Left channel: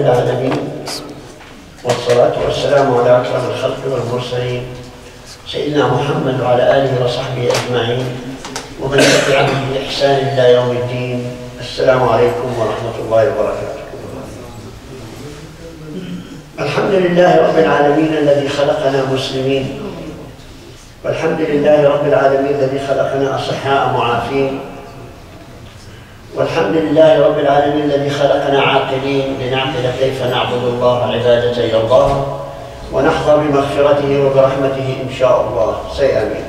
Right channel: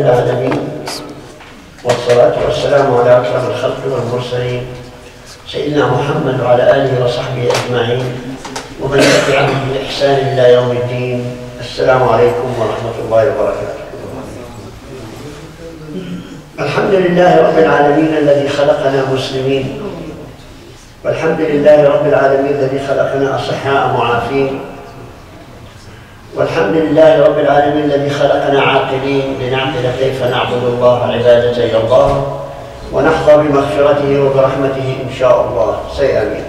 العالمين والصلاة والسلام على أكرم الخلق والمرسلين سيدنا محمد وعلى آله وصحبه أجمعين ومن تبعهم بإحسان إلى يوم الدين. السلام عليكم ورحمة الله وبركاته. الحمد لله رب العالمين الذي خلقنا مسلمين، والحمد لله رب العالمين الذي خلقنا أصحاء معافين، والحمد لله رب العالمين الذي خلقنا عاقلين لنعقل كيف نعبد الله عبادة إلى الله ونحظى بمغفرته وبرحمته إن شاء الله. Say Ameen.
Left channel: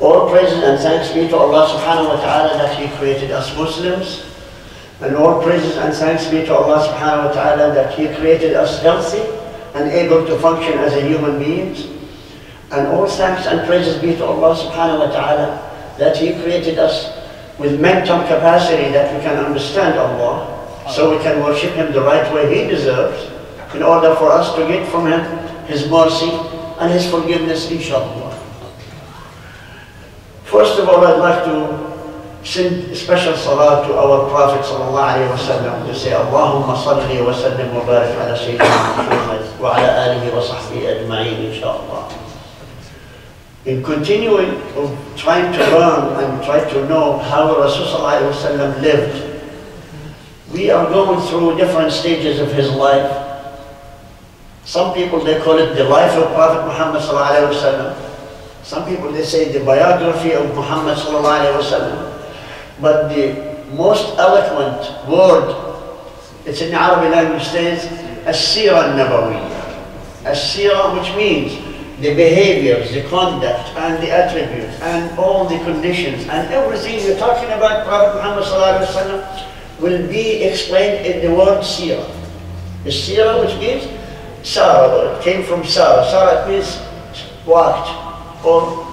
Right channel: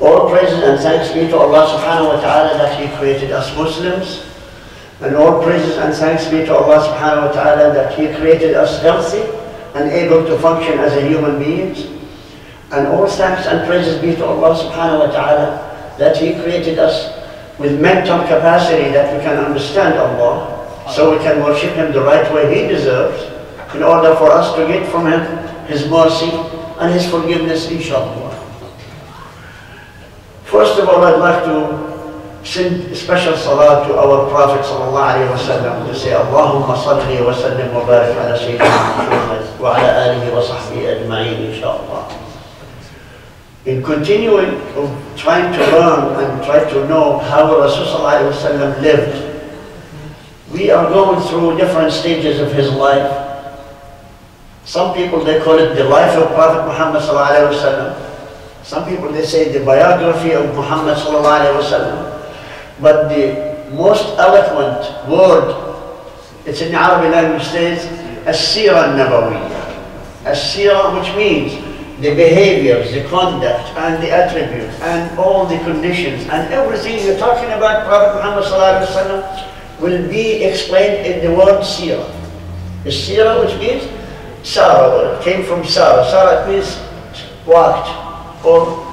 All praises and thanks be to Allah subhanahu wa ta'ala that He created us Muslims, and all praises and thanks be to Allah subhanahu wa ta'ala that He created us healthy and able to function as a human beings, and all thanks and praises be to Allah subhanahu wa ta'ala that He created us with mental capacity that we can understand Allah, so we can worship Him the right way He deserves, in order for us to get from Him His mercy and His forgiveness, inshallah. First of all, I'd like to send special salah to our Prophet sallallahu alayhi wa sallam, to say, Allahumma salli wa sallim wa barik ala Sayyidina Muhammad wa ala alihi wa sahbihi ajma'in, inshallah. In continuing of trying to learn and try to know how Rasulullah ﷺ lived, we are going through different stages of his life. Some people, they call it the life of Prophet Muhammad ﷺ. Some people, they say the biography of Muhammad ﷺ. But the most eloquent word, it's in the Arabic language, says Seerah As-Seerah, which means the behaviors, the conduct, and the attributes, and all the conditions, and everything you're talking about Prophet Muhammad ﷺ will be explained in the word Seerah. The Seerah, which means Sarah, it came from Sarah. Sarah means walked, or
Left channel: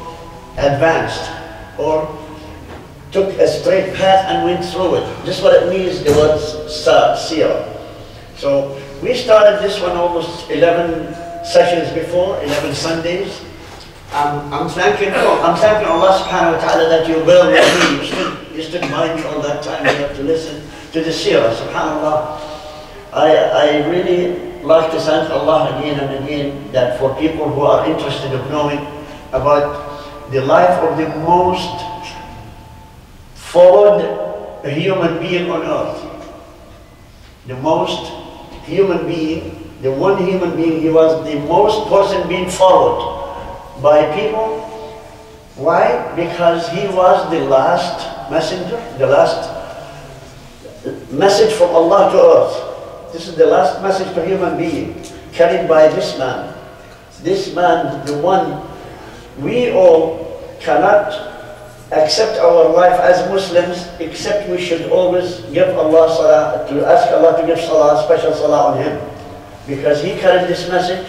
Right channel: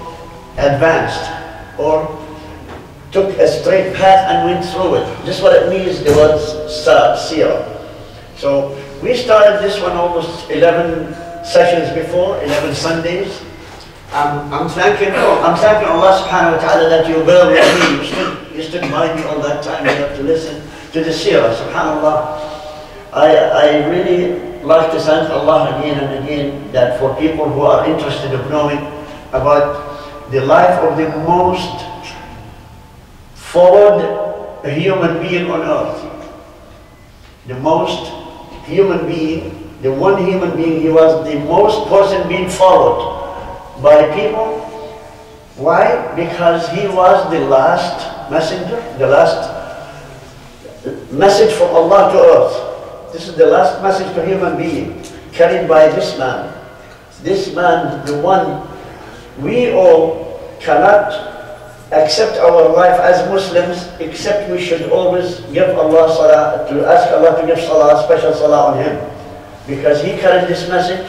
advanced, or took a straight path and went through it. This is what it means, the word Seerah. So we started this one almost 11 sessions before, 11 Sundays. I'm thanking Allah subhanahu wa ta'ala that you were with me. You stood by me all that time. You have to listen to the Seerah, subhanallah. I really like to thank Allah again and again that for people who are interested in knowing about the life of the most forward human being on earth. The most human being, the one human being, he was the most person being followed by people. Why? Because he was the last messenger, the last message from Allah to earth. This is the last message to human being, carried by this man. This man, the one, we all cannot accept our life as Muslims, except we should always give Allah salah, to ask Allah to give salah, special salah on him. Because he carried this message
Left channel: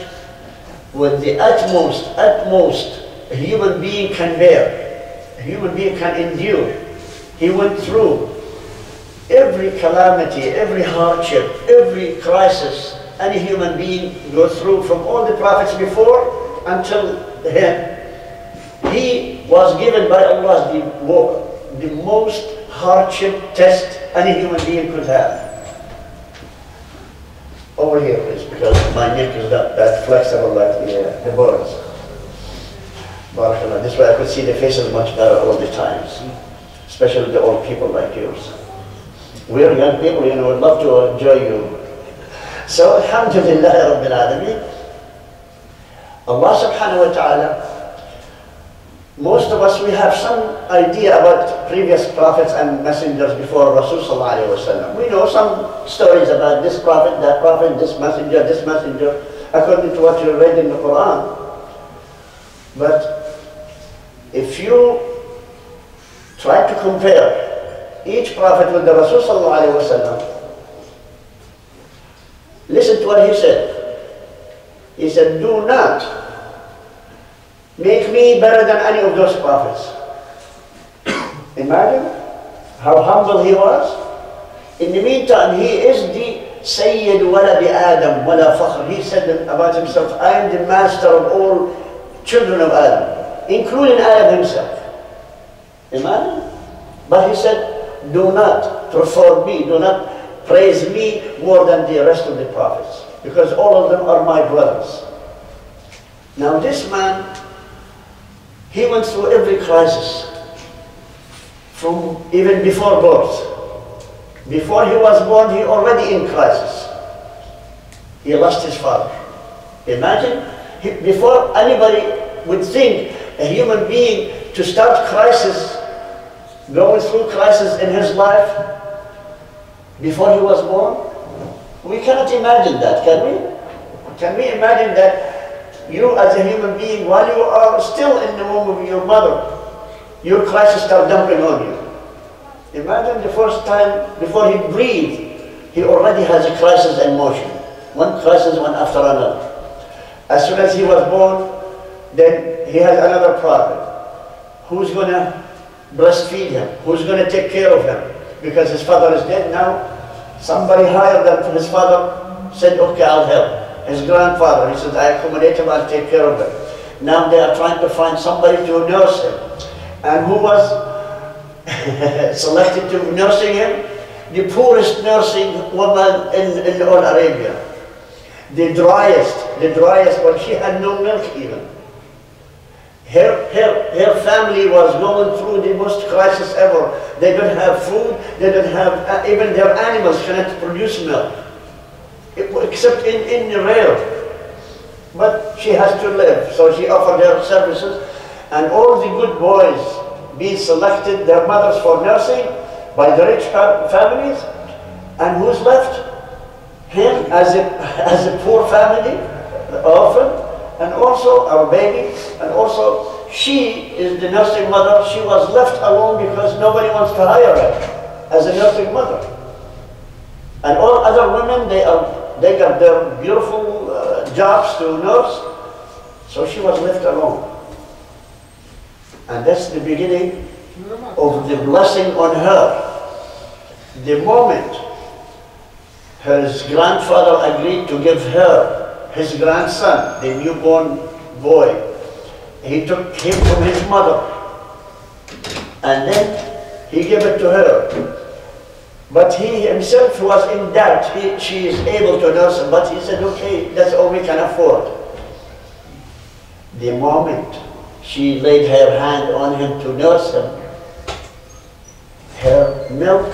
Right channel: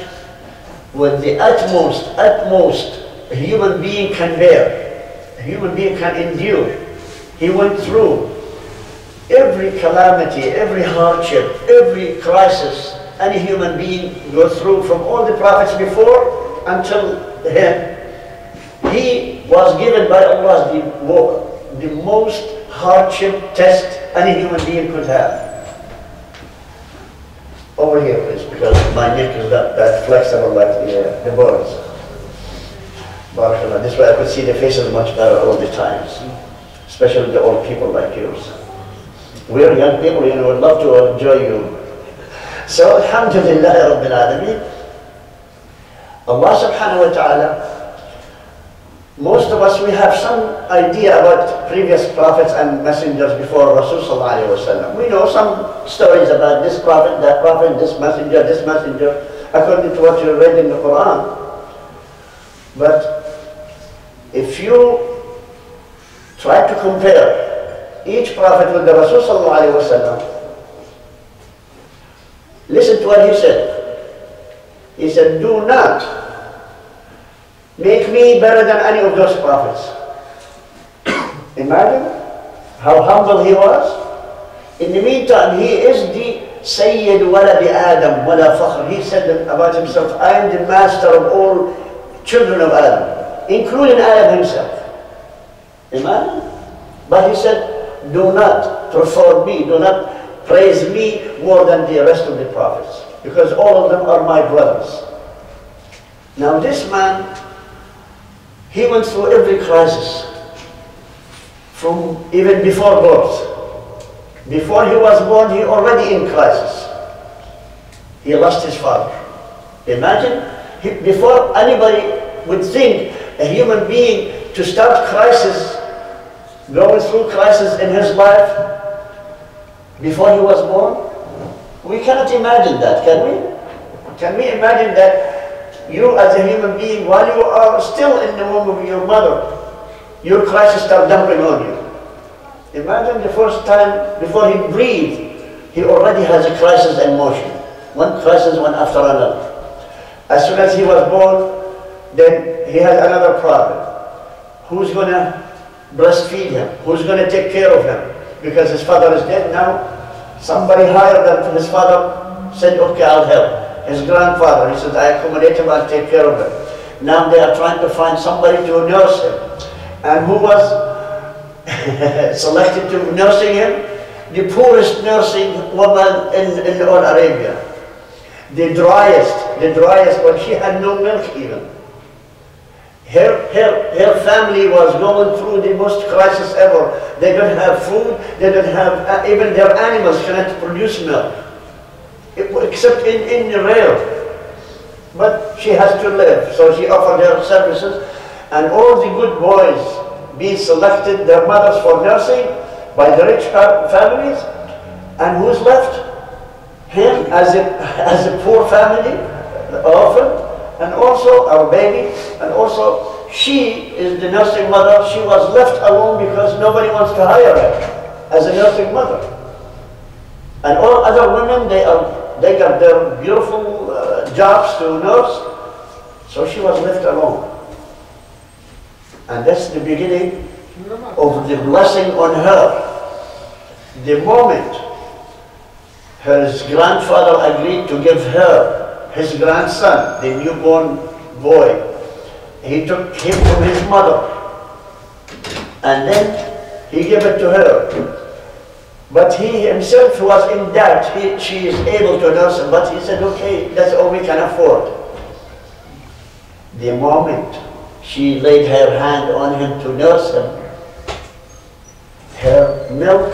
with the utmost a human being can bear, a human being can endure. He went through every calamity, every hardship, every crisis any human being goes through, from all the prophets before until him. He was given by Allah the most hardship test any human being could have. Over here, please, because my neck is not that flexible like the birds. Barakallah. This way I could see the faces much better all the times, especially the old people like yours. We're young people, you know, would love to enjoy you. So, alhamdulillah rabbil alameen. Allah subhanahu wa ta'ala, most of us, we have some idea about previous prophets and messengers before Rasul sallallahu alayhi wa sallam. We know some stories about this prophet, this messenger, according to what you read in the Quran. But if you try to compare each prophet with the Rasul sallallahu alayhi wa sallam, listen to what he said. He said, do not make me better than any of those prophets. Imagine how humble he was. In the meantime, he is the Sayyid Waladi Adam Wala Fakhr. He said about himself, I am the master of all children of Adam, including Adam himself. Imagine. But he said, do not prefer me, do not praise me more than the rest of the prophets, because all of them are my brothers. Now this man, he went through every crisis, from even before birth. Before he was born, he already in crisis. He lost his father. Imagine, before anybody would think a human being to start crisis, going through crisis in his life, before he was born, we cannot imagine that, can we? Can we imagine that you as a human being, while you are still in the womb of your mother, your crisis starts dumping on you? Imagine the first time, before he breathed, he already has a crisis in motion. One crisis, one after another. As soon as he was born, then he has another problem. Who's going to breastfeed him? Who's going to take care of him? Because his father is dead now. Somebody higher than his father said, okay, I'll help. His grandfather, he said, I accommodate him, I'll take care of him. Now they are trying to find somebody to nurse him. And who was selected to nursing him? The poorest nursing woman in all Arabia. The driest, but she had no milk even. Her family was going through the most crisis ever. They don't have food, they don't have, even their animals cannot produce milk, except in the rare. But she has to live, so she offered her services, and all the good boys being selected, their mothers for nursing by the rich families, and who's left? Him as a poor family, orphan, and also our baby, and also she is the nursing mother. She was left alone because nobody wants to hire her as a nursing mother. And all other women, they got their beautiful jobs to nurse, so she was left alone. And that's the beginning of the blessing on her. The moment his grandfather agreed to give her his grandson, the newborn boy, he took him from his mother, and then he gave it to her. But he himself was in doubt. She is able to nurse him, but he said, okay, that's all we can afford. The moment she laid her hand on him to nurse him, her milk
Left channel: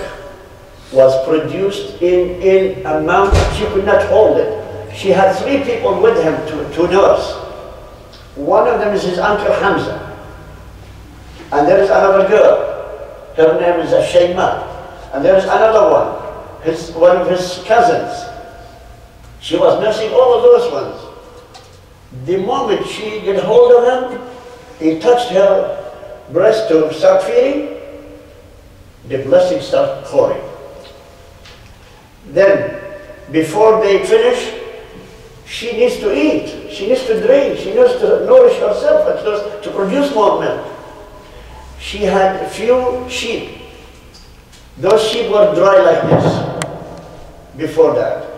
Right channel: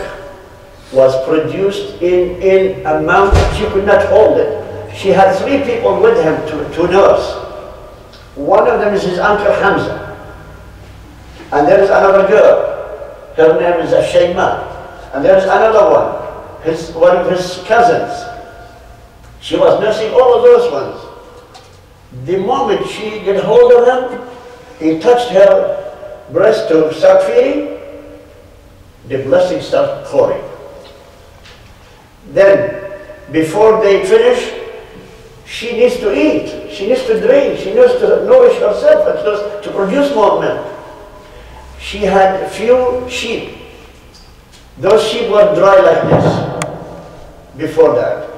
was produced in amount she could not hold it. She had 3 people with him to nurse. One of them is his uncle Hamza. And there is another girl. Her name is Shayma. And there is another one of his cousins. She was nursing all of those ones. The moment she get hold of him, he touched her breast to start feeding, the blessing started pouring. Then, before they finish, she needs to eat, she needs to drink, she needs to nourish herself and to produce more milk. She had few sheep. Those sheep were dry like this before that.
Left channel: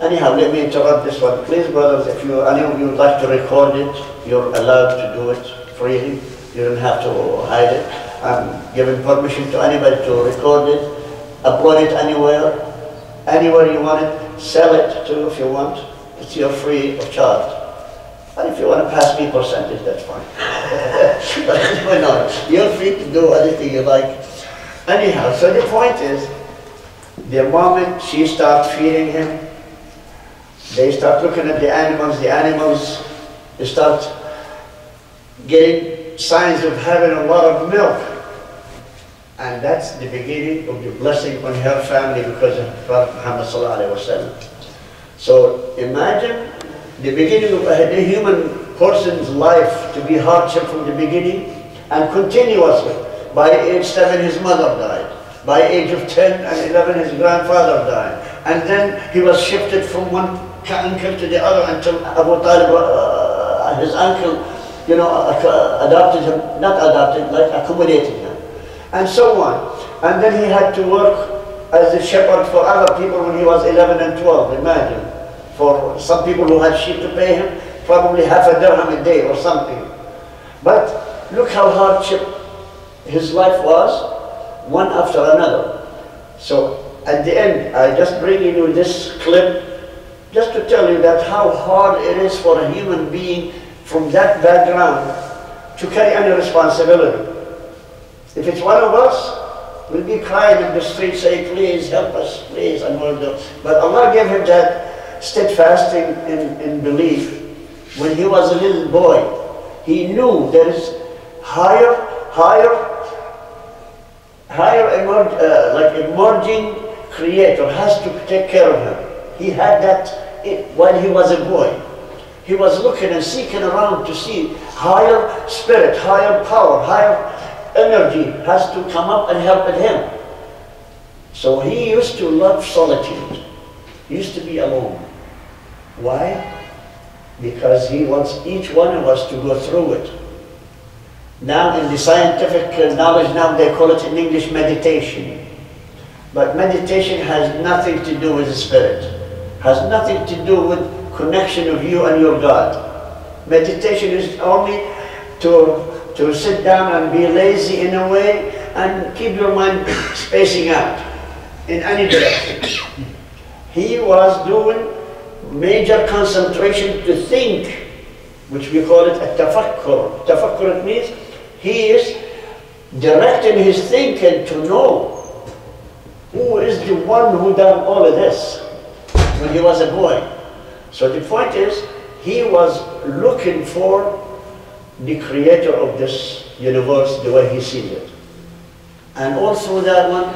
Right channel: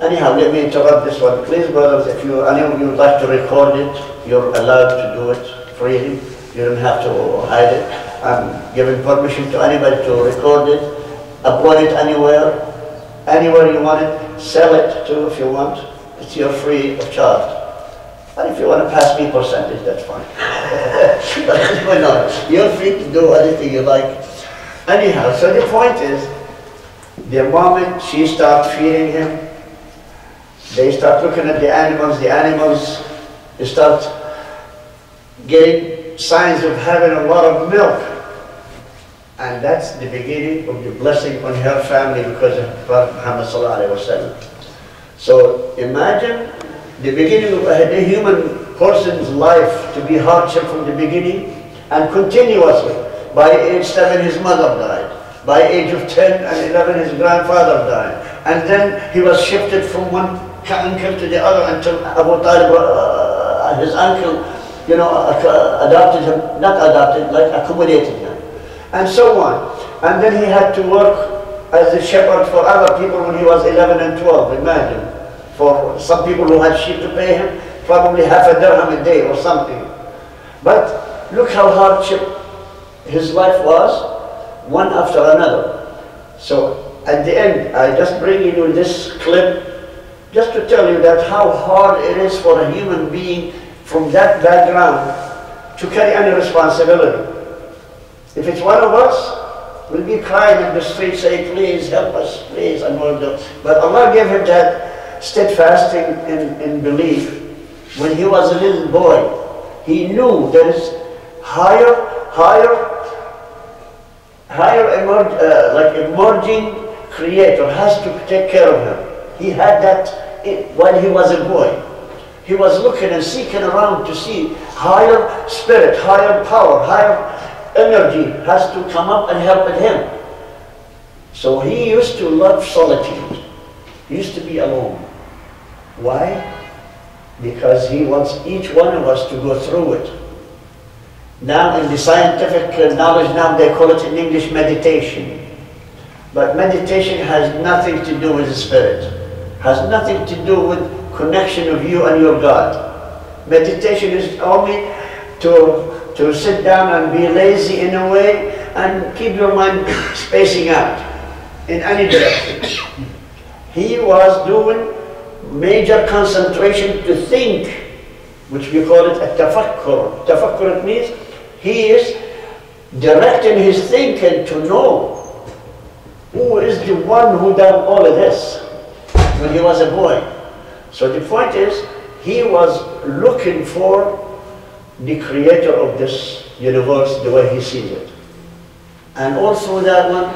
Anyhow, let me interrupt this one. Please, brothers, if any of you would like to record it, you're allowed to do it freely. You don't have to hide it. I'm giving permission to anybody to record it, upload it anywhere you want it, sell it too if you want. It's your free of charge. And if you want to pass me percentage, that's fine. But why not? You're free to do anything you like. Anyhow, so the point is, the moment she starts feeding him, they start looking at the animals start getting signs of having a lot of milk. And that's the beginning of the blessing on her family because of Prophet Muhammed ﷺ. So imagine the beginning of a human person's life to be hardship from the beginning and continuously. By age 7 his mother died. By age of 10 and 11 his grandfather died. And then he was shifted from one uncle to the other until Abu Talib, his uncle, adopted him, not adopted, like accommodated him. And so on. And then he had to work as a shepherd for other people when he was 11 and 12, imagine. For some people who had sheep to pay him, probably half a dirham a day or something. But look how hardship his life was, one after another. So at the end, I just bring you this clip just to tell you that how hard it is for a human being from that background to carry any responsibility. If it's one of us, we'll be crying in the street saying, please help us, please, and we'll do. But Allah gave him that steadfasting in belief. When he was a little boy, he knew there is emerging creator has to take care of him. He had that while he was a boy. He was looking and seeking around to see higher spirit, higher power, higher energy has to come up and help him. So he used to love solitude. He used to be alone. Why? Because he wants each one of us to go through it. Now in the scientific knowledge, now they call it in English meditation. But meditation has nothing to do with the spirit. Has nothing to do with connection of you and your God. Meditation is only to sit down and be lazy in a way and keep your mind spacing out in any direction. He was doing major concentration to think, which we call it a tafakkur. Tafakkur, it means he is directing his thinking to know who is the one who done all of this when he was a boy. So the point is, he was looking for the creator of this universe the way he sees it. And all through that one,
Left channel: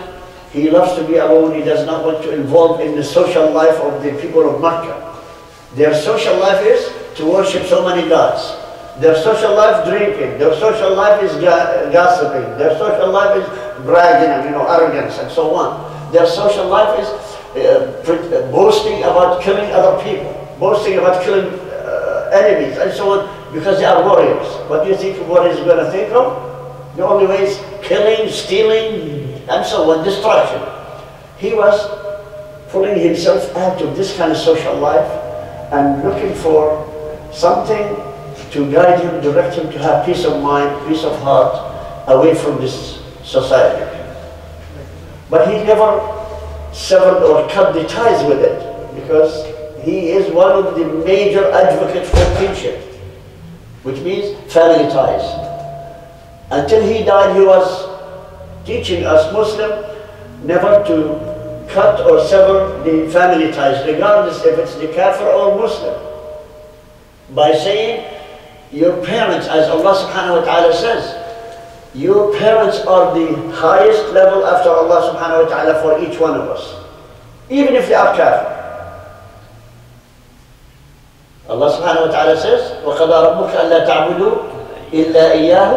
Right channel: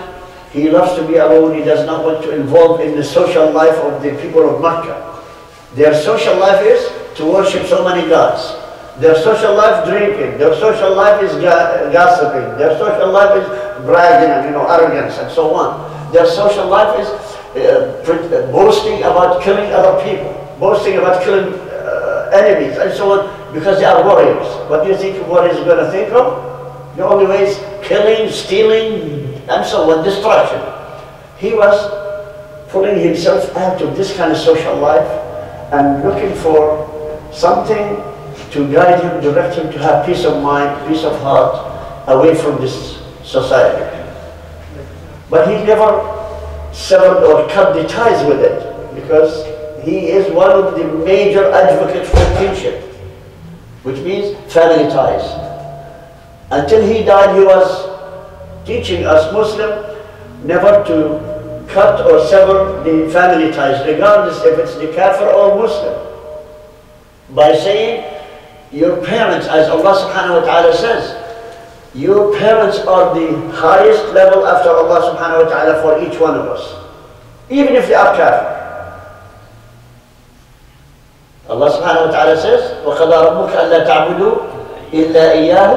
he loves to be alone. He does not want to involve in the social life of the people of Makkah. Their social life is to worship so many gods. Their social life, drinking. Their social life is gossiping. Their social life is bragging and arrogance and so on. Their social life is boasting about killing other people, boasting about killing enemies and so on, because they are warriors. What do you think a warrior is going to think of? The only way is killing, stealing, and so on, destruction. He was pulling himself out of this kind of social life and looking for something to guide him, direct him to have peace of mind, peace of heart, away from this society. But he never severed or cut the ties with it, because he is one of the major advocates for kinship, which means family ties. Until he died, he was teaching us Muslims never to cut or sever the family ties, regardless if it's the kafir or Muslim, by saying, your parents, as Allah subhanahu wa ta'ala says, your parents are the highest level after Allah subhanahu wa ta'ala for each one of us, even if they are kafir. Allah subhanahu wa ta'ala says, وَقَضَى رَبُّكَ أَلَّا تَعْبُدُوا إِلَّا إِيَّاهُ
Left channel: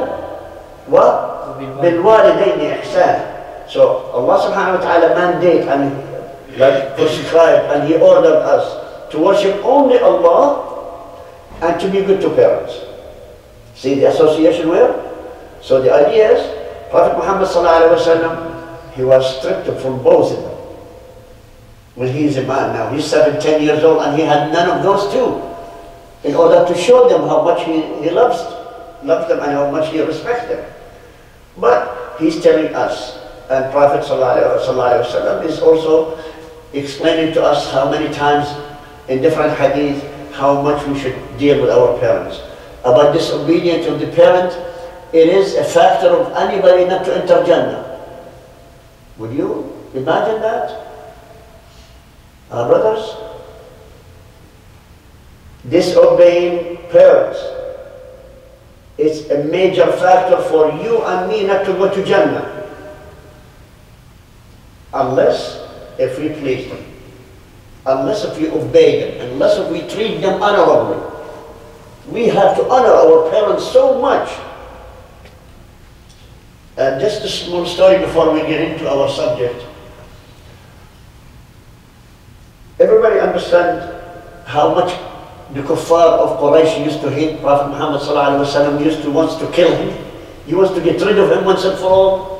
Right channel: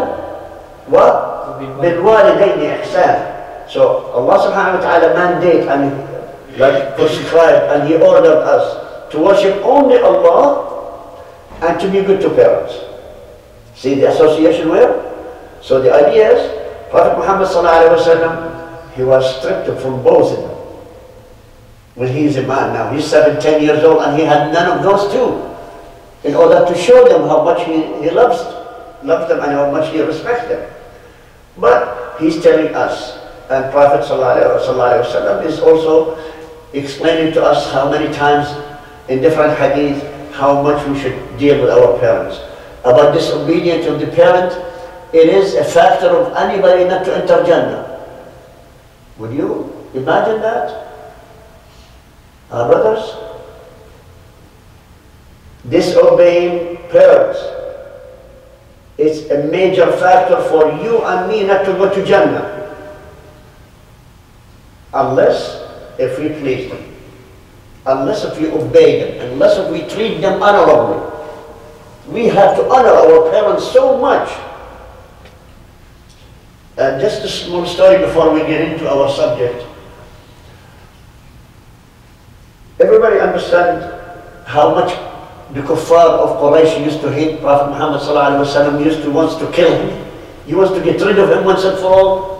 وَبِالْوَالِدَيْنِ إِحْسَانًا. So Allah subhanahu wa ta'ala mandate and prescribed, and He ordered us to worship only Allah and to be good to parents. See the association where? So the idea is, Prophet Muhammed sallallahu alaihi wasallam, he was stripped from both of them. When he is a man now, he's 7, 10 years old, and he had none of those two, in order to show them how much he loves them and how much he respects them. But he's telling us, and Prophet sallallahu alaihi wasallam is also explaining to us how many times in different hadith how much we should deal with our parents. About disobedience of the parent, it is a factor of anybody not to enter Jannah. Would you imagine that? Our brothers? Disobeying parents, it's a major factor for you and me not to go to Jannah. Unless if we please them. Unless if we obey them. Unless if we treat them honorably. We have to honor our parents so much. Just a small story before we get into our subject. Everybody understands how much the kuffar of Quraysh used to hate Prophet Muhammad sallallahu alaihi wasallam, wants to kill him. He wants to get rid of him once and for all.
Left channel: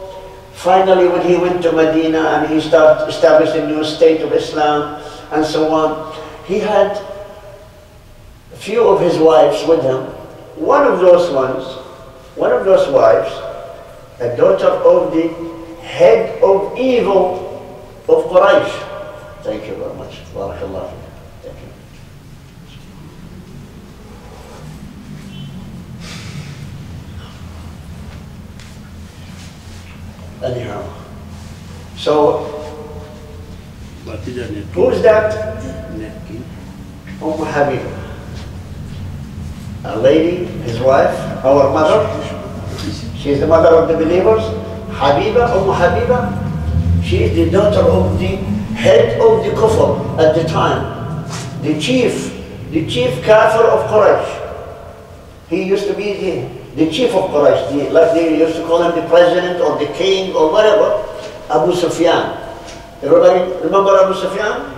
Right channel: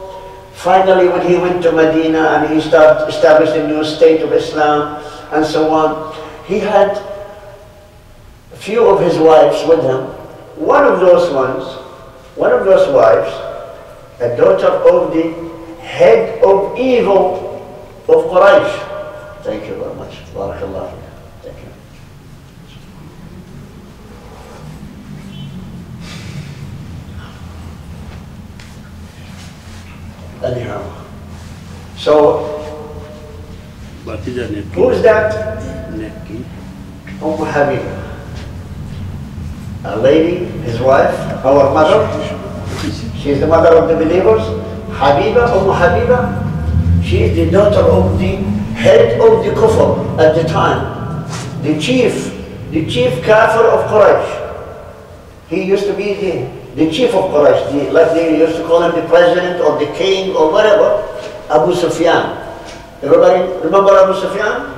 Finally, when he went to Medina and he started establishing a new state of Islam and so on, he had a few of his wives with him. One of those wives, a daughter of the head of evil of Quraysh. Thank you very much. Barakallah. Thank you. Anyhow, so who is that? Habiba. A lady, his wife, our mother. She's the mother of the believers. Habiba, Habiba. She is the daughter of the head of the kufr at the time. The chief kafir of Quraysh. He used to be the chief of Quraysh, like they used to call him the president or the king or whatever, Abu Sufyan. Everybody remember Abu Sufyan?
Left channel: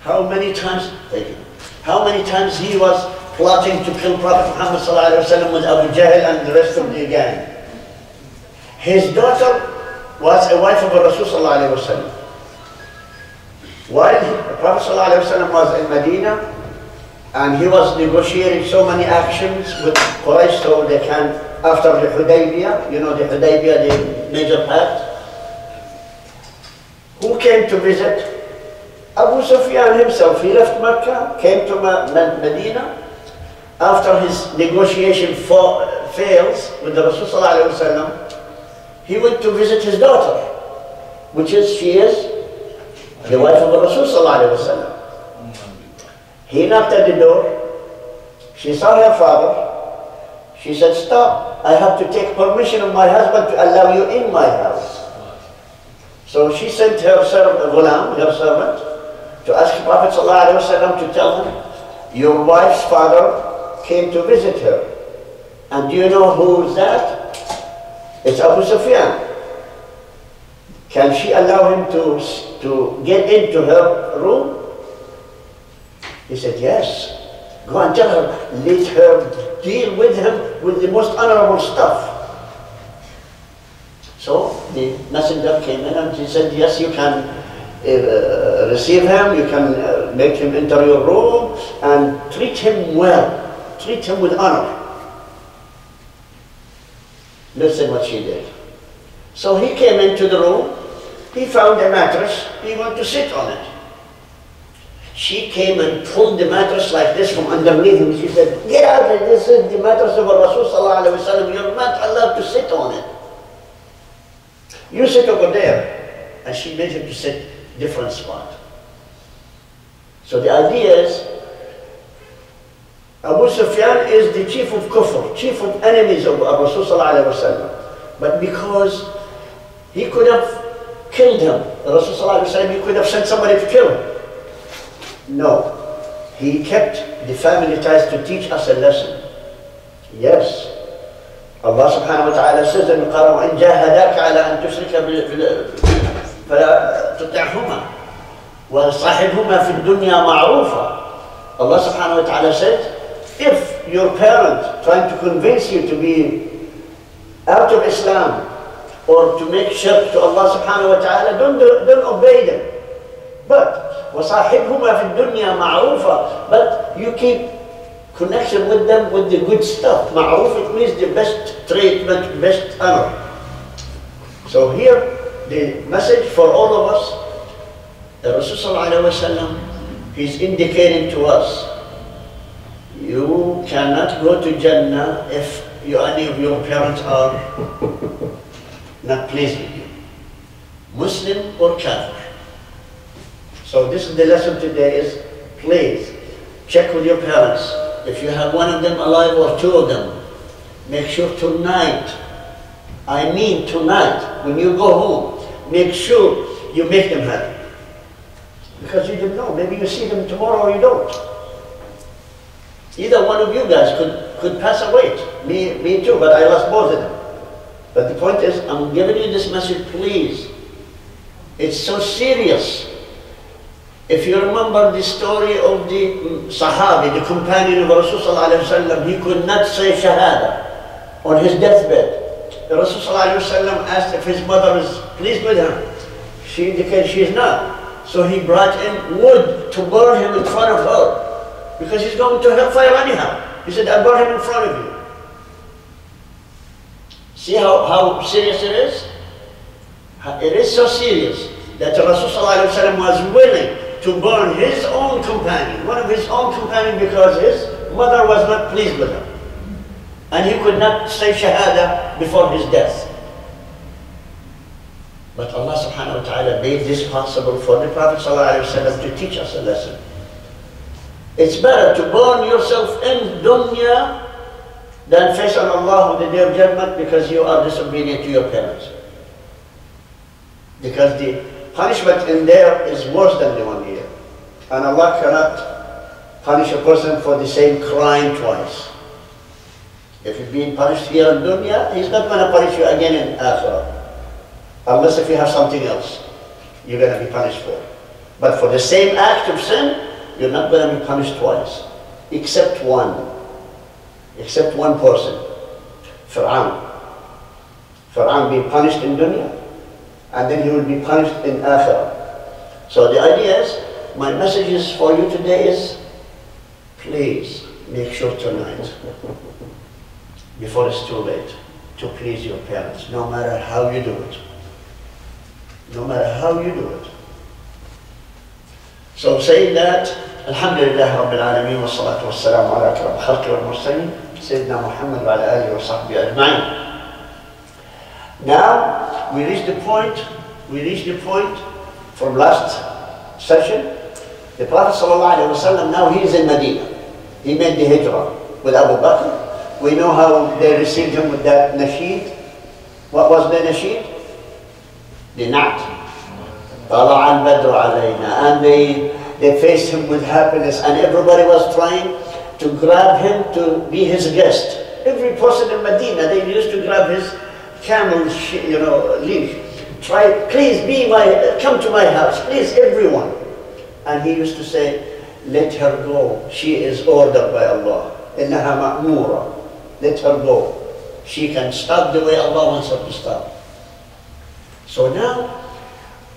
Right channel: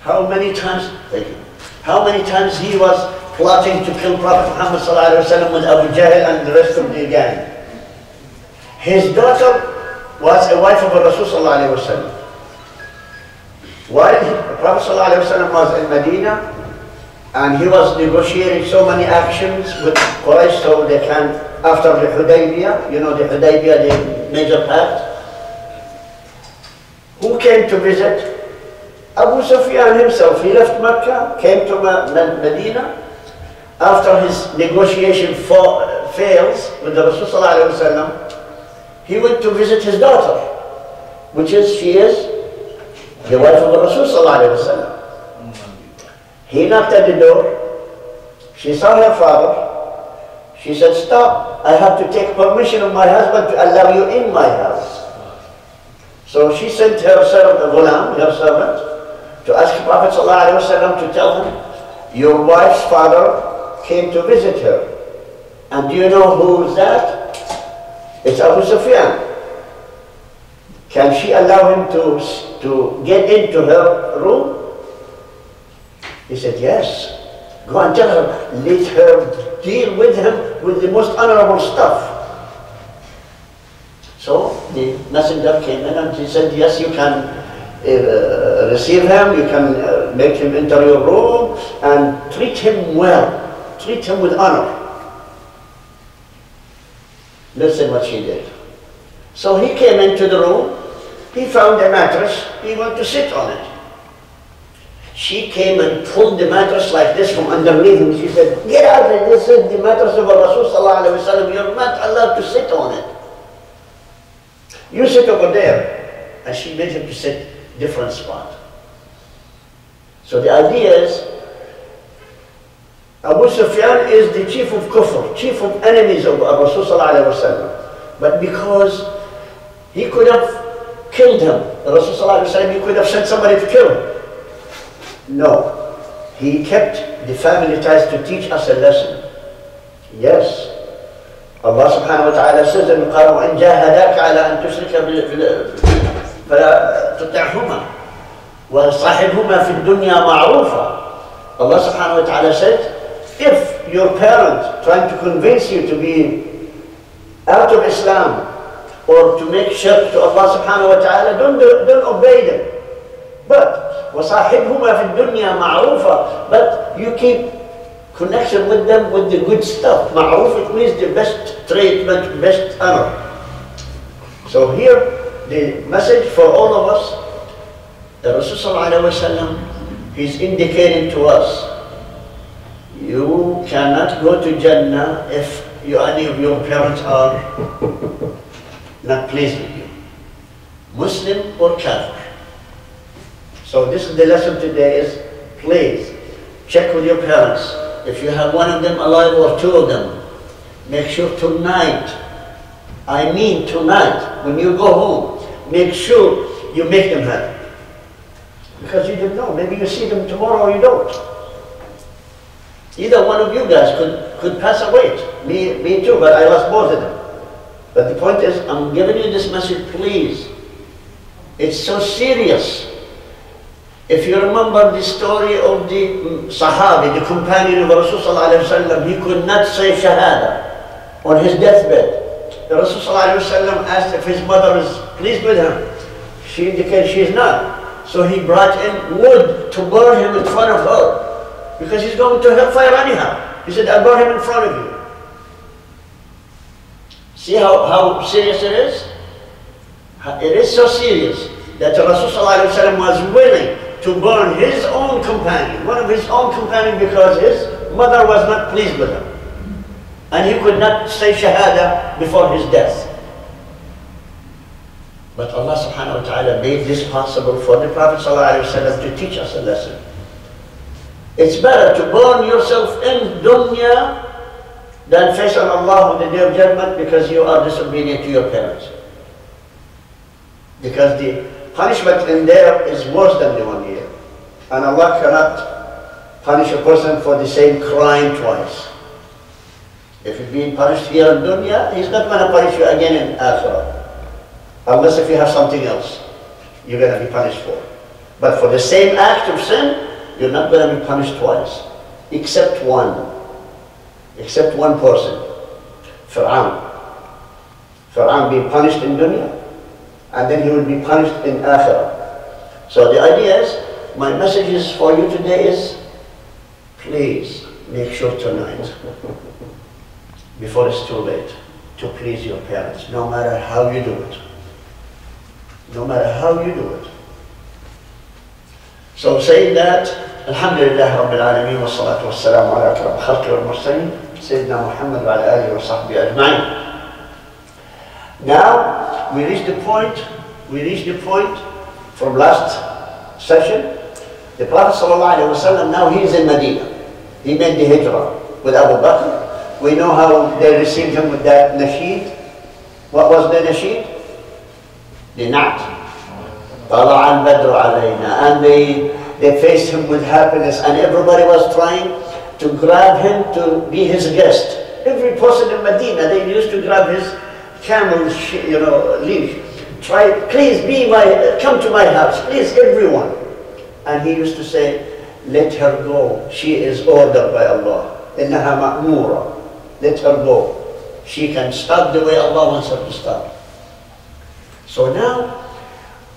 How many times, thank you, how many times he was plotting to kill Prophet Muhammed ﷺ with Abu Jahl and the rest of the gang. His daughter was a wife of Rasul ﷺ. While the Prophet ﷺ was in Medina, and he was negotiating so many actions with Quraysh so they can, after the Hudaybiyah, you know the Hudaybiyah, the major pact. Who came to visit? Abu Sufyan himself. He left Mecca, came to Medina. After his negotiation fails with the Rasul ﷺ, he went to visit his daughter, she is the wife of the Rasul ﷺ. He knocked at the door. She saw her father. She said, "Stop, I have to take permission of my husband to allow you in my house." So she sent her servant, her servant, to ask Prophet ﷺ to tell him, "Your wife's father came to visit her. And do you know who's that? It's Abu Sufyan. Can she allow him to get into her room?" He said, "Yes. Go and tell her, let her deal with him with the most honorable stuff." So the messenger came in and he said, "Yes, you can receive him, you can make him enter your room and treat him well, treat him with honor." Listen what she did. So he came into the room, he found a mattress, he went to sit on it. She came and pulled the mattress like this from underneath him. She said, "Get out of it, this is the mattress of Rasul sallallahu alaihi wasallam. You're not allowed to sit on it. You sit over there." And she made him to sit different spot. So the idea is, Abu Sufyan is the chief of kufr, chief of enemies of Rasul sallallahu alaihi wasallam. But because he could have killed him, Rasul sallallahu alaihi wasallam, he could have sent somebody to kill him. No, he kept the family ties to teach us a lesson. Yes, Allah subhanahu wa ta'ala says in the Quran, وَإِنْ جَاهَدَاكَ عَلَىٰ أَن تُشْرِكَ فَلَا تُطِعْهُمَا وَصَاحِبْهُمَا فِي الدُّنْيَا مَعْرُوفًا. Allah subhanahu wa ta'ala said, if your parent trying to convince you to be out of Islam or to make shirk to Allah subhanahu wa ta'ala, don't obey them. But وَصَاحِبْهُمَا فِي الدُّنْيَا مَعْرُوفًا. But you keep connection with them with the good stuff. Ma'ruf, it means the best treatment, best honor. So here, the message for all of us, the Rasul he's indicating to us, you cannot go to Jannah if any of your parents are not pleased with you, Muslim or Kafir. So this is the lesson today is, please check with your parents. If you have one of them alive or two of them, make sure tonight, I mean tonight, when you go home, make sure you make them happy. Because you don't know, maybe you see them tomorrow or you don't. Either one of you guys could pass away. Me too, but I lost both of them. But the point is, I'm giving you this message, please. It's so serious. If you remember the story of the Sahabi, the companion of Rasulullah, he could not say Shahada on his deathbed. The Rasulullah asked if his mother is pleased with him. She indicated she is not. So he brought in wood to burn him in front of her, because he's going to hellfire anyhow. He said, "I'll burn him in front of you." See how serious it is? It is so serious. that Rasulullah ﷺ was willing to burn his own companion, one of his own companions, because his mother was not pleased with him. And he could not say Shahada before his death. But Allah subhanahu wa ta'ala made this possible for the Prophet ﷺ to teach us a lesson. It's better to burn yourself in dunya than face on Allah on the day of judgment because you are disobedient to your parents. Because the punishment in there is worse than the one here. And Allah cannot punish a person for the same crime twice. If you're being punished here in dunya, He's not going to punish you again in akhirah. Unless if you have something else you're going to be punished for. But for the same act of sin, you're not going to be punished twice. Except one. Except one person. Fir'aun. Fir'aun being punished in dunya, and then he will be punished in akhirah. So the idea is, my message is for you today is, please make sure tonight, before it's too late, to please your parents, no matter how you do it. No matter how you do it. So saying that, Alhamdulillah Rabbil Alameen wa salatu wa salamu ala akram khalqi wal mursaleen, Sayyidina Muhammad wa ala alihi wa sahbihi ajma'in. Now, we reach the point from last session. The Prophet sallallahu alayhi wa sallam, now he is in Medina. He made the hijrah with Abu Bakr. We know how they received him with that nasheed. What was the nasheed? The Na'at. Tala al-Badr alayna. And they faced him with happiness, and everybody was trying to grab him to be his guest. Every person in Medina, they used to grab his camel, leash. Try, please come to my house, please, everyone. And he used to say, let her go. She is ordered by Allah. Innaha ma'mura. Let her go. She can stop the way Allah wants her to stop. So now,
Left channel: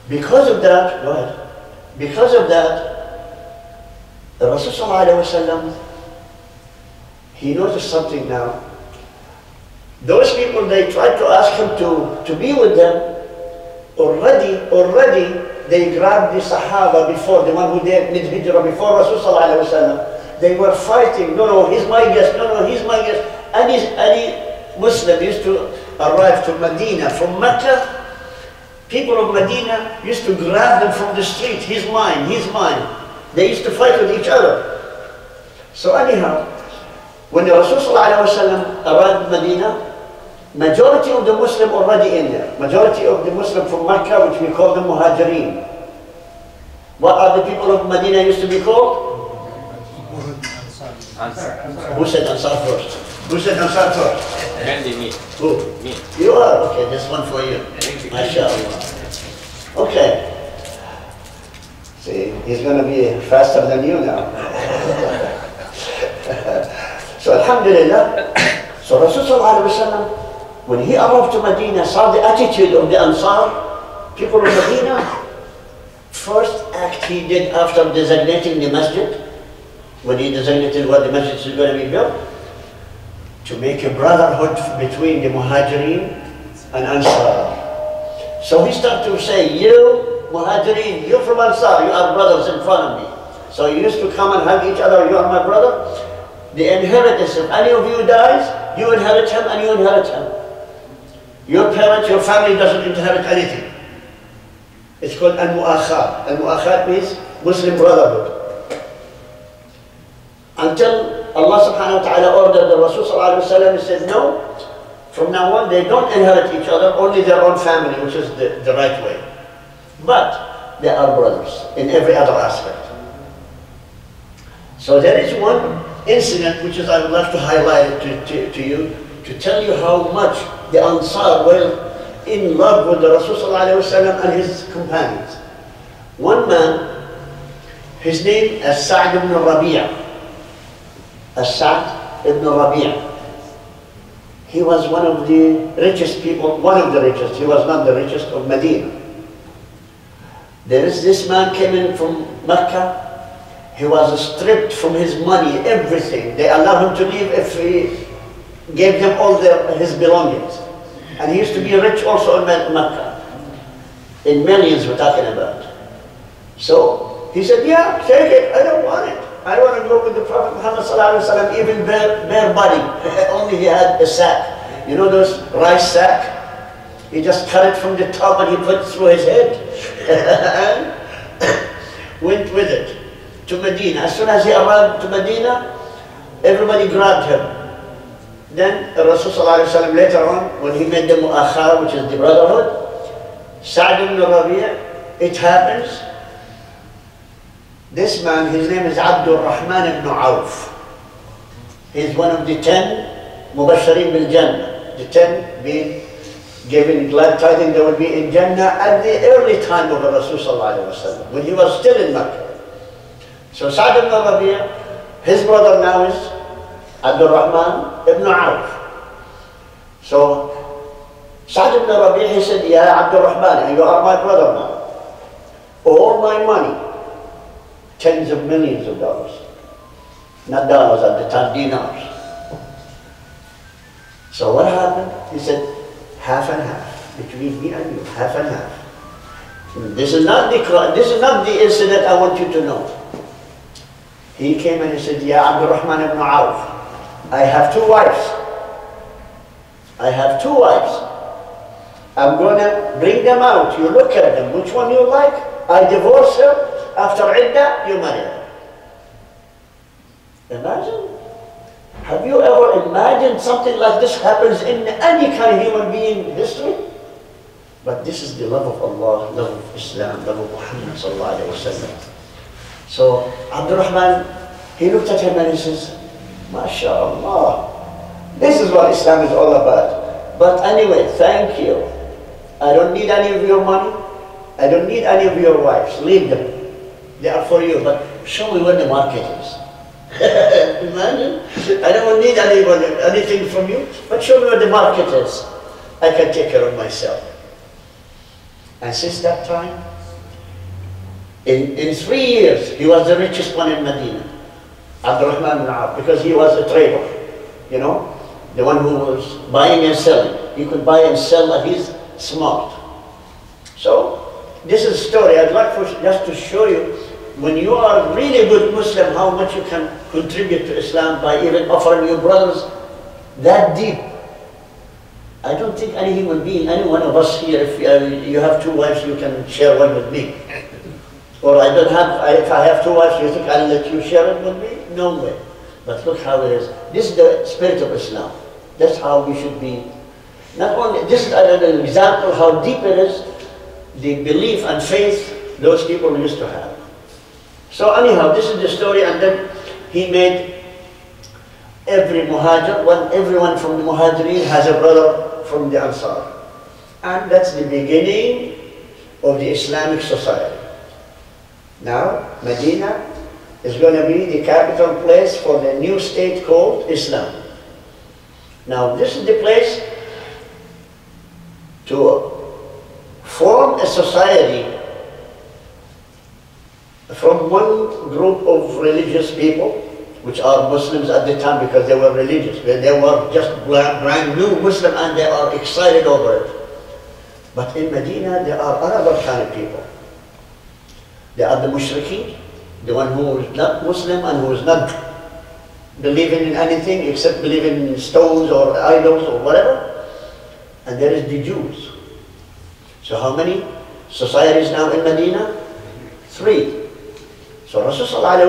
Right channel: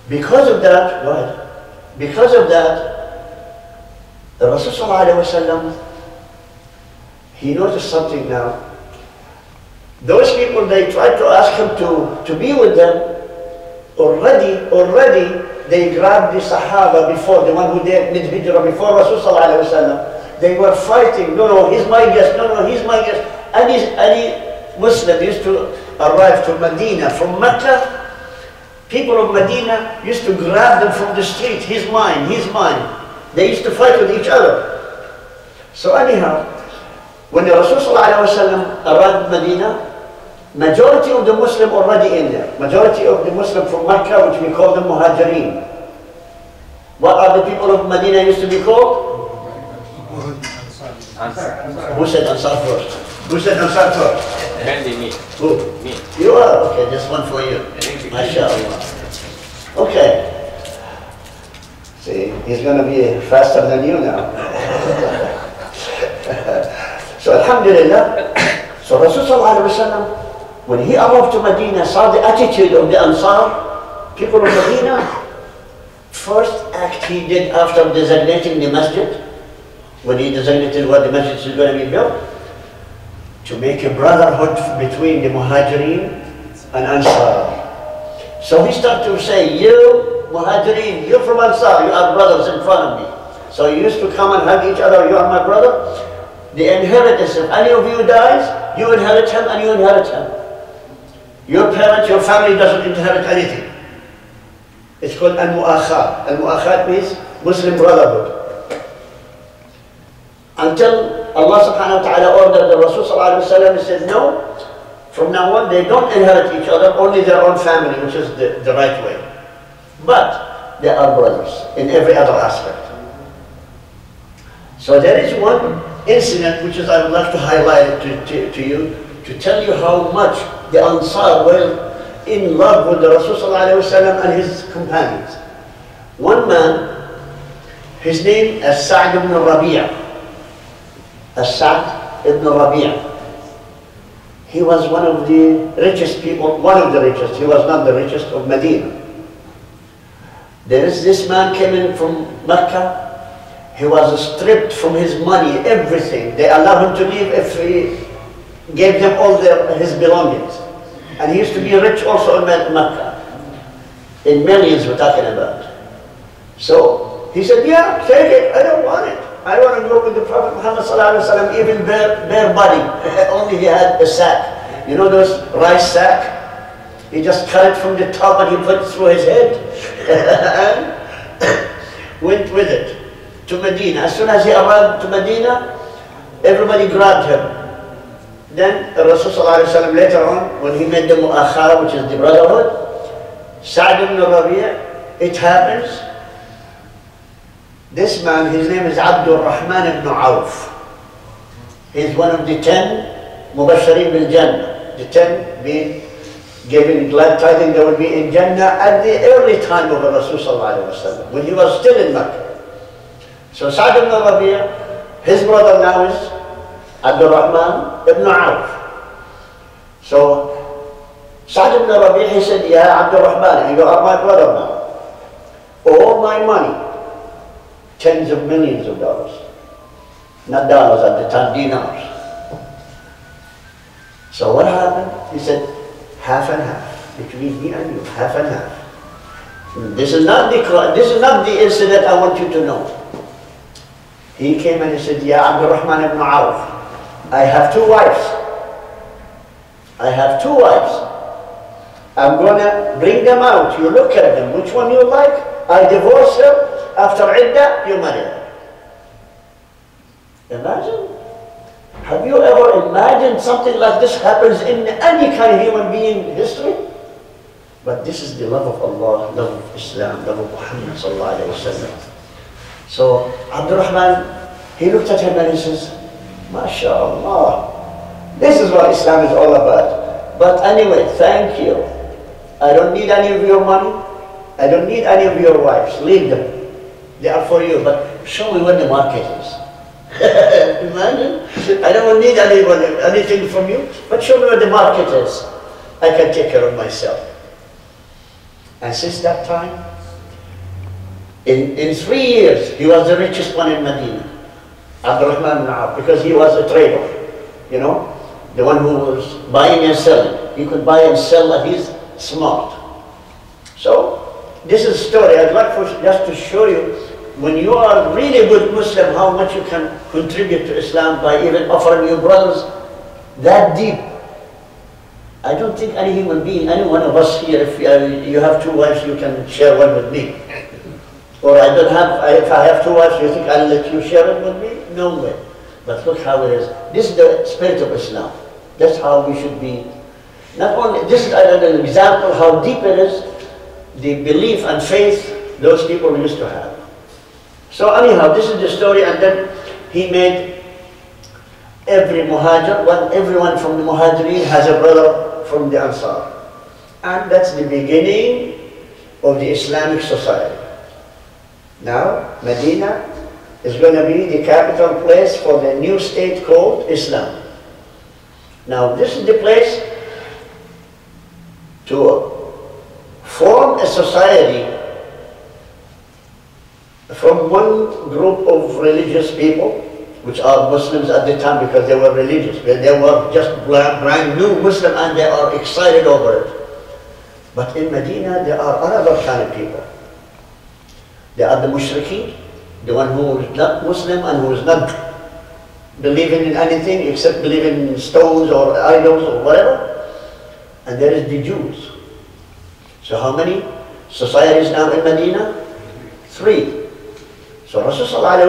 because of that, the Rasul he noticed something now. Those people, they tried to ask him to be with them. Already they grabbed the Sahaba before, the one who did Hijrah before Rasul. They were fighting, no, he's my guest, no, he's my guest. Any Muslim used to arrive to Medina from Mecca, people of Medina used to grab them from the street. He's mine, he's mine. They used to fight with each other. So anyhow, when the Rasul arrived in Medina, majority of the Muslim already in there. Majority of the Muslim from Mecca, which we call them Muhajirin. What are the people of Medina used to be called? Ansar. Who said Ansar first? Who said Ansar first? Me. Who? Me. You are? Okay, this one for you. MashaAllah. Okay. See, he's going to be faster than you now. So Alhamdulillah, so Rasulullah when he arrived to Medina, saw the attitude of the Ansar, people of Medina. First act he did after designating the masjid, when he designated where the masjid is going to be built, to make a brotherhood between the Muhajirin and Ansar. So he started to say, you Muhajirin, you're from Ansar, you are brothers in front of me. So you used to come and hug each other, you are my brother. The inheritance, if any of you dies, you inherit him and you inherit him. Your parents, your family doesn't inherit anything. It's called al-mu'akhat. Al-mu'akhat means Muslim brotherhood. Until Allah subhanahu wa ta'ala ordered the Rasul sallallahu alayhi wa sallam, he said, no, from now on they don't inherit each other, only their own family, which is the right way. But they are brothers in every other aspect. So there is one incident which is I would like to highlight to you, to tell you how much the Ansar were in love with the Rasul sallallahu alayhi wa sallam and his companions. One man, his name is S.A.W. ibn Rabi'a. S.A.W. ibn Rabi'a. He was one of the richest people, one of the richest. He was not the richest of Medina. There is this man came in from Mecca. He was stripped from his money, everything. They allowed him to leave if he gave them all his belongings. And he used to be rich also in Mecca. In millions we're talking about. So he said, yeah, take it, I don't want it. I want to go with the Prophet Muhammed ﷺ, even bare body. Only he had a sack. You know those rice sack? He just cut it from the top and he put it through his head. And went with it to Medina. As soon as he arrived to Medina, everybody grabbed him. Then Rasul ﷺ later on, when he made the mu'akhara, which is the brotherhood, Sa'd ibn Rabi', it happens, this man, his name is Abdul Rahman ibn Auf. He's one of the 10 Mubashirin bil Jannah. The 10 being given glad tidings they would be in Jannah at the early time of Rasul sallallahu alaihi wasallam, when he was still in Mecca. So Sa'd ibn Rabi', his brother now is Abdul Rahman ibn Auf. So Sa'd ibn Rabi', he said, Ya Abdul Rahman, you are my brother now. All my money, tens of millions of dollars, not dollars at the time, dinars. So what happened? He said, half and half, between me and you, half and half. This is not the incident I want you to know. He came and he said, Ya Abdul Rahman ibn Auf, I have 2 wives. I have 2 wives. I'm going to bring them out. You look at them. Which one you like? I divorce her. After iddah, you marry her. Imagine. Have you ever imagined something like this happens in any kind of human being history? But this is the love of Allah, love of Islam, love of Muhammad sallallahu alayhi wa sallam. So Abdul Rahman, he looked at him and he says, MashaAllah, this is what Islam is all about. But anyway, thank you. I don't need any of your money. I don't need any of your wives. Leave them. They are for you, but show me where the market is. Imagine, I don't need anything from you, but show me where the market is. I can take care of myself. And since that time, in 3 years, he was the richest one in Medina. Abdul Rahman ibn Auf, because he was a trader, you know, the one who was buying and selling. He could buy and sell, and he's smart. So, this is a story I'd like just to show you, when you are really a good Muslim, how much you can contribute to Islam by even offering your brothers that deep. I don't think any human being, any one of us here, if you have 2 wives, you can share one with me. Or if I have 2 wives, you think I'll let you share it with me? No way. But look how it is. This is the spirit of Islam. That's how we should be. Not only, this is an example how deep it is, the belief and faith those people used to have. So anyhow, this is the story, and then he made every muhajir, everyone from the muhajirin has a brother from the Ansar. And that's the beginning of the Islamic society. Now, Medina is going to be the capital place for the new state called Islam. Now, this is the place to form a society from one group of religious people, which are Muslims at the time because they were religious. They were just brand new Muslim and they are excited over it. But in Medina, there are another kind of people. They are the mushrikeen, the one who is not Muslim and who is not believing in anything except believing in stones or idols or whatever. And there is the Jews. So how many societies now in Medina? 3. So Rasulullah,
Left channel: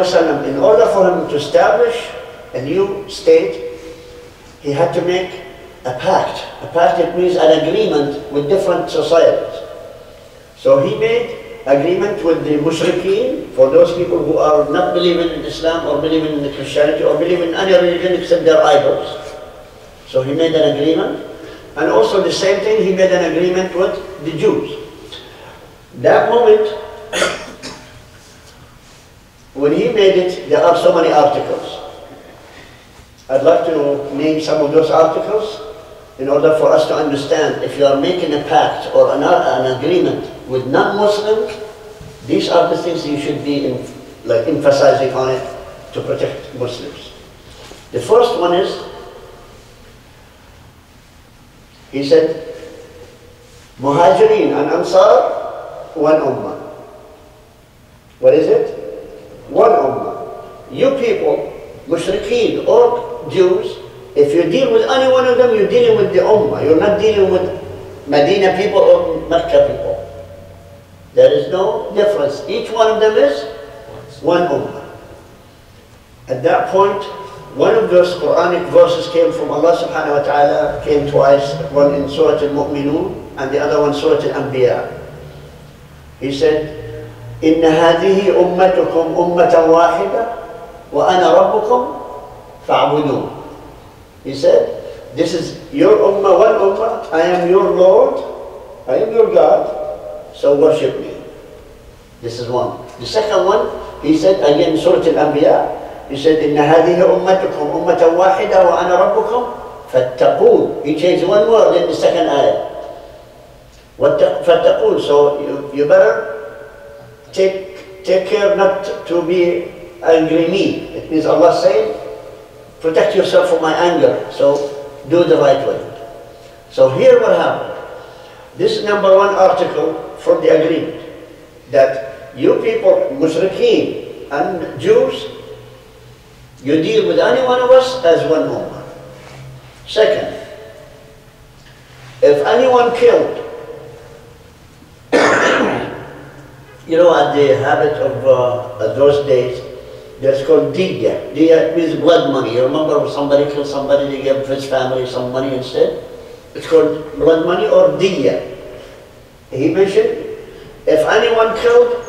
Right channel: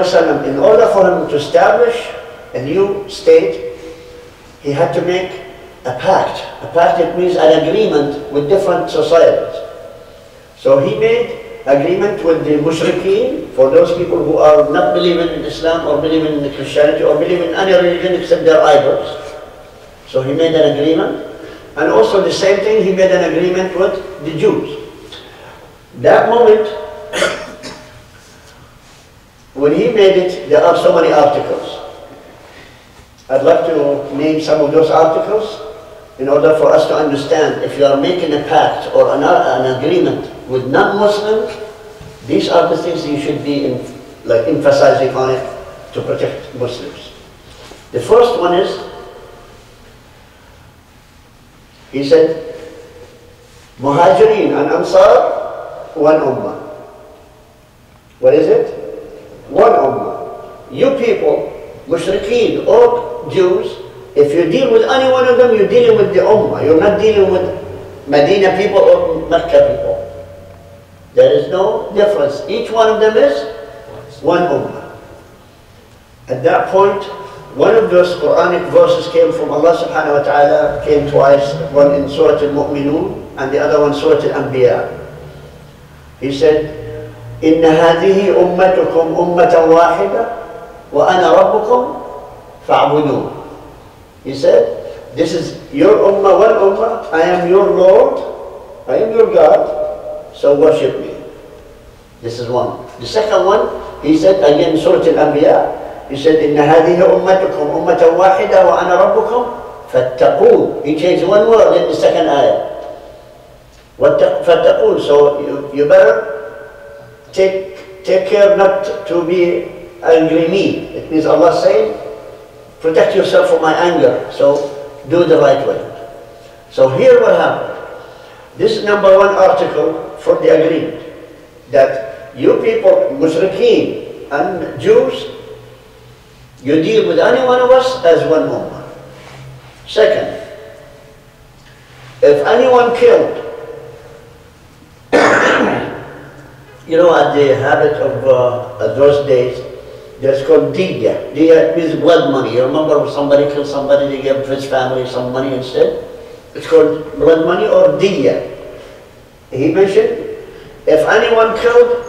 in order for him to establish a new state, he had to make a pact. A pact, it means an agreement with different societies. So he made agreement with the mushrikeen, for those people who are not believing in Islam or believing in Christianity or believing in any religion except their idols. So he made an agreement. And also the same thing, he made an agreement with the Jews. That moment, when he made it, there are so many articles. I'd like to name some of those articles in order for us to understand. If you are making a pact or an agreement with non-Muslims, these are the things you should be emphasizing on it to protect Muslims. The first one is, he said, Muhajirin and Ansar one ummah. What is it? One ummah. You people, mushrikeen or Jews, if you deal with any one of them, you're dealing with the ummah. You're not dealing with Medina people or Mecca people. There is no difference. Each one of them is one ummah. At that point, one of those Quranic verses came from Allah subhanahu wa ta'ala, came twice, one in Surah Al-Mu'minun and the other one Surah Al-Anbiya. He said, إِنَّ هَذِهِ أُمَّتُكُمْ أُمَّةً وَاحِدَةً وَأَنَا رَبُّكُمْ فَاعْبُدُونَ. He said, this is your ummah, one ummah, I am your Lord, I am your God, so worship me. This is one. The second one, he said, again Surah Al-Anbiya, he said, إِنَّ هَذِهِ أُمَّتُكُمْ أُمَّةً وَاحِدَةً وَأَنَا رَبُّكُمْ فَاتَّقُونَ. He changed one word in the second ayah. فَاتَّقُونَ. So you better take care not to be angry me. It means Allah saying, protect yourself from my anger, so do the right way. So here what happened. This is number one article from the agreement, that you people, mushrikeen and Jews, you deal with any one of us as one ummah. Second, if anyone killed, you know, at the habit of those days, there's called diya. Diya means blood money. You remember when somebody killed somebody, they gave his family some money instead? It's called blood money or diya. He mentioned, if anyone killed,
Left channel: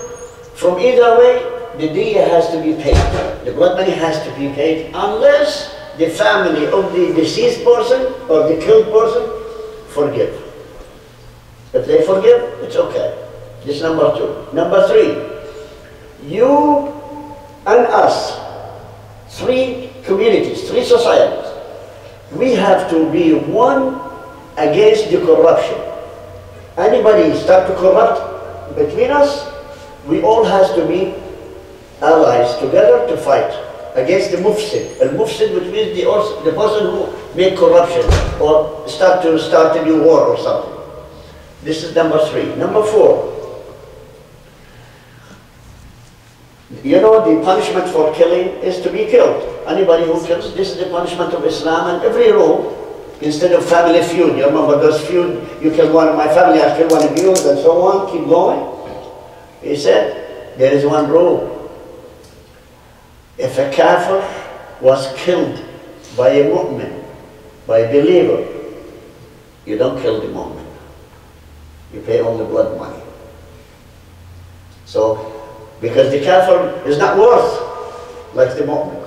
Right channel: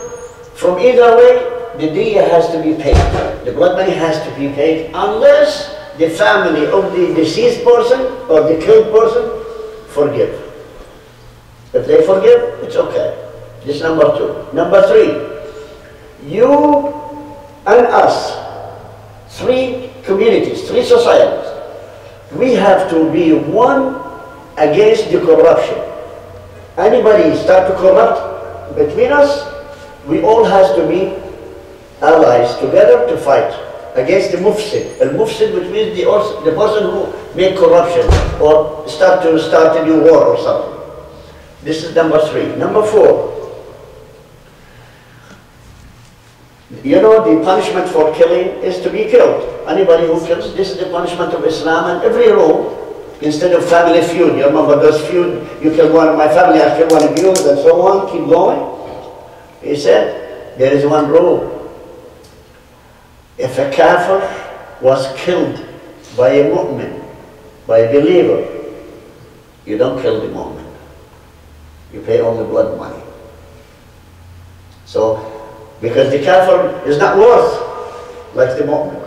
from either way, the diya has to be paid. The blood money has to be paid unless the family of the deceased person or the killed person forgive. If they forgive, it's okay. This is number two. Number three, you and us, three communities, three societies, we have to be one against the corruption. Anybody start to corrupt between us, we all have to be allies together to fight against the mufsid. Al-mufsid, which means the person who make corruption or start a new war or something. This is number three. Number four, you know, the punishment for killing is to be killed. Anybody who kills, this is the punishment of Islam, and every rule, instead of family feud, you remember those feud, you kill one of my family, I kill one of yours, and so on, keep going. He said, there is one rule. If a kafir was killed by a mu'min, by a believer, you don't kill the mu'min. You pay only blood money. So, because the kafir is not worth like the mu'min,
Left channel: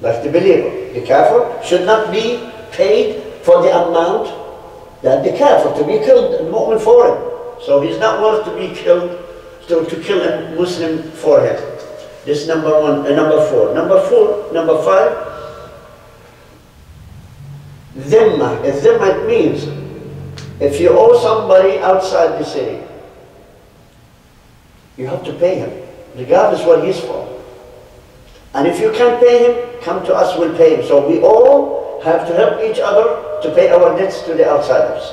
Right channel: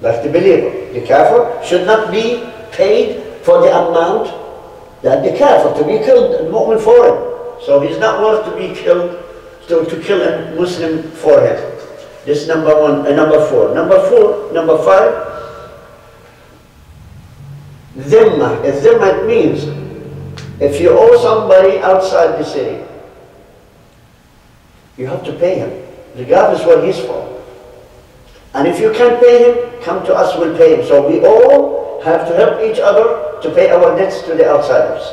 like the believer. The kafir should not be paid for the amount that the kafir, to be killed, the mu'min for him. So he's not worth to be killed, to kill a Muslim for him. This is number one, number four. Number five, dhimma. Dhimma, it means if you owe somebody outside the city, you have to pay him, regardless what he's for. And if you can't pay him, come to us, we'll pay him. So we all have to help each other to pay our debts to the outsiders.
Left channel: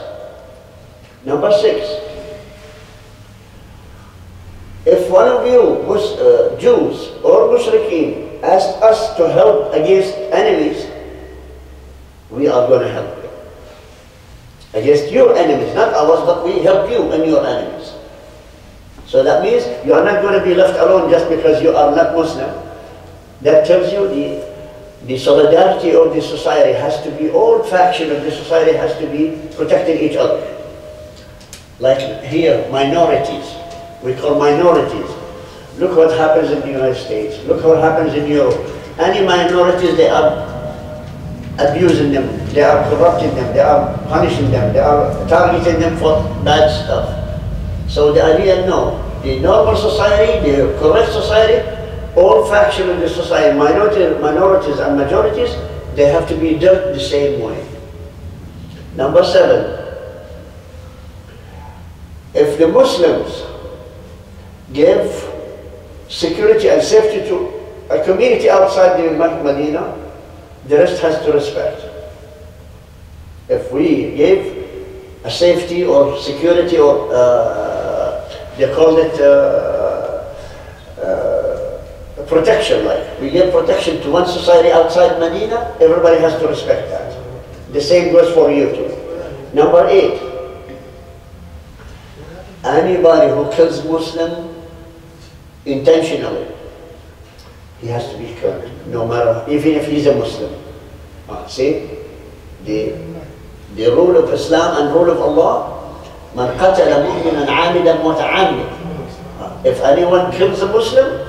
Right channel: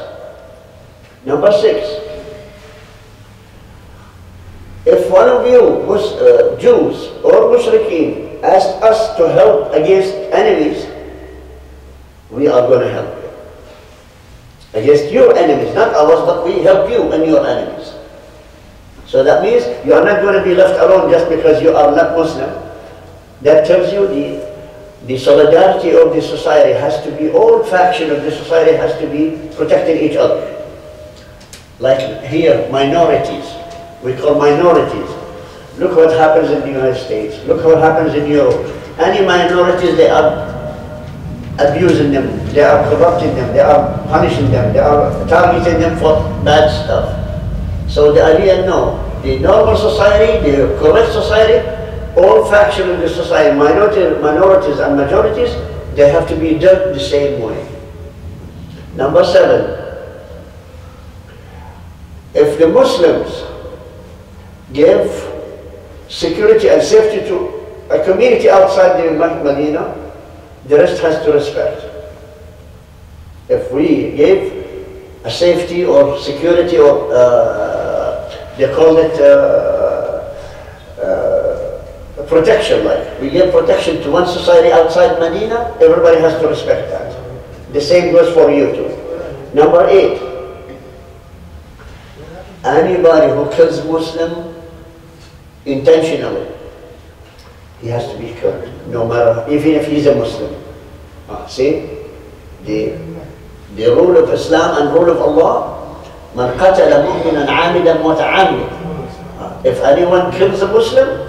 Number six, if one of you, Jews or Mushrikeen, asked us to help against enemies, we are going to help you. Against your enemies, not ours, but we help you and your enemies. So that means you are not going to be left alone just because you are not Muslim. That tells you the solidarity of the society has to be, all factions of the society has to be protecting each other. Like here, minorities. We call minorities. Look what happens in the United States. Look what happens in Europe. Any minorities, they are abusing them. They are corrupting them. They are punishing them. They are targeting them for bad stuff. So the idea, no. The normal society, the correct society, all factions of the society, minorities and majorities, they have to be dealt the same way. Number seven, if the Muslims give security and safety to a community outside the Medina, the rest has to respect. If we give a safety or security or They call it protection, like. We give protection to one society outside Medina, everybody has to respect that. The same goes for you too. Number 8, anybody who kills Muslim intentionally, he has to be killed, no matter, even if he's a Muslim. See, the rule of Islam and rule of Allah, من قتل مؤمنا عامدا متعمدا. If anyone kills a Muslim,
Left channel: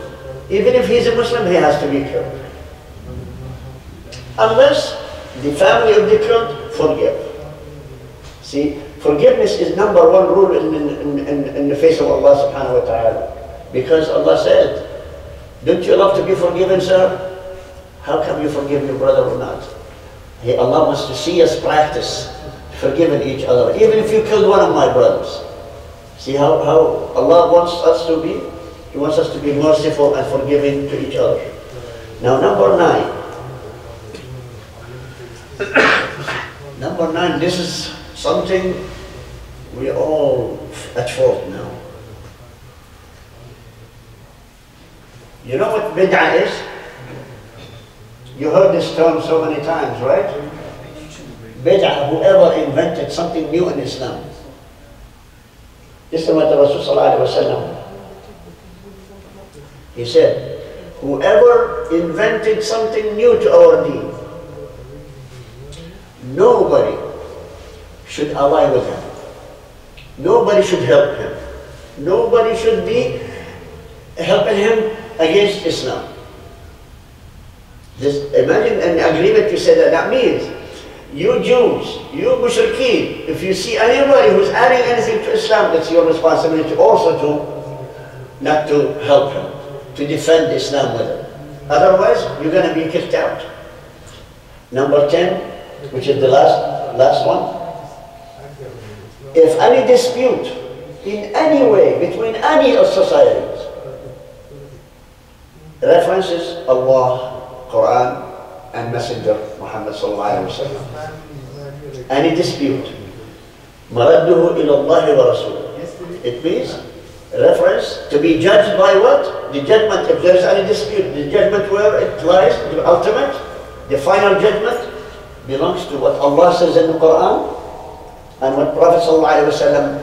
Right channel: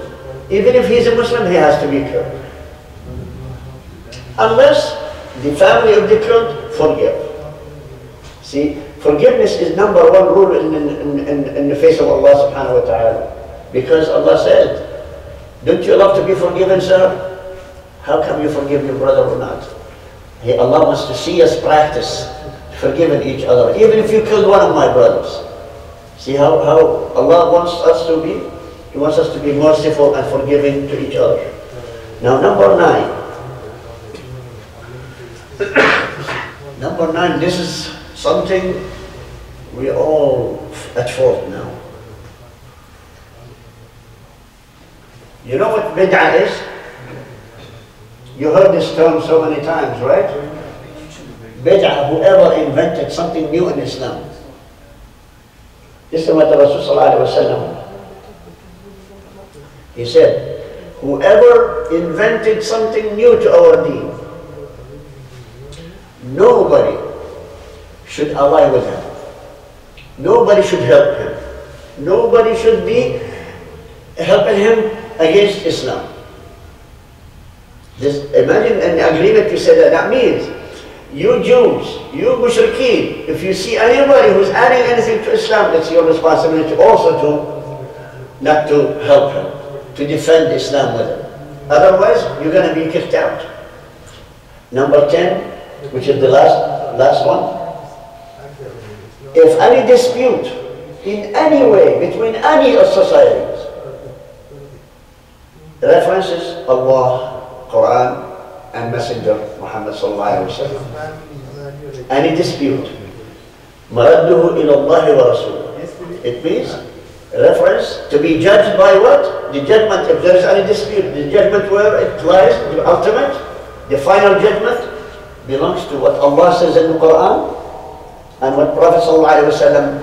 even if he's a Muslim, he has to be killed. Unless the family of the killed forgive. See, forgiveness is number 1 rule in the face of Allah subhanahu wa ta'ala. Because Allah said, don't you love to be forgiven, sir? How come you forgive your brother or not? Allah wants to see us practice forgiving each other, even if you killed one of my brothers. See how Allah wants us to be? He wants us to be merciful and forgiving to each other. Now number 9. Number 9, this is something we all at fault now. You know what bid'ah is? You heard this term so many times, right? Bid'ah, whoever invented something new in Islam. This is what the Rasul sallallahu alaihi wasallam, he said, whoever invented something new to our deen, nobody should ally with him. Nobody should help him. Nobody should be helping him against Islam. Imagine an agreement you said that means you Jews, you mushrikeen, if you see anybody who's adding anything to Islam, it's your responsibility also to not to help him, to defend Islam with him. Otherwise, you're going to be kicked out. Number 10, which is the last one. If any dispute in any way between any of societies references Allah, Quran, and Messenger Muhammad sallallahu alaihi wasallam, any dispute, maradduhu ila Allah wa Rasul. It means reference to be judged by what? The judgment. If there is any dispute, the judgment where it lies, the ultimate, the final judgment belongs to what Allah says in the Quran and what Prophet sallallahu alaihi wasallam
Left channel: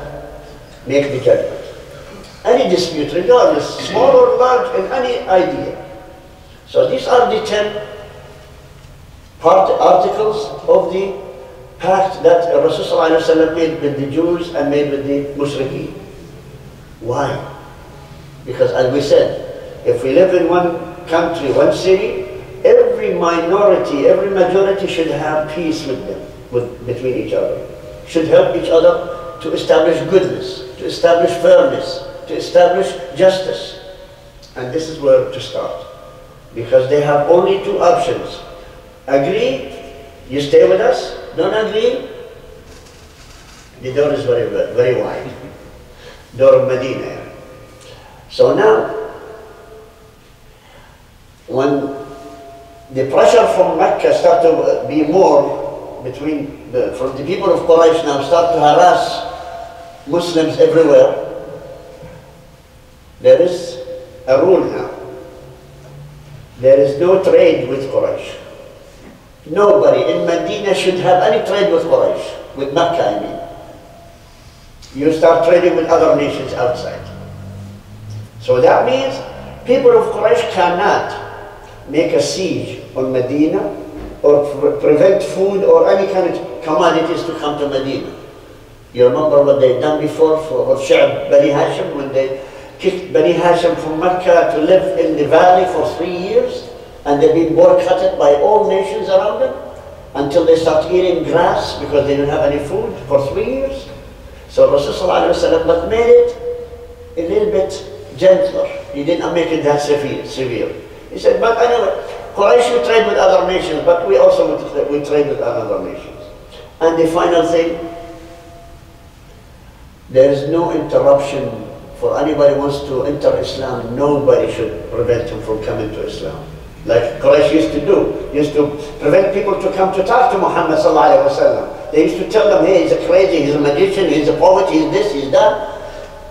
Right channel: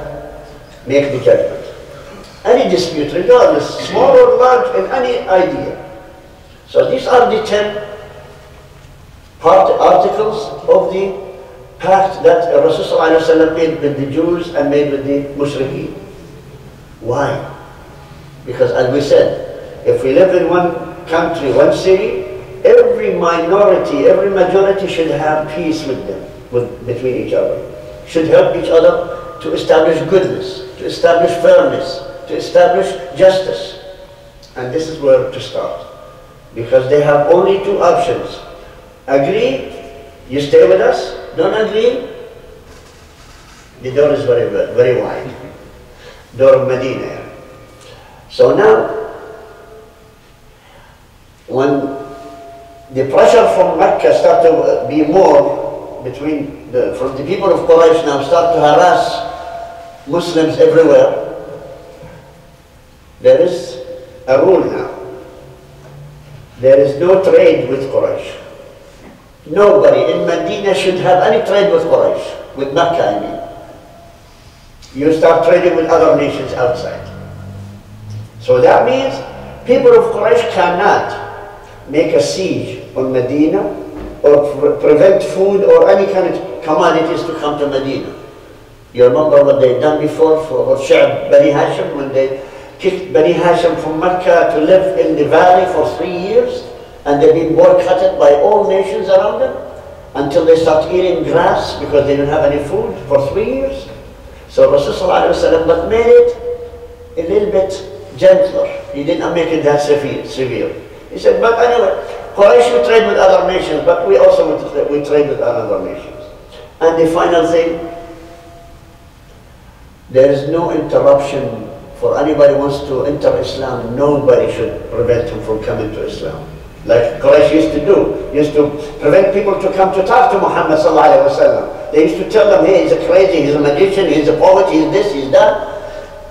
make the judgment. Any dispute, regardless, small or large, in any idea. So these are the 10 articles of the pact that Rasul sallallahu alaihi wasallam made with the Jews and made with the mushrikeen. Why? Because as we said, if we live in one country, one city, every minority, every majority should have peace with them, between each other. Should help each other to establish goodness, to establish fairness, to establish justice. And this is where to start. Because they have only 2 options. Agree, you stay with us. Don't agree, the door is very wide. Door of Medina. So now, when the pressure from Mecca started to be more from the people of Quraysh now start to harass Muslims everywhere, there is a rule now. There is no trade with Quraysh. Nobody in Medina should have any trade with Quraysh, with Mecca I mean. You start trading with other nations outside. So that means people of Quraysh cannot make a siege on Medina or prevent food or any kind of commodities to come to Medina. You remember what they've done before for Sha'b Bani Hashim, when they kicked Bani Hashim from Mecca to live in the valley for 3 years, and they've been boycotted by all nations around them until they start eating grass because they didn't have any food for 3 years. So Rasulullah but made it a little bit gentler. He didn't make it that severe. He said, but anyway, Quraysh we trade with other nations, but we also we trade with other nations. And the final thing, there is no interruption for anybody who wants to enter Islam. Nobody should prevent him from coming to Islam. Like Quraysh used to do, used to prevent people to come to talk to Muhammad sallallahu alaihi wasallam. They used to tell them, hey, he's a crazy, he's a magician, he's a poet, he's this, he's that.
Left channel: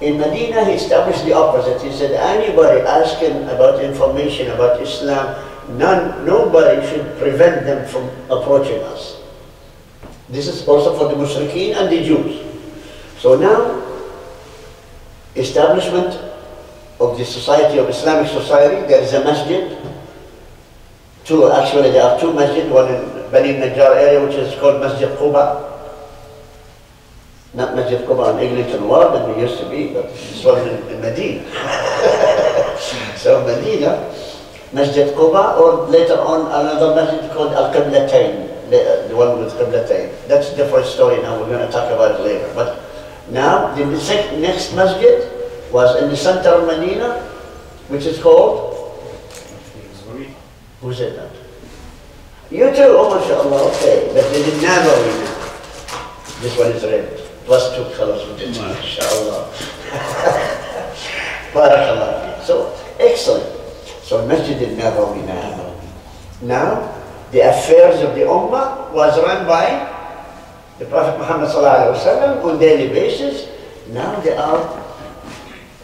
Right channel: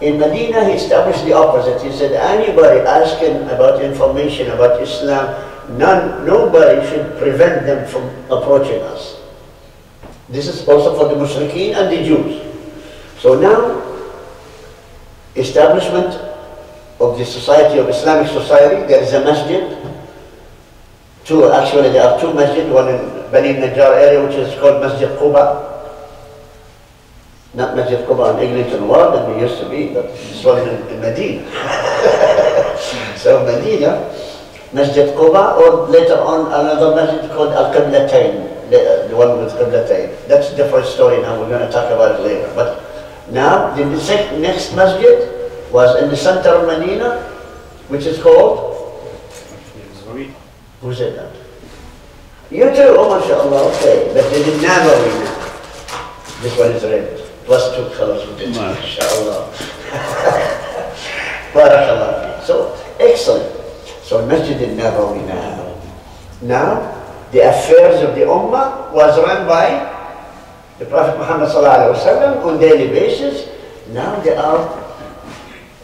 In Medina, he established the opposite. He said, anybody asking about information about Islam, nobody should prevent them from approaching us. This is also for the Mushrikeen and the Jews. So now, establishment of the Society of Islamic Society, there is a masjid. Actually, there are two masjids, one in Bani Najjar area, which is called Masjid Quba. Not Masjid Quba in Eglinton Ward that we used to be, but this one in Medina. So Medina, Masjid Quba, or later on another masjid called Al-Qiblatayn, the one with Qiblatayn. That's a different story now, we're going to talk about it later. But now, the next masjid was in the center of Medina, which is called? Who said that? You too, oh mashallah, okay. But they did Nabawi now. This one is red. Plus two colors with it, mashallah. Barakallah. So, excellent. So, Masjid al-Nabawi now. Now, the affairs of the Ummah was run by the Prophet Muhammed on daily basis. Now they are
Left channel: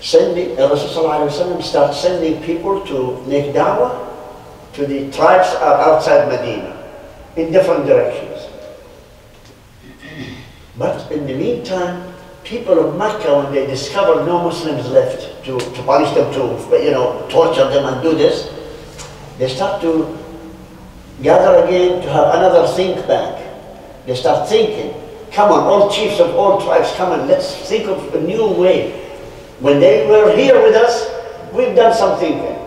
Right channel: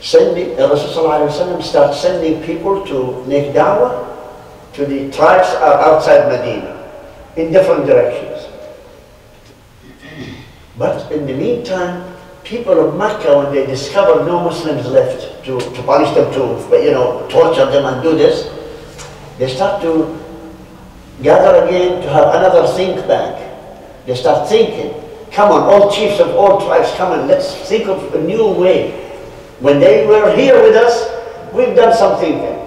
sending, Rasul starts sending people to make da'wah to the tribes outside Medina in different directions. But in the meantime, people of Mecca, when they discovered no Muslims left to punish them, to torture them and do this, they start to gather again to have another think bank. They start thinking, come on, all chiefs of all tribes, come on, let's think of a new way. When they were here with us, we've done some thinking.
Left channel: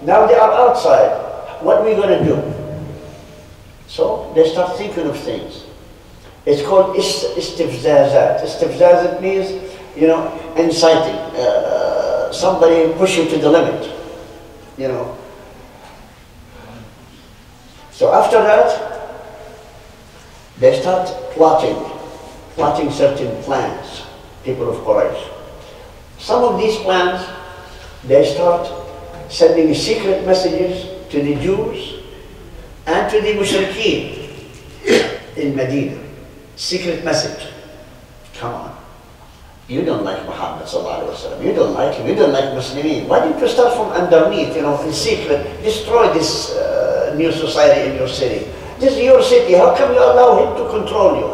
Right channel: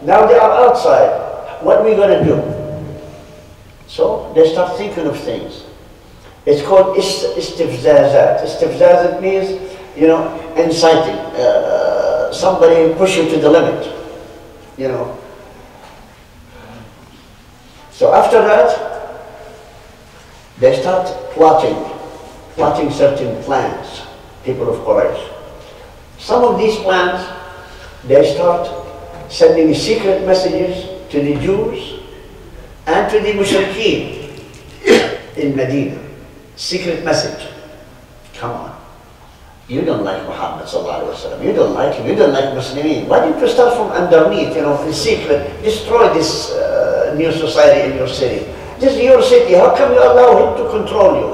Now they are outside. What are we going to do? So they start thinking of things. It's called istifzazat. Istifzazat means, inciting. Somebody push you to the limit, So after that, they start plotting certain plans, people of Quraysh. Some of these plans, they start sending secret messages to the Jews and to the Mushrikeen in Medina. Secret message. Come on. You don't like Muhammad sallallahu alaihi wasallam. You don't like him. You don't like Muslimin. Why don't you start from underneath, in secret, destroy this new society in your city. This is your city. How come you allow him to control you?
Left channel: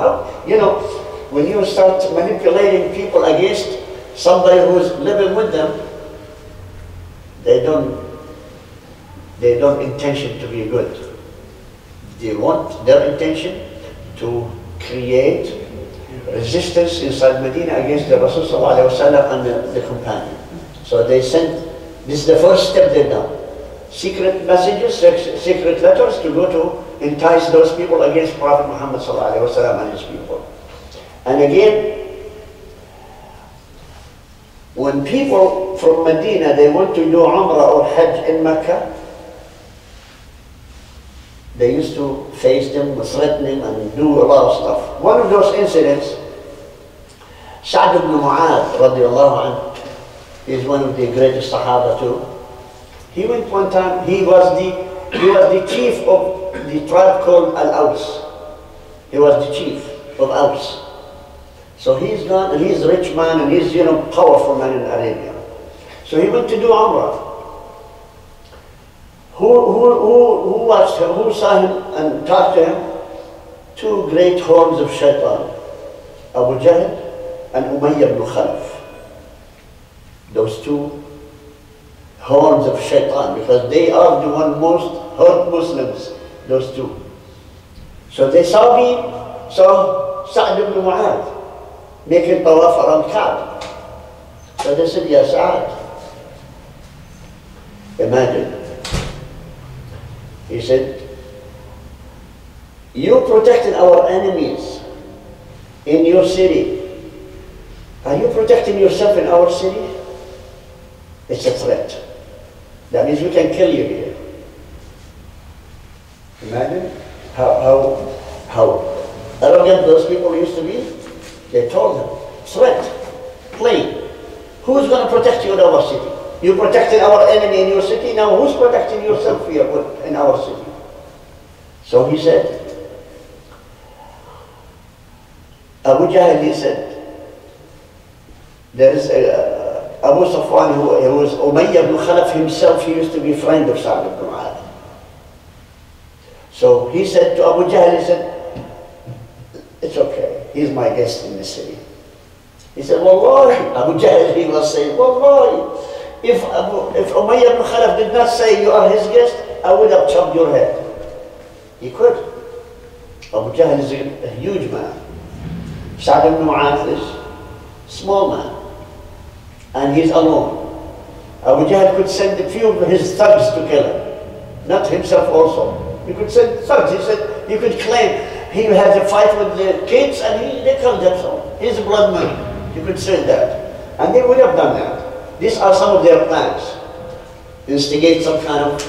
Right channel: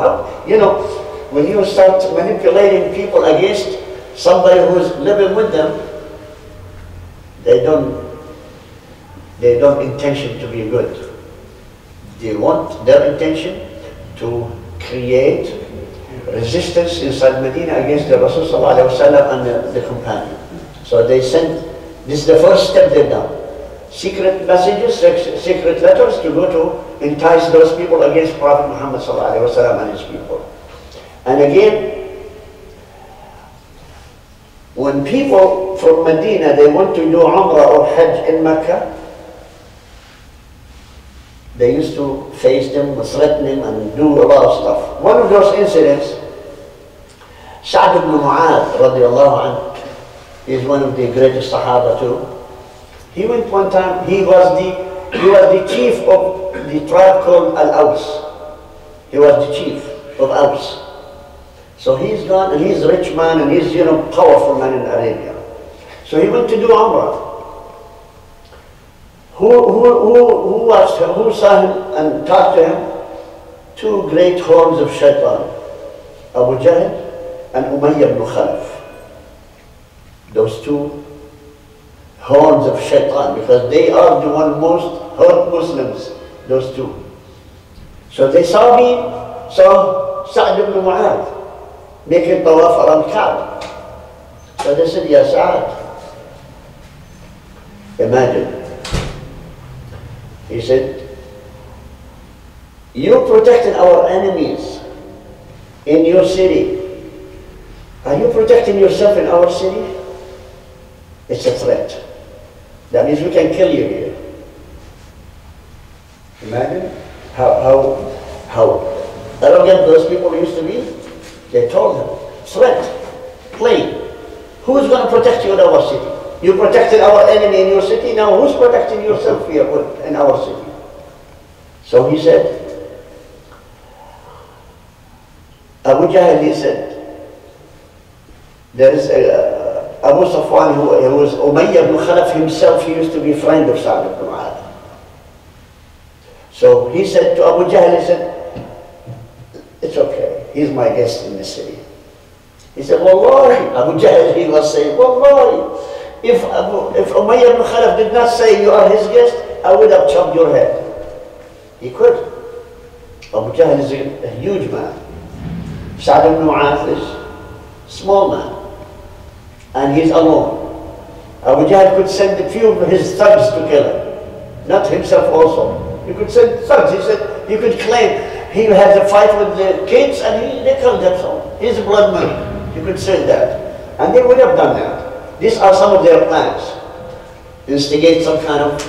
When you start manipulating people against somebody who's living with them, they don't intention to be good. They want their intention to create resistance inside Medina against the Rasul and the companion. So they sent, this is the first step they've done. Secret messages, secret letters to go to entice those people against Prophet Muhammad and his people. And again, when people from Medina, they want to do Umrah or Hajj in Mecca, they used to face them, threaten them, and do a lot of stuff. One of those incidents, S.A.W. radiallahu anhu, is one of the greatest Sahaba too. He went one time, he was the chief of the tribe called Al-Aws. He was the chief of Aws. So he's gone, and he's a rich man, and he's, powerful man in Arabia. So he went to do Umrah. Who watched him, who saw him and talked to him? Two great horns of shaitan, Abu Jahl and Umayyah ibn Khalaf. Those two horns of shaitan, because they are the one most hurt Muslims, those two. So they saw Sa'd ibn Mu'adh making tawaf around Kaaba. So they said, Ya Sa'd, imagine. He said, you protected our enemies in your city. Are you protecting yourself in our city? It's a threat. That means we can kill you here. Imagine how arrogant those people used to be. They told him, threat, plain. Who's going to protect you in our city? You protected our enemy in your city, now who's protecting yourself here in our city? So he said, Abu Jahl, he said, there is Abu Safwan, who was Umayyah ibn Khalaf himself, he used to be a friend of Sa'd ibn Mu'adh. So he said to Abu Jahl, he said, it's okay, he's my guest in the city. He said, Wallahi, Abu Jahl, he was saying, Wallahi, if Umayyah ibn Khalaf did not say you are his guest, I would have chopped your head. He could. Abu Jahl is a huge man. Sa'd ibn Mu'adh is a small man. And he's alone. Abu Jahl could send a few of his thugs to kill him. Not himself also. He could send thugs. He said, you could claim he had a fight with the kids and they killed them. So he's blood money. You could say that. And they would have done that. These are some of their plans. Instigate some kind of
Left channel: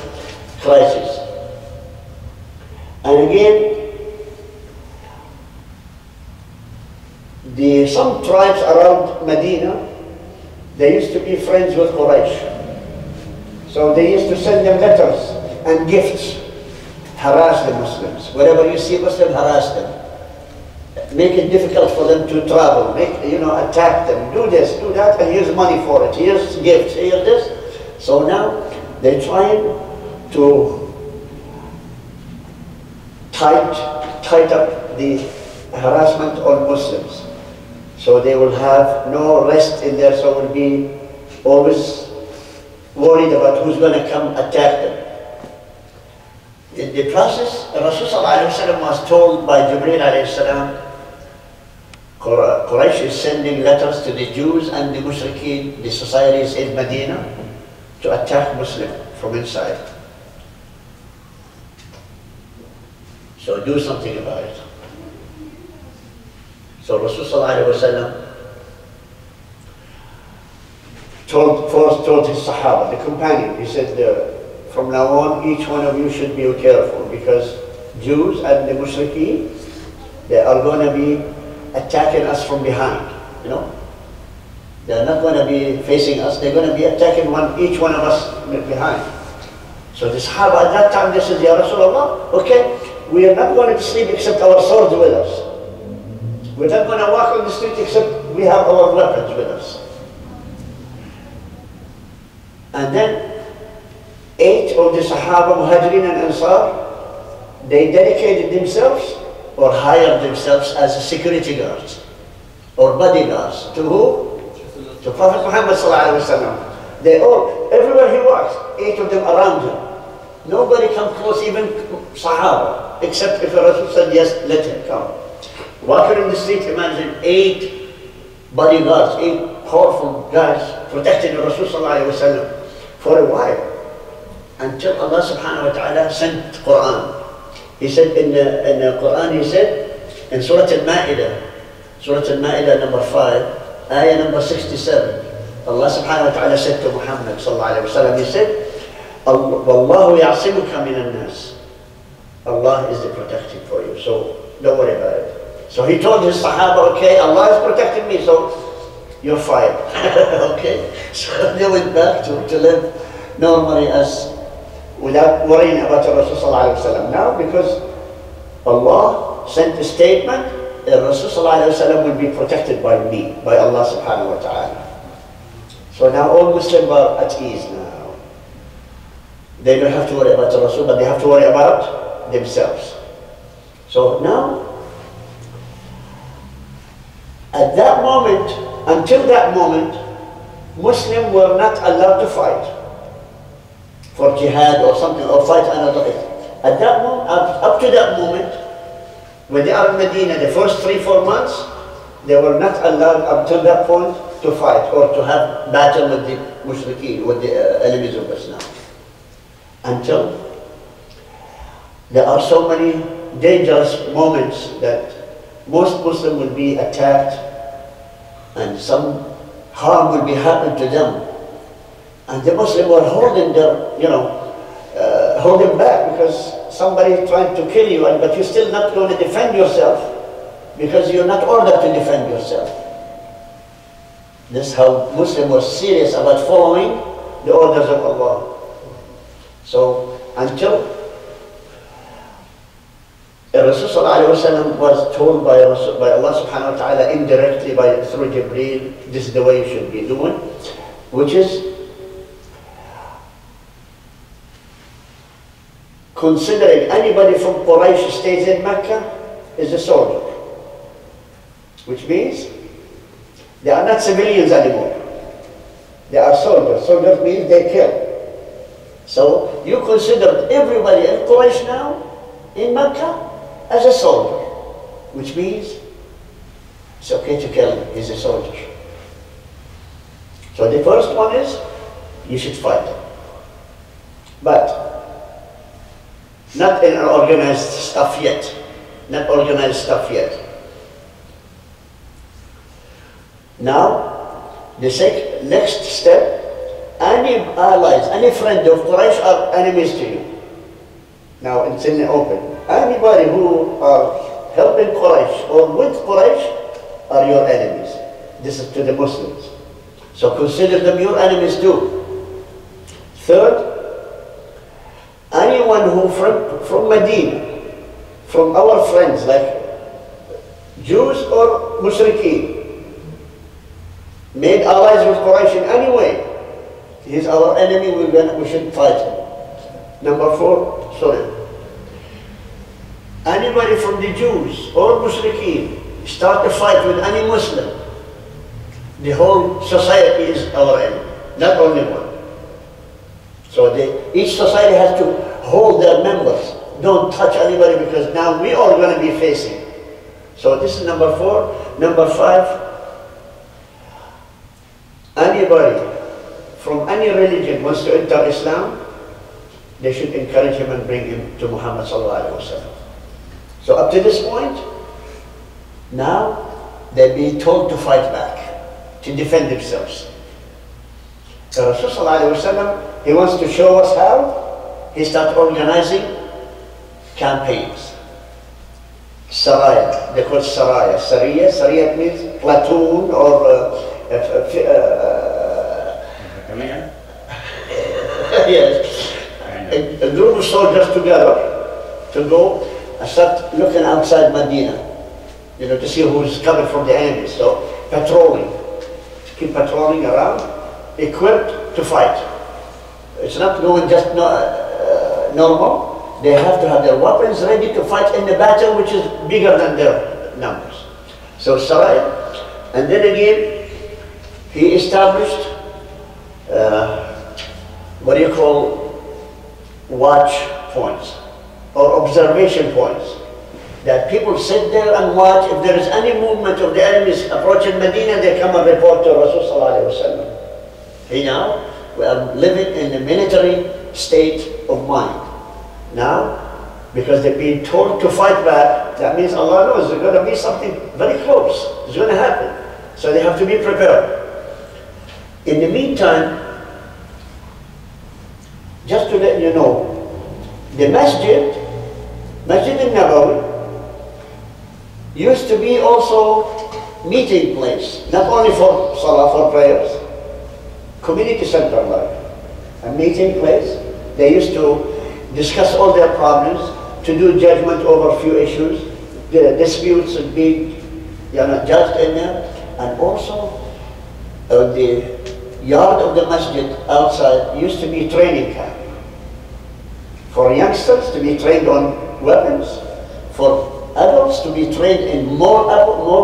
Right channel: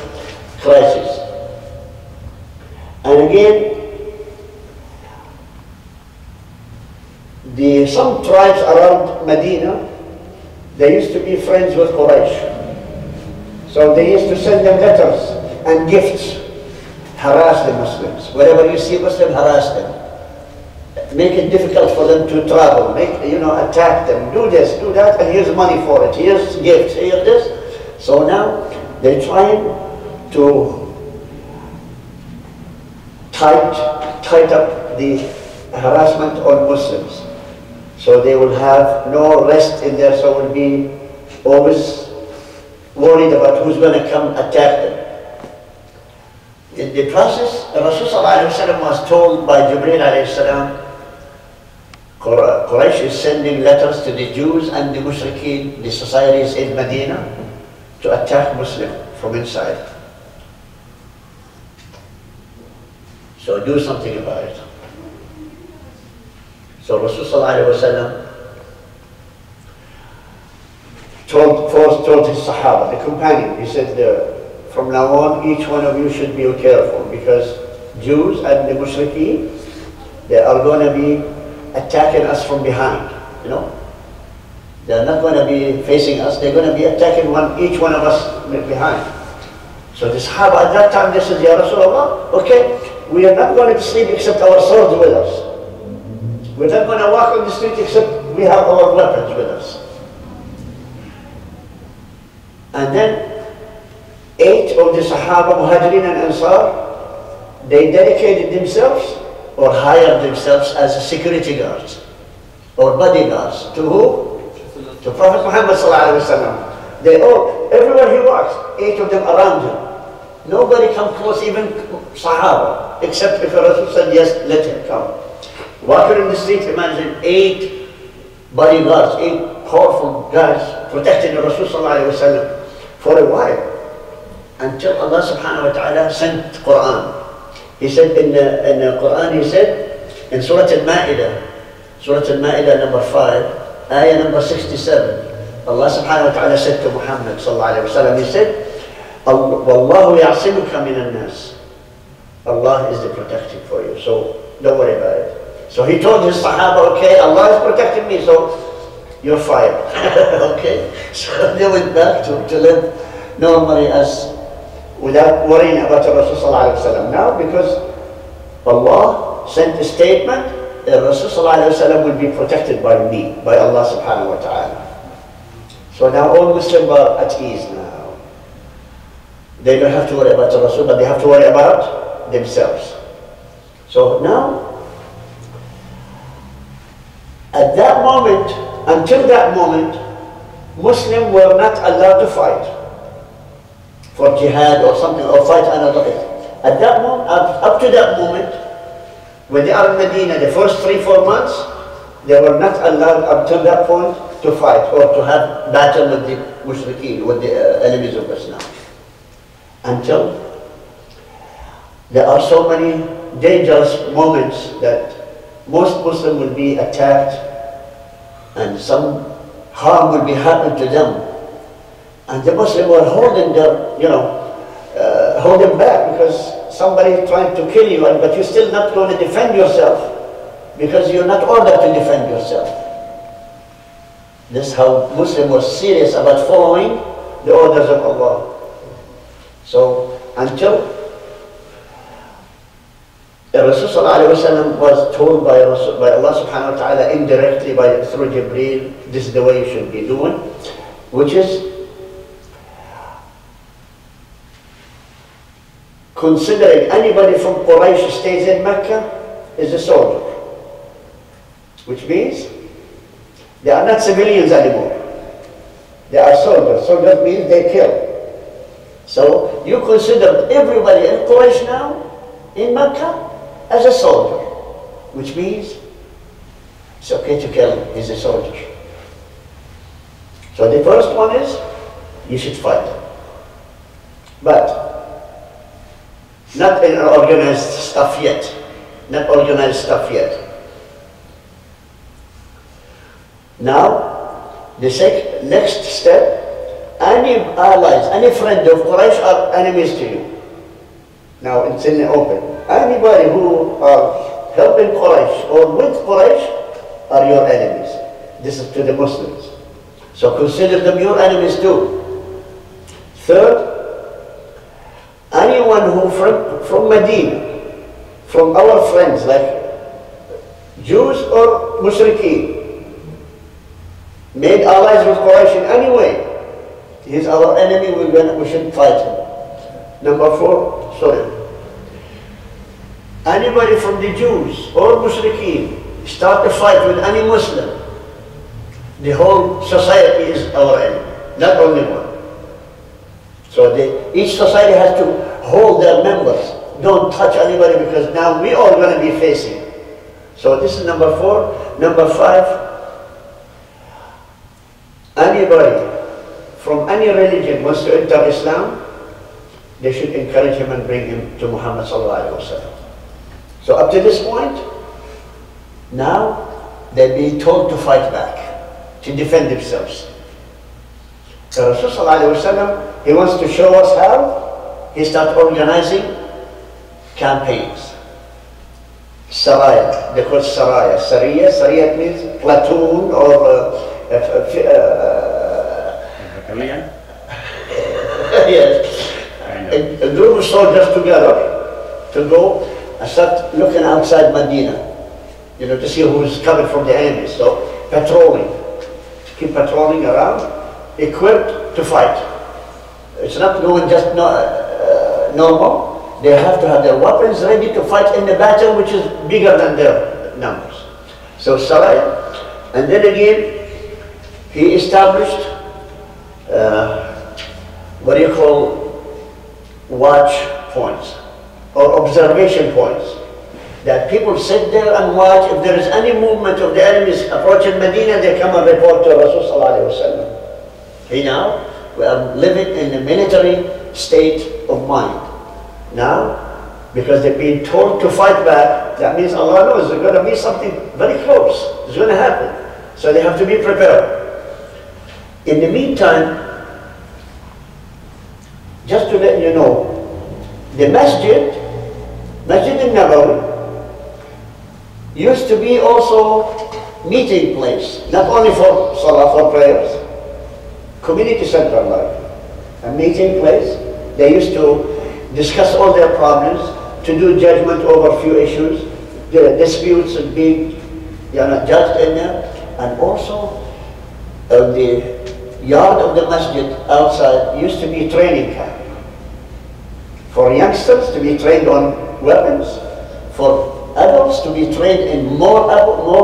crisis. And again, some tribes around Medina, they used to be friends with Quraysh. So they used to send them letters and gifts. Harass the Muslims. Wherever you see Muslims, harass them. Make it difficult for them to travel. Attack them. Do this, do that, and here's money for it. Here's gifts, here's this. So now they're trying to tight up the harassment on Muslims. So they will have no rest in there, so will be always worried about who's going to come attack them. In the process, Rasulullah was told by Jibreel alayhi salam, Quraysh is sending letters to the Jews and the Mushrikeen, the societies in Medina, to attack Muslims from inside. So do something about it. So Rasulullah told his Sahaba, the companion, he said, from now on, each one of you should be careful, because Jews and the Mushrikeen, they are going to be attacking us from behind, They're not going to be facing us, they're going to be attacking each one of us behind. So the Sahaba at that time, they said, Ya Rasulullah, okay, we are not going to sleep except our swords with us. We're not going to walk on the street except we have our weapons with us. And then 8 of the Sahaba, Muhajirin and Ansar, they dedicated themselves or hired themselves as security guards or bodyguards. To who? To Prophet Muhammed ﷺ. They all, everywhere he walks, 8 of them around him. Nobody come close, even Sahaba, except if a Rasul said, yes, let him come. Walking in the street, imagine 8 bodyguards, 8 powerful guys protecting the Rasul ﷺ for a while, until Allah subhanahu wa ta'ala sent Quran. He said in the Quran, he said in Surah Al-Ma'idah number 5, ayah number 67, Allah subhanahu wa ta'ala said to Muhammad sallallahu alayhi wa sallam, he said, Wallahu ya'simuka minan nas. Allah is the protecting for you, so don't worry about it. So he told his Sahaba, okay, Allah is protecting me, so you're fired. Okay? So they went back to live normally without worrying about the Rasul sallallahu alayhi wa sallam. Now, because Allah sent a statement, the Rasul sallallahu alayhi wa sallam will be protected by me, by Allah subhanahu wa ta'ala. So now all Muslims are at ease now. They don't have to worry about the Rasul, but they have to worry about themselves. So now, at that moment, until that moment, Muslims were not allowed to fight for jihad or something, or fight another. At that moment, up to that moment, when they are in Medina, the first 3-4 months, they were not allowed up to that point to fight or to have battle with the mushrikeen, with the enemies of Islam. Until there are so many dangerous moments that most Muslims will be attacked and some harm will be happened to them. And the Muslims were holding their, holding back, because somebody is trying to kill you, but you're still not going to defend yourself because you're not ordered to defend yourself. This is how Muslims were serious about following the orders of Allah. So until Rasul ﷺ was told by Allah subhanahu wa ta'ala indirectly through Jibreel, this is the way you should be doing. which is considering anybody from Quraysh stays in Mecca is a soldier, which means they are not civilians anymore. They are soldiers. Soldiers means they kill. So you consider everybody in Quraysh now, in Mecca, as a soldier, which means it's okay to kill him, he's a soldier. So the first one is, you should fight. But not in organized stuff yet. Not organized stuff yet. Now, the next step, any allies, any friend of Quraysh are enemies to you. Now it's in the open. Anybody who are helping Quraysh or with Quraysh are your enemies. This is to the Muslims. So consider them your enemies too. Third, anyone who from Medina, from our friends like Jews or Mushrikeen, made allies with Quraysh in any way, he's our enemy, we should fight him. Number four, anybody from the Jews or Mushrikeen start a fight with any Muslim, the whole society is our enemy, not only one. So each society has to hold their members. Don't touch anybody because now we are going to be facing. So this is number four. Number five, anybody from any religion wants to enter Islam, they should encourage him and bring him to Muhammad sallallahu alaihi wasallam. So up to this point, now they're being told to fight back, to defend themselves. So Rasul sallallahu alaihi wasallam, he wants to show us how he started organizing campaigns. Saraya, they call it Saraya. Sariya means platoon or battalion? Yes. A group of soldiers together to go and start looking outside Medina, to see who's coming from the enemy. So patrolling, keep patrolling around, equipped to fight. It's not going just normal. They have to have their weapons ready to fight in the battle which is bigger than their numbers. So Saraya, and then again he established what do you call watch points or observation points, that people sit there and watch. If there is any movement of the enemies approaching Medina, they come and report to Rasul sallallahu alaihi wasallam. Now we are living in a military state of mind. Now, because they've been told to fight back, that means Allah knows there's going to be something very close. It's going to happen. So they have to be prepared. In the meantime, just to let you know, the Masjid Nabawi, used to be also meeting place, not only for Salah, for prayers, community center like, a meeting place. They used to discuss all their problems, to do judgment over few issues, the disputes would be judged in there, and also the yard of the masjid outside used to be training camp for youngsters to be trained on weapons, for adults to be trained in more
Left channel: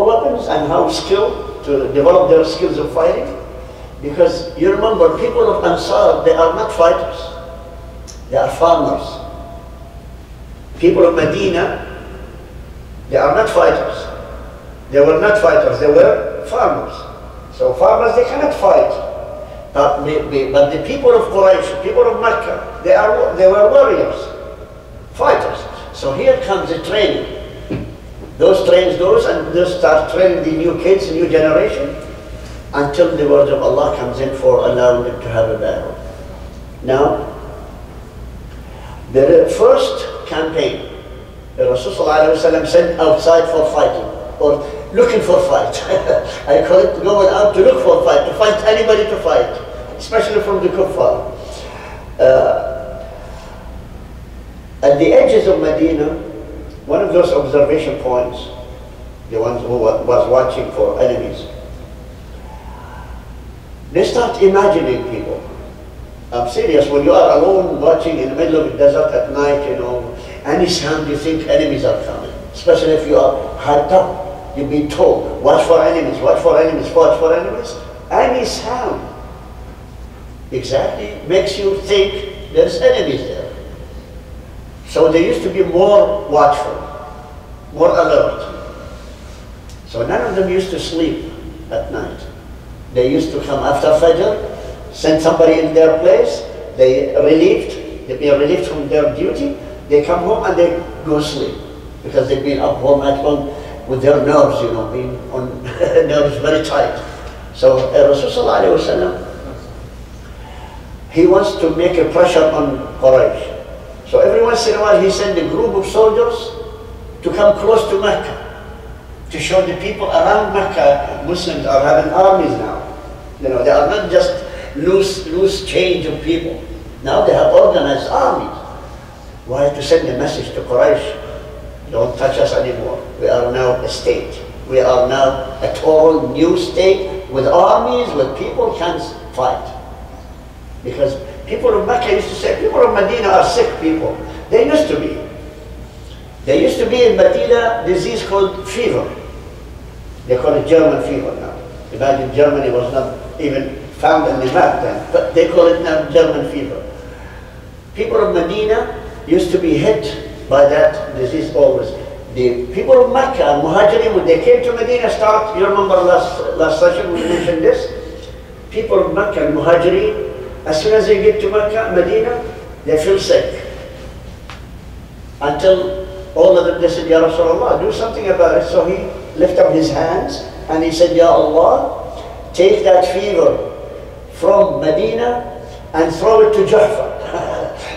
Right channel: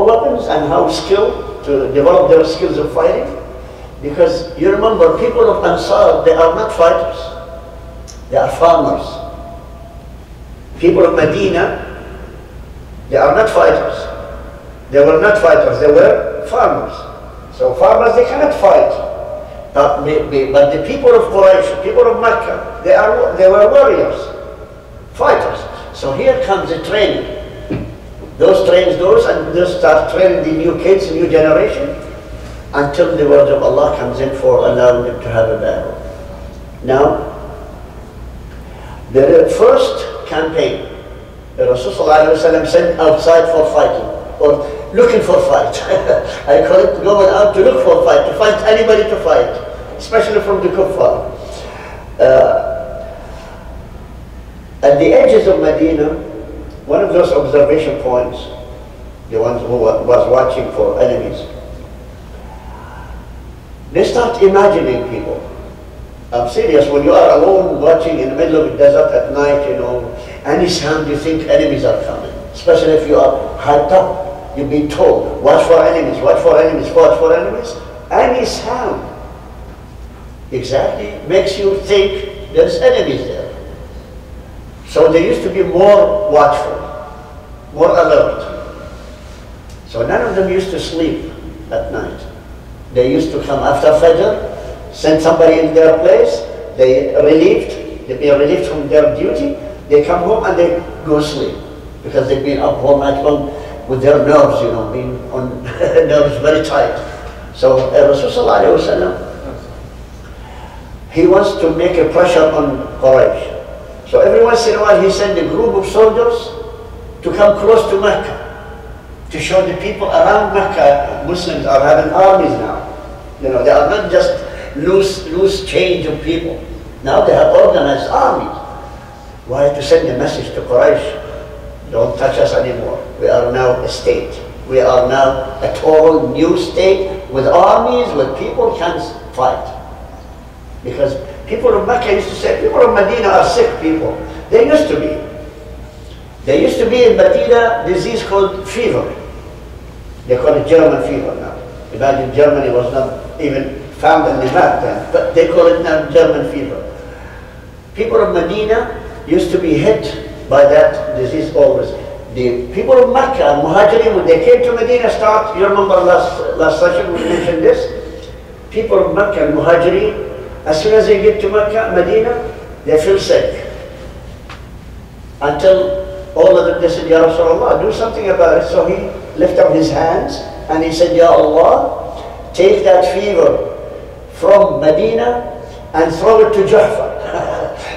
weapons and how to develop their skills of fighting. Because you remember, people of Ansar, they are not fighters. They are farmers. People of Medina, they are not fighters. They were not fighters, they were farmers. So farmers, they cannot fight. But the people of Quraysh, people of Mecca, they were warriors, fighters. So here comes the training. Those trains those, and they start training the new kids, the new generation, until the word of Allah comes in for allowing them to have a battle. Now, the first campaign, the Rasul ﷺ sent outside for fighting, or looking for fight. I call it going out to look for fight, to find anybody to fight, especially from the kuffar. At the edges of Medina, one of those observation points, the ones who was watching for enemies, They start imagining people. I'm serious, when you are alone watching in the middle of the desert at night, you know, any sound you think enemies are coming. Especially if you are hyped up. You've been told, watch for enemies, watch for enemies, watch for enemies. Any sound exactly makes you think there's enemies there. So they used to be more watchful, more alert. So none of them used to sleep at night. They used to come after Fajr, send somebody in their place, they'd be relieved from their duty, they come home and they go sleep. Because they've been up all night long with their nerves, you know, being on nerves very tight. So Rasulullah, he wants to make a pressure on Quraysh. So every once in a while he sent a group of soldiers to come close to Mecca, to show the people around Mecca, Muslims are having armies now. You know, they are not just loose change of people. Now they have organized armies. Why? To send a message to Quraysh. Don't touch us anymore. We are now a state. We are now a total new state with armies, with people can fight. Because people of Mecca used to say, people of Medina are sick people. They used to be. There used to be in Medina a disease called fever. They call it German fever now. Imagine Germany was not even found in the map then, but they call it now German fever. People of Medina used to be hit by that disease always. The people of Mecca, Muhajirin, when they came to Medina, you remember last session we mentioned this? People of Mecca and Muhajirin, as soon as they get to Mecca, Medina, they feel sick. Until all of them, they said, Ya Rasulullah, do something about it. So he lifted up his hands and he said, Ya Allah, take that fever from Medina and throw it to Juhfa.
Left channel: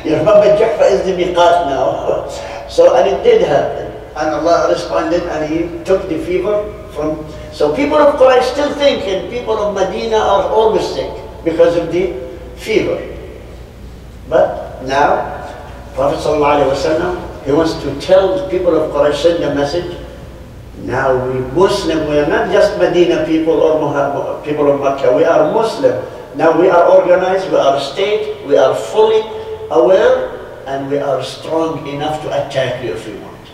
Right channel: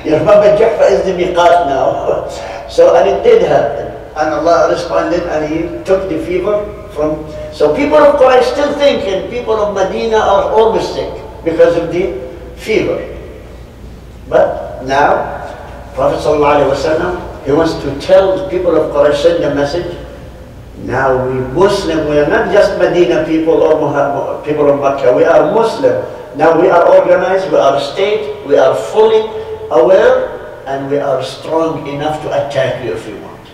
You remember Juhfa is the miqat now. So, and it did happen. And Allah responded and he took the fever from... So people of Quraysh still thinking people of Medina are always sick because of the fever. But now, Prophet ﷺ, he wants to tell the people of Quraysh, send a message. Now we Muslim, we are not just Medina people or people of Mecca, we are Muslim. Now we are organized, we are a state, we are fully aware, and we are strong enough to attack you if you want.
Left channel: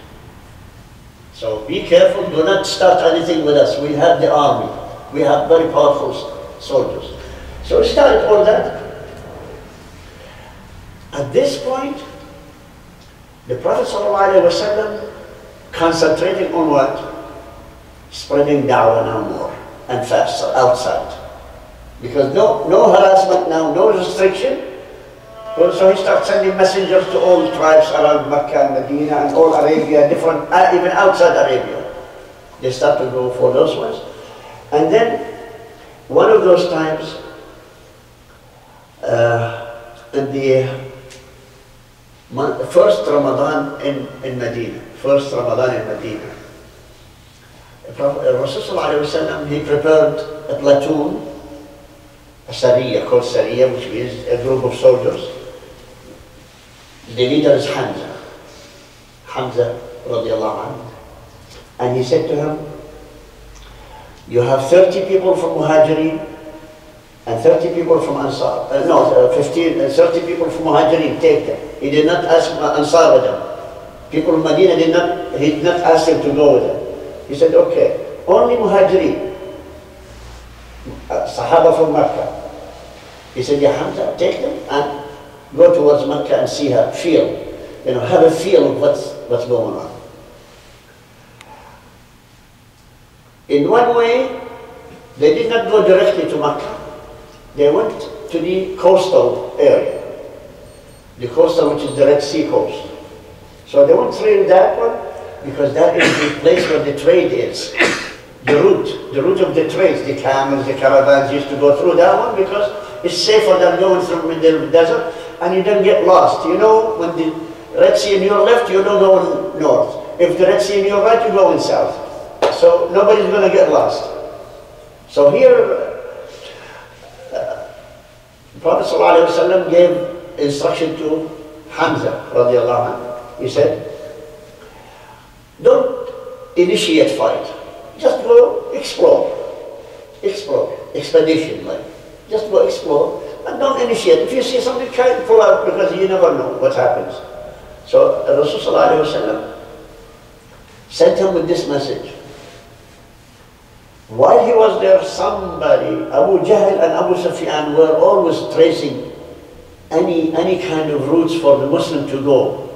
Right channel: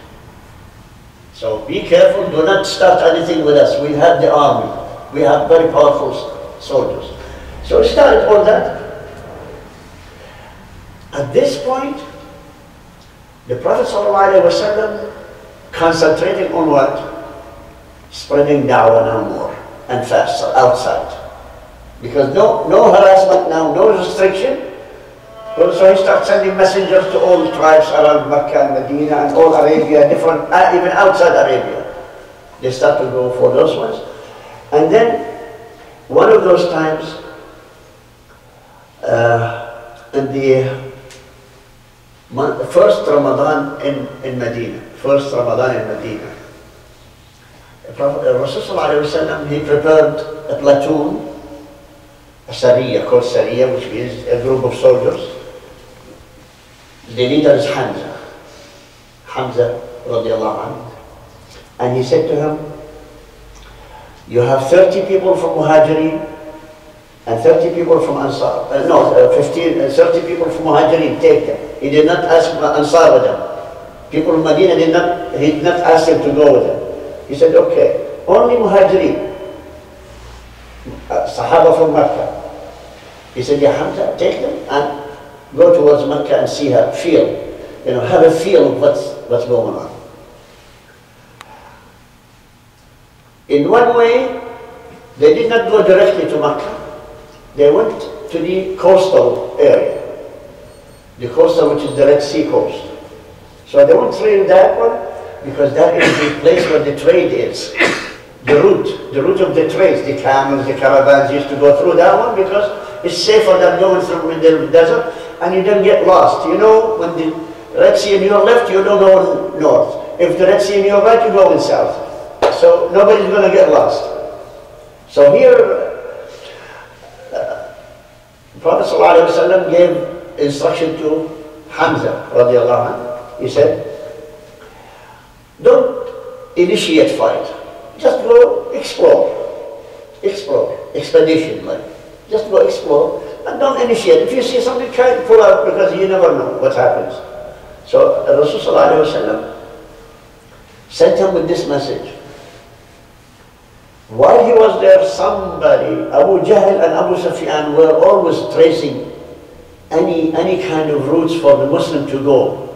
So be careful, do not start anything with us. We have the army, we have very powerful soldiers. So we started all that. At this point, the Prophet ﷺ concentrating on what? Spreading da'wah now more and faster outside. Because no harassment now, no restriction. So he starts sending messengers to all tribes around Mecca and Medina and all Arabia, different, even outside Arabia. They start to go for those ones. And then, one of those times, in the first Ramadan in Medina, Rasulullah, he prepared a platoon, a Seerah, called Seerah, which means a group of soldiers. The leader is Hamza radiallahu anhu. And he said to him, you have 30 people from Muhajirin and 30 people from Ansar. 30 people from Muhajirin, take them. He did not ask Ansar with them. People of Medina he did not ask them to go with them. He said, okay, only Muhajirin, Sahaba from Mecca. He said, Ya Hamza, take them and go towards Mecca and see her, have a feel of what's going on. In one way, they did not go directly to Mecca. They went to the coastal area, the coastal, which is the Red Sea coast. So they went through that one because that is the place where the trade is. The route of the trades, the camels, the caravans used to go through that one because it's safer than going through the desert and you don't get lost. You know, when the Red Sea in your left, you don't go north. If the Red Sea in your right, you go in south. So nobody's going to get lost. So here, Prophet ﷺ gave instruction to Hamza radiallahu anhu. He said, don't initiate fight. Just go explore. Expedition, like. Just go explore, but don't initiate. If you see something, try to pull out, because you never know what happens. So Rasulullah sent him with this message. While he was there, somebody, Abu Jahl and Abu Sufyan, were always tracing any kind of routes for the Muslim to go.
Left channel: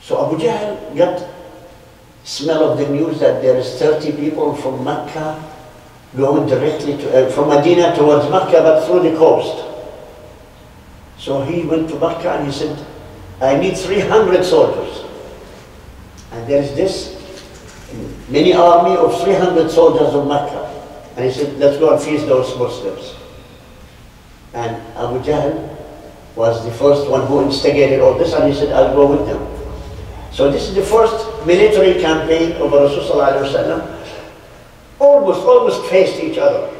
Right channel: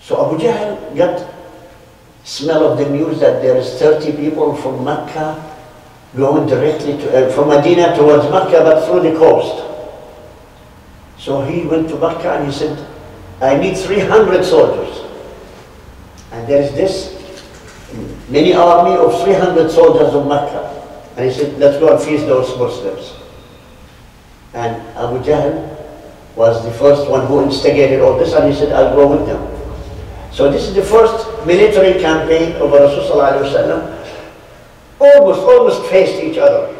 So Abu Jahl got smell of the news that there is 30 people from Mecca going directly to, from Medina towards Mecca, but through the coast. So he went to Mecca and he said, I need 300 soldiers. And there is this mini army of 300 soldiers of Mecca. And he said, let's go and feast those Muslims. And Abu Jahl was the first one who instigated all this, and he said, I'll go with them. So this is the first military campaign of Rasulullah. Almost faced each other.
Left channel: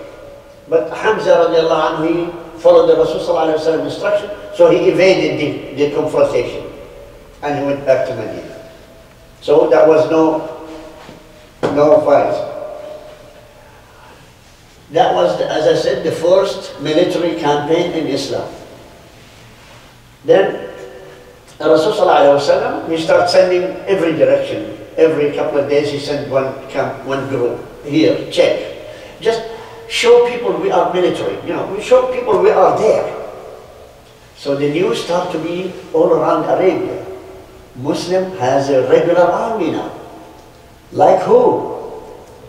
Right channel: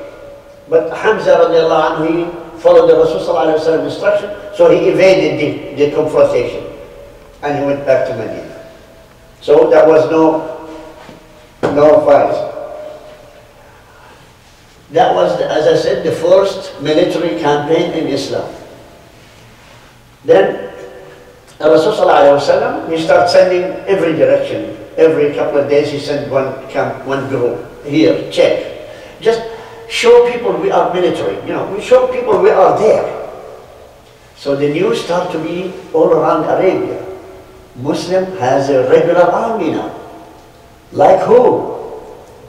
But Hamza radiallahu anhu, he followed the Rasulullah instruction, so he evaded the confrontation. And he went back to Medina. So there was no fight. That was, as I said, the first military campaign in Islam. Then Rasulullah, he started sending every direction. Every couple of days he sent one group. Here, check. Just show people we are military. You know, we show people we are there. So the news started to be all around Arabia. Muslim has a regular army now. Like who?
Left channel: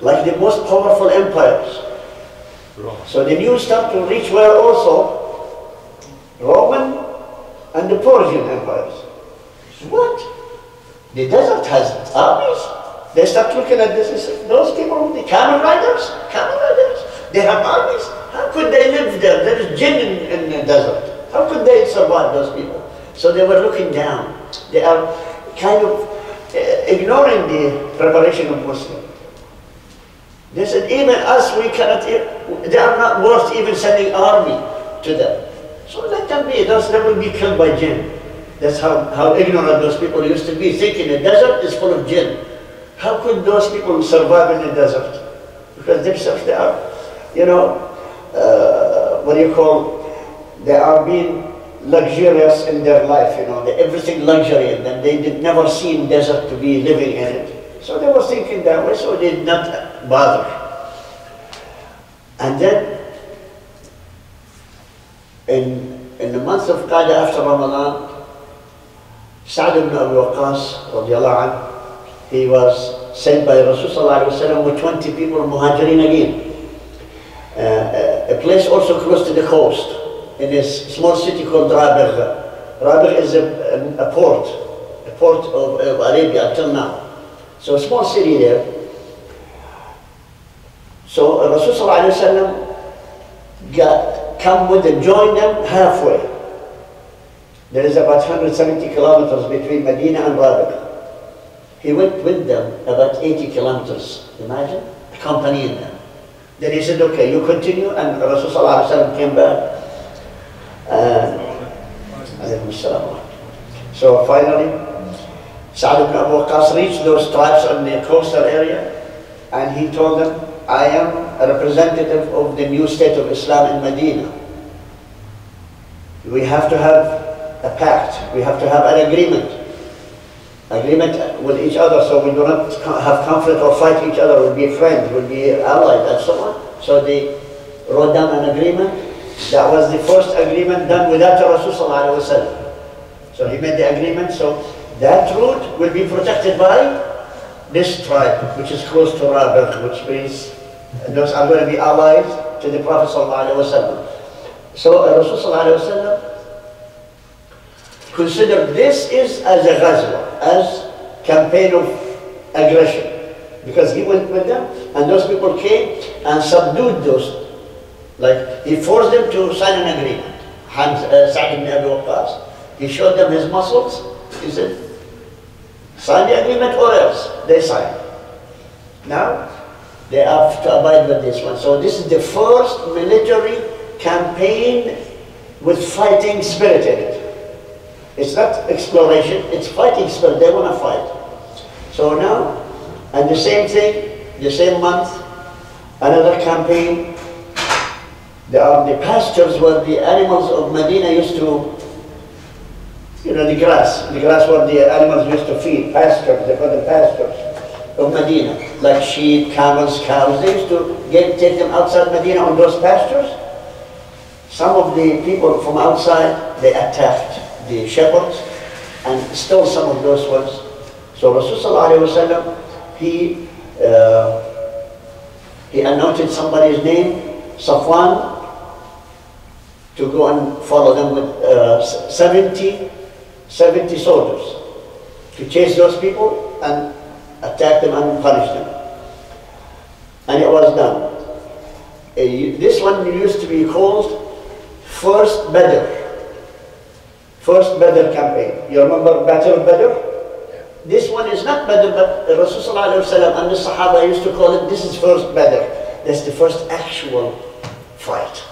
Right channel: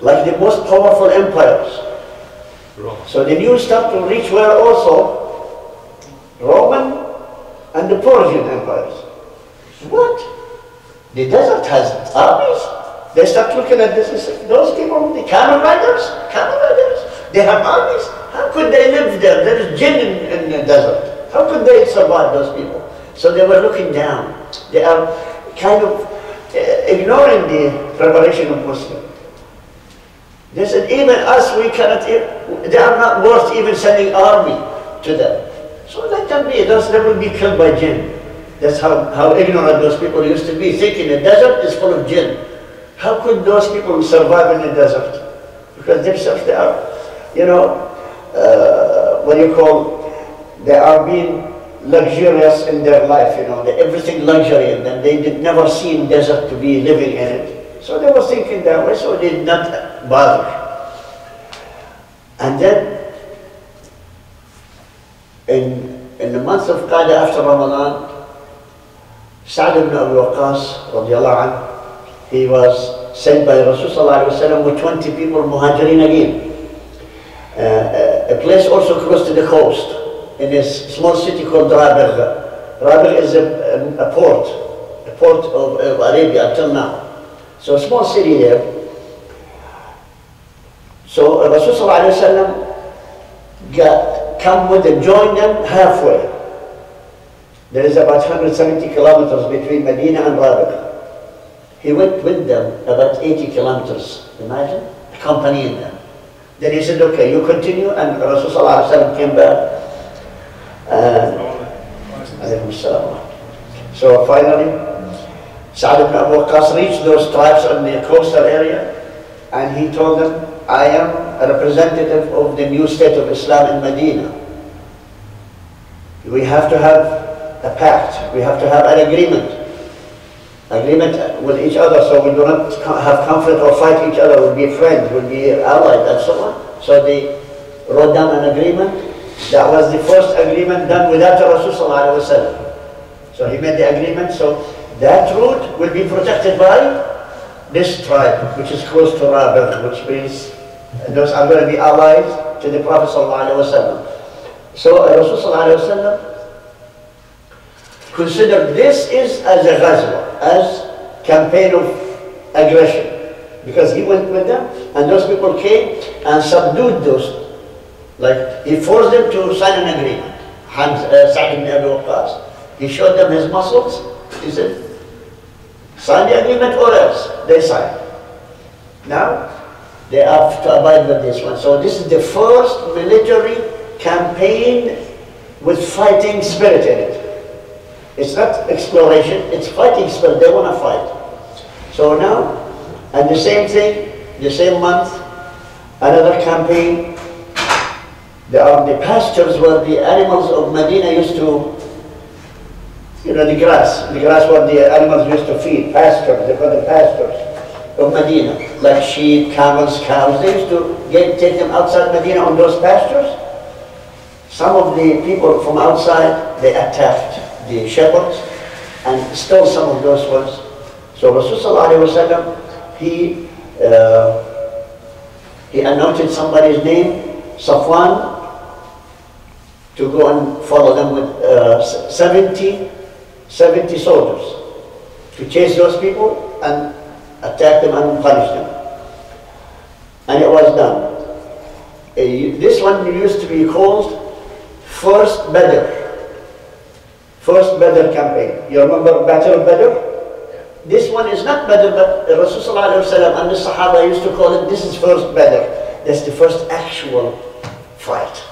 Like the most powerful empires. So the news started to reach where also? Roman and the Persian empires. What? The desert has armies? They start looking at this and say, those people, the camel riders, they have armies? How could they live there? There is jinn in the desert. How could they survive, those people? So they were looking down. They are kind of ignoring the preparation of Muslims. They said, even us, we cannot, they are not worth even sending army to them. So let them be, those they will be killed by jinn. That's how ignorant those people used to be, thinking the desert is full of jinn. How could those people survive in the desert? Because themselves, they are, you know, what do you call, they are being luxurious in their life, you know, everything luxury in them. They did never seen desert to be living in it. So they were thinking that way, so they did not bother. And then, in the month of Qada after Ramadan, S.A.W. radiallahu anhu, he was sent by Rasulullah with 20 people, Muhajirin again. A place also close to the coast, in a small city called Rabigh. Rabigh is a port of Arabia until now. So a small city there. So Rasulullah come with them, join them halfway. There is about 170 kilometers between Medina and Rabigh. He went with them about 80 kilometers, imagine, accompanying them. Then he said, okay, you continue, and Rasulullah came back. So finally, Sa'd ibn Abu Waqqas reached those tribes in the coastal area, and he told them, I am a representative of the new state of Islam in Medina. We have to have a pact, we have to have an agreement with each other, so we do not have conflict or fight each other, we'll be friends, we'll be allies, and so on. So they wrote down an agreement. That was the first agreement done without Rasulullah. So he made the agreement, so that route will be protected by this tribe, which is close to Rabigh, which means those are going to be allies to the Prophet ﷺ. So Rasulullah considered this is as a ghazwa, as campaign of aggression, because he went with them, and those people came and subdued those. Like, he forced them to sign an agreement. Sa'd ibn Abi Waqqas, he showed them his muscles. He said, sign the agreement or else. They signed. Now, they have to abide with this one. So this is the first military campaign with fighting spirit in it. It's not exploration, it's fighting spirit. They want to fight. So now, and the same thing, the same month, another campaign There are the pastures where the animals of Medina used to, the grass where the animals used to feed, pastures, they call them pastures of Medina, like sheep, camels, cows. They used to take them outside Medina on those pastures. Some of the people from outside, they attacked the shepherds and stole some of those ones. So Rasulullah he anointed somebody's name, Safwan, to go and follow them with 70 soldiers to chase those people and attack them and punish them. And it was done. This one used to be called First Badr campaign. You remember Battle of Badr? This one is not Badr, but Rasulullah and the Sahaba used to call it, this is First Badr. That's the first actual fight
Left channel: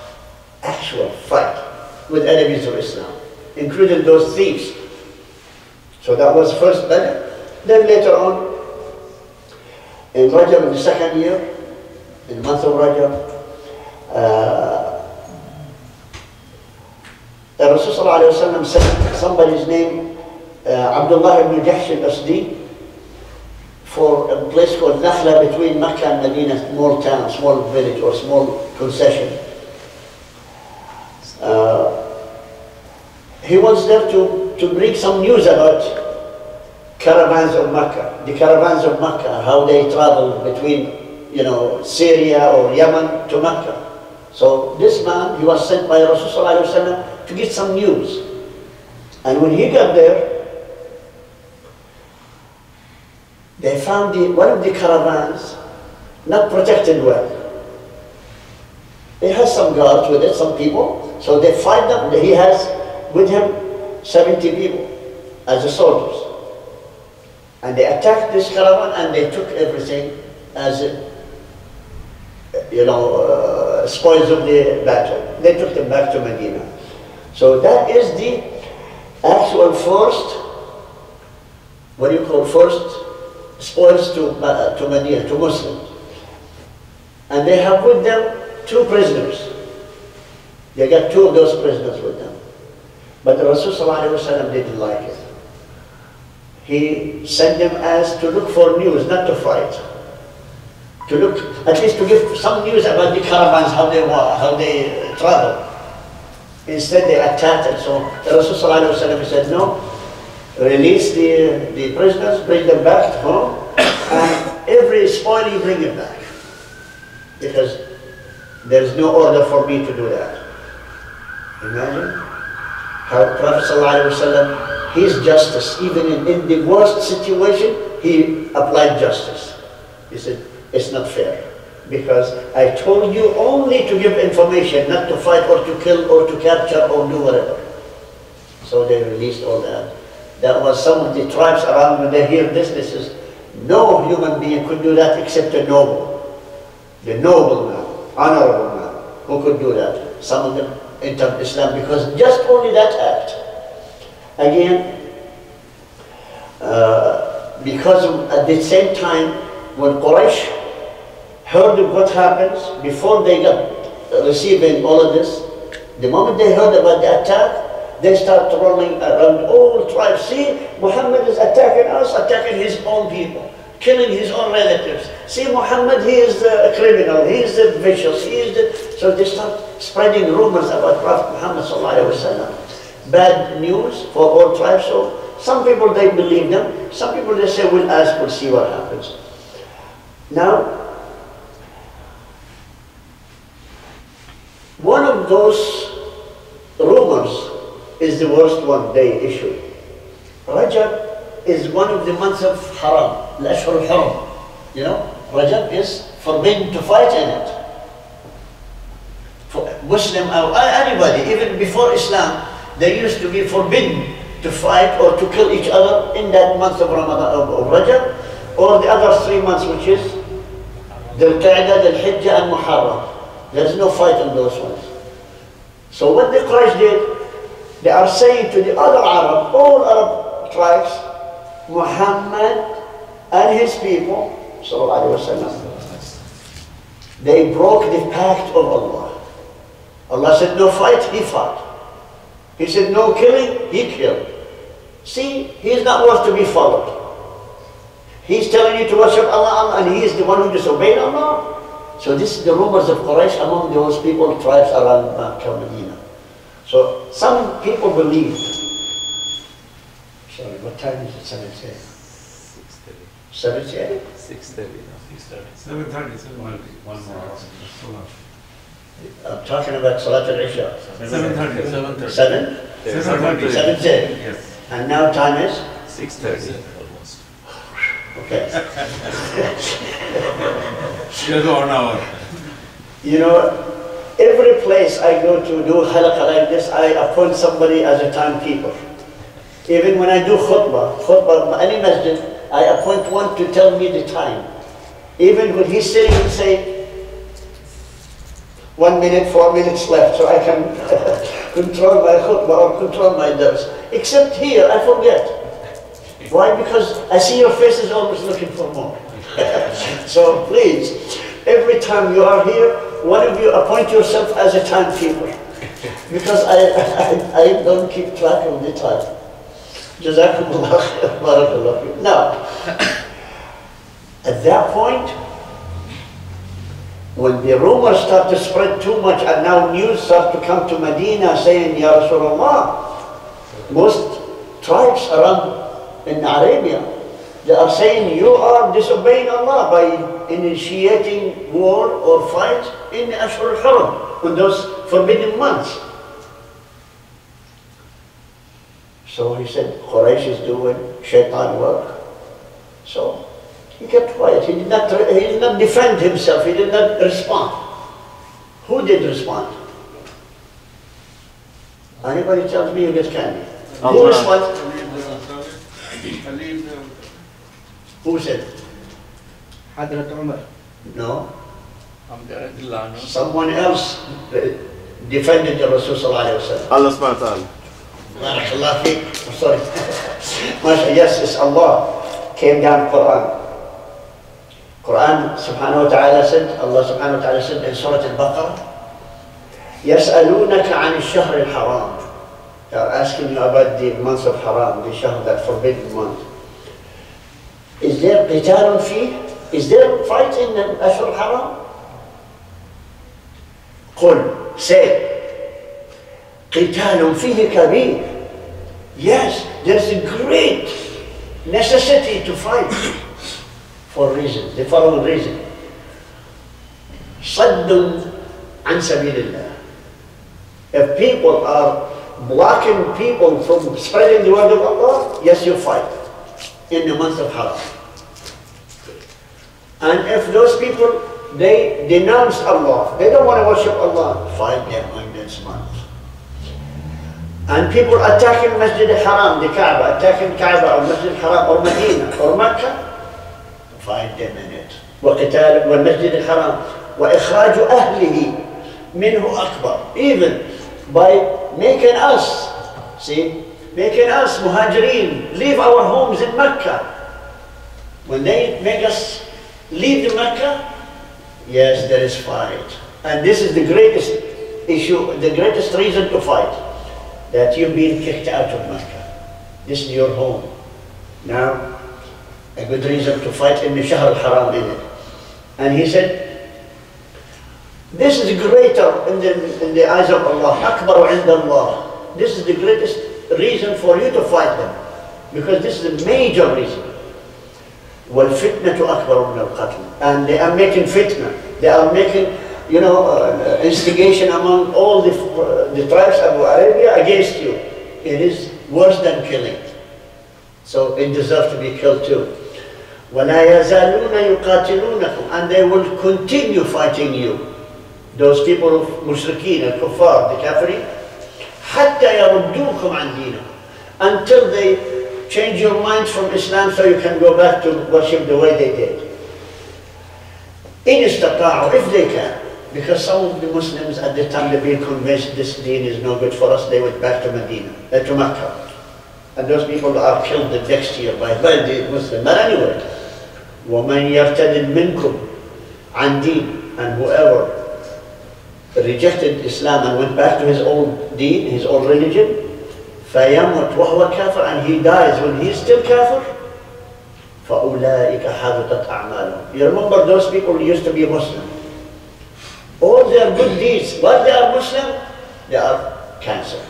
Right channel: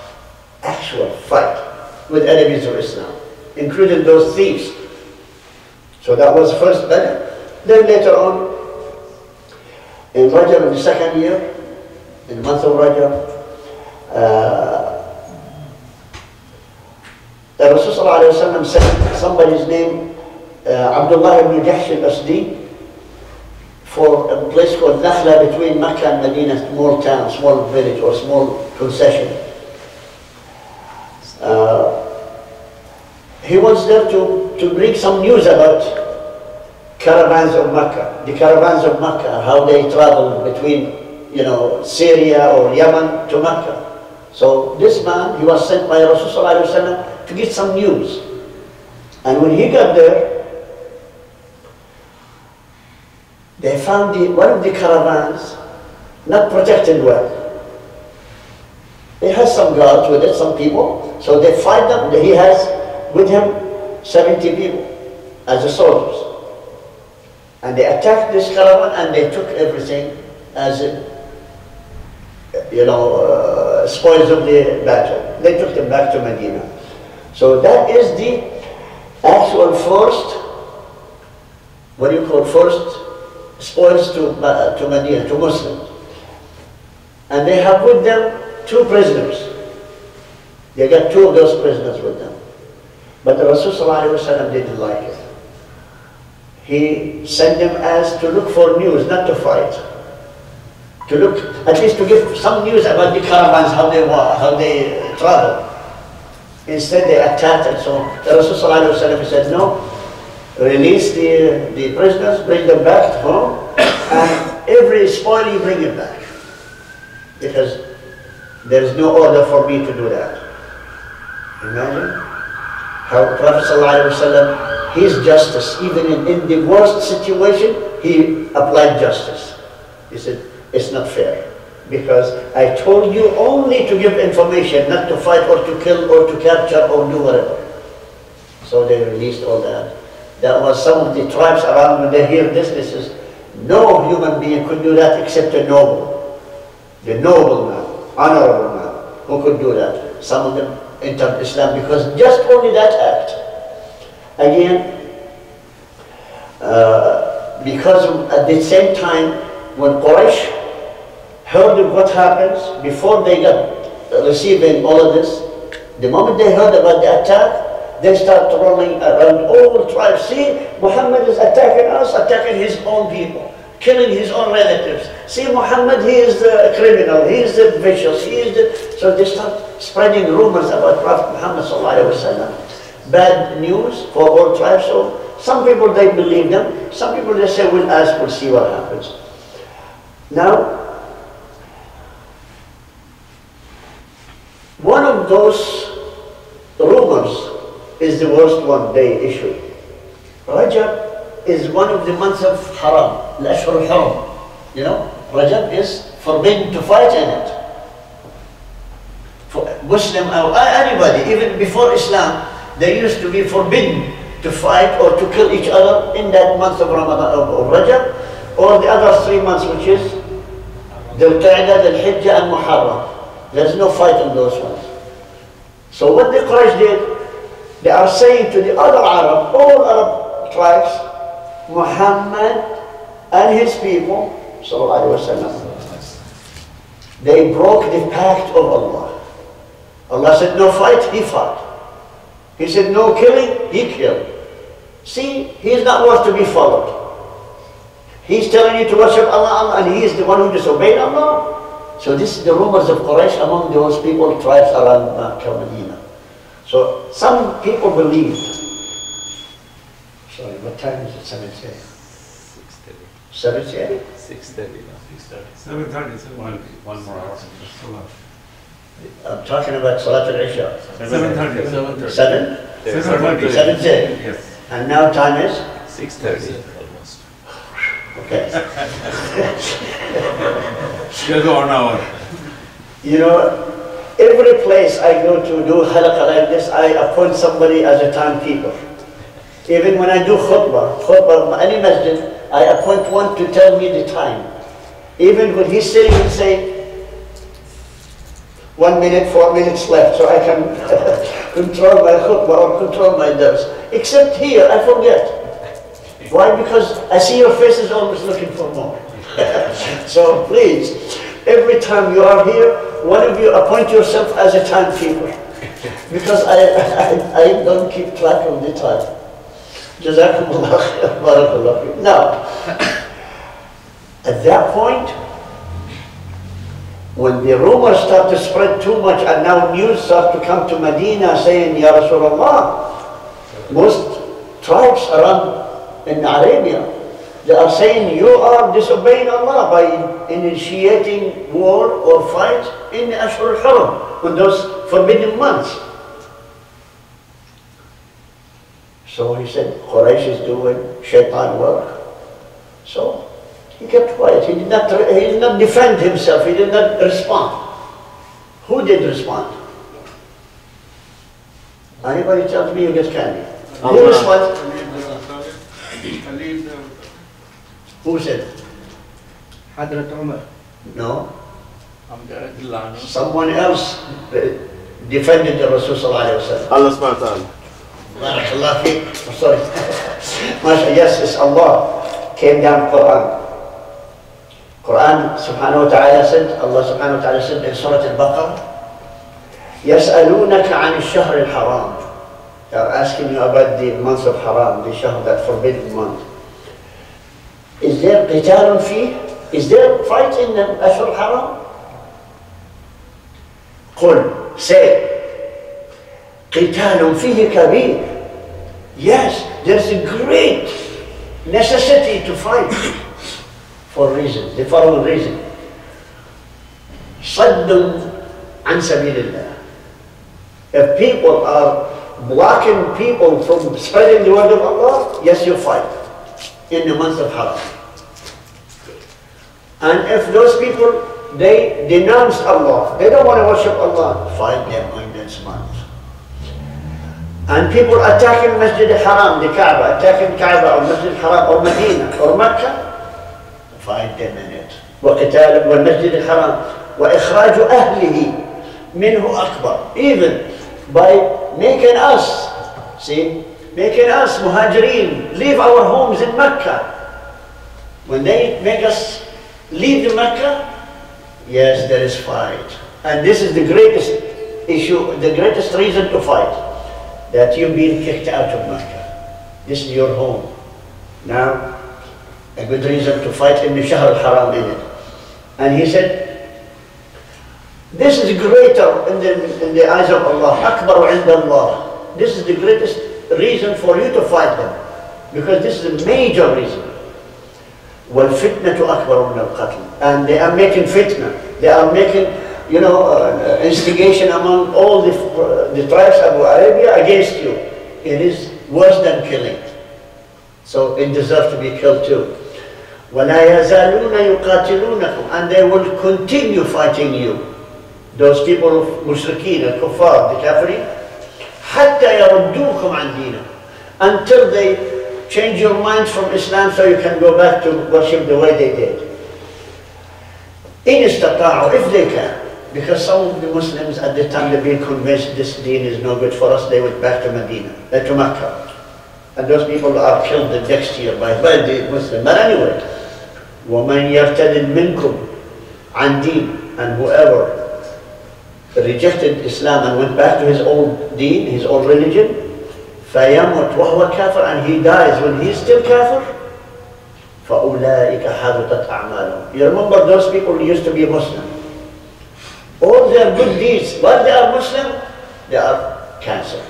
with enemies of Islam, including those thieves. So that was First Badr. Then later on, in Rajab, in the second year, in the month of Rajab, Rasulullah sent somebody's name, Abdullah ibn Jahsh al-Asdi, for a place called Nakhla between Mecca and Medina, small town, small village or small concession. He was there to bring some news about caravans of Mecca, the caravans of Mecca, how they travel between, Syria or Yemen to Mecca. So this man, he was sent by Rasulullah to get some news. And when he got there, they found one of the caravans not protected well. He has some guards with it, some people, so they fight them. He has with him 70 people as the soldiers. And they attacked this caravan and they took everything as, spoils of the battle. They took them back to Medina. So that is the actual first, first spoils to Medina, to Muslims. And they have with them 2 prisoners. They got 2 of those prisoners with them. But the Rasulullah didn't like it. He sent them as to look for news, not to fight. To look, at least to give some news about the caravans, how they travel. Instead they attacked, and so the Rasulullah said, no, release the prisoners, bring them back home, and every spoil you bring it back. Because there is no order for me to do that. Imagine how Prophet ﷺ, his justice, even in the worst situation, he applied justice. He said, it's not fair, because I told you only to give information, not to fight or to kill or to capture or do whatever. So they released all that. That was some of the tribes around, when they hear this, this is, no human being could do that except a noble. The noble man, honorable man, who could do that. Some of them entered Islam because just only that act. Again, because at the same time, when Quraysh heard of what happens, before they got receiving all of this, the moment they heard about the attack, they start rolling around all tribes. See, Muhammad is attacking us, attacking his own people, killing his own relatives. See, Muhammad, he is the criminal, he is the vicious, he is the... So they start spreading rumors about Prophet Muhammad ﷺ. Bad news for all tribes. So some people, they believe them. Some people, they say, we'll ask, we'll see what happens. Now, one of those rumors is the worst one they issued. Rajab is one of the months of Haram, Al-Ashhur al-Haram. Rajab is forbidden to fight in it. For Muslim or anybody, even before Islam, they used to be forbidden to fight or to kill each other in that month of Ramadan, of Rajab, or the other 3 months, which is Dhul Qa'dah, Dhul Hijjah, and Muharram. There's no fight on those ones. So what the Quraysh did, they are saying to the other Arab, all Arab tribes, Muhammad and his people, sallallahu alaihi wasallam, they broke the pact of Allah. Allah said no fight, he fought. He said no killing, he killed. See, he's not worth to be followed. He's telling you to worship Allah, and he is the one who disobeyed Allah. So this is the rumors of Quraysh among those people, tribes around Makkah, Medina. So some people believed. Sorry, what time is it? 7:30. 6:30. 7:30? 6:30 now. 7:30. One more hour. I'm talking about Salat al-Isha. 7:30. 7:30. Yes. And now time is? 6:30 almost. Okay. Just 1 hour. You know, every place I go to do halaka like this, I appoint somebody as a timekeeper. Even when I do khutbah, any masjid, I appoint one to tell me the time. Even when he's sitting and say, 1 minute, 4 minutes left, so I can control my khutbah or control my dars. Except here, I forget. Why? Because I see your faces always looking for more. So please, every time you are here, one of you appoint yourself as a timekeeper. Because I don't keep track of the time. Jazakumullah khair, barakallah fiik. Now, at that point, when the rumors start to spread too much and now news start to come to Medina saying, Ya Rasulullah, most tribes around in Arabia, they are saying you are disobeying Allah by initiating war or fight in the Ashur al-Haram, in those forbidden months. So he said, Quraysh is doing shaitan work. So he kept quiet. He did not defend himself. He did not respond. Who did respond? Anybody tells me you get candy? Who responded? Who said? Hadrat Umar. No. Someone else defended the Rasul sallallahu alaihi wasallam. Allah subhanahu wa ta'ala. Barakallah fiik. I'm sorry. Yes, it's Allah. Came down Quran. Quran subhanahu wa ta'ala said, Allah subhanahu wa ta'ala said in Surah Al-Baqarah, يَسْأَلُونَكَ عَنِ الشَّهْرِ الْحَرَامِ. They are asking you about the month of Haram, the Shahr, that forbidden month. Is there qitālun fīh? Is there fight in the Ashur al-Haram? قُلْ, say, قِتَالٌ فِيهِ كَبِيرٌ. Yes, there's a great necessity to fight for reasons, the following reason. صَدٌّ عَنْ سَبِيلِ اللَّهِ. If people are blocking people from spreading the word of Allah, yes, you fight in the month of Haram. And if those people, they denounce Allah, they don't want to worship Allah, fight them in this month. And people attacking Masjid al-Haram, the Kaaba, attacking Kaaba or Masjid al-Haram or Medina or Mecca, fight them in it. وَقِتَالٌ وَالْمَسْجِدِ الْحَرَامِ وَإِخْرَاجُ أَهْلِهِ مِنْهُ أَكْبَرُ. Even by making us, making us muhajirin, leave our homes in Mecca. When they make us leave the Mecca, yes, there is fight. And this is the greatest issue, the greatest reason to fight. That you've been kicked out of Mecca. This is your home. Now, a good reason to fight in the Shahr al-Haram in it. And he said, this is greater in the eyes of Allah. Akbaru inda Allah. This is the greatest reason for you to fight them. Because this is a major reason. وَالْفِتْنَةُ أَكْبَرُ مِنَ الْقَتْلِ. And they are making fitna. They are making, instigation among all the tribes of Arabia against you. It is worse than killing. So it deserves to be killed too. وَلَا يَزَالُونَ يُقَاتِلُونَكُمْ. And they will continue fighting you. Those people of mushrikeen, al-kuffar, the kafirin, حَتَّى يَرُدُّوكُمْ عَنْ دِينِكُمْ. Until they change your minds from Islam so you can go back to worship the way they did. إِنِ اسْتَطَاعُوا, if they can. Because some of the Muslims at the time, they've been convinced this deen is no good for us, they went back to Medina, to Mecca. And those people are killed the next year by the Muslims. But anyway, وَمَنْ يَرْتَدِدْ مِنْكُمْ عَنْ دِينٍ. And whoever rejected Islam and went back to his old deen, his old religion, فَيَمُتْ وَهُوَ كَافِرٌ, and he dies when he is still kafir, فَأُولَٰئِكَ حَبِطَتْ أَعْمَالُهُم. You remember those people who used to be Muslim? All their good deeds, while they are Muslim, they are cancelled.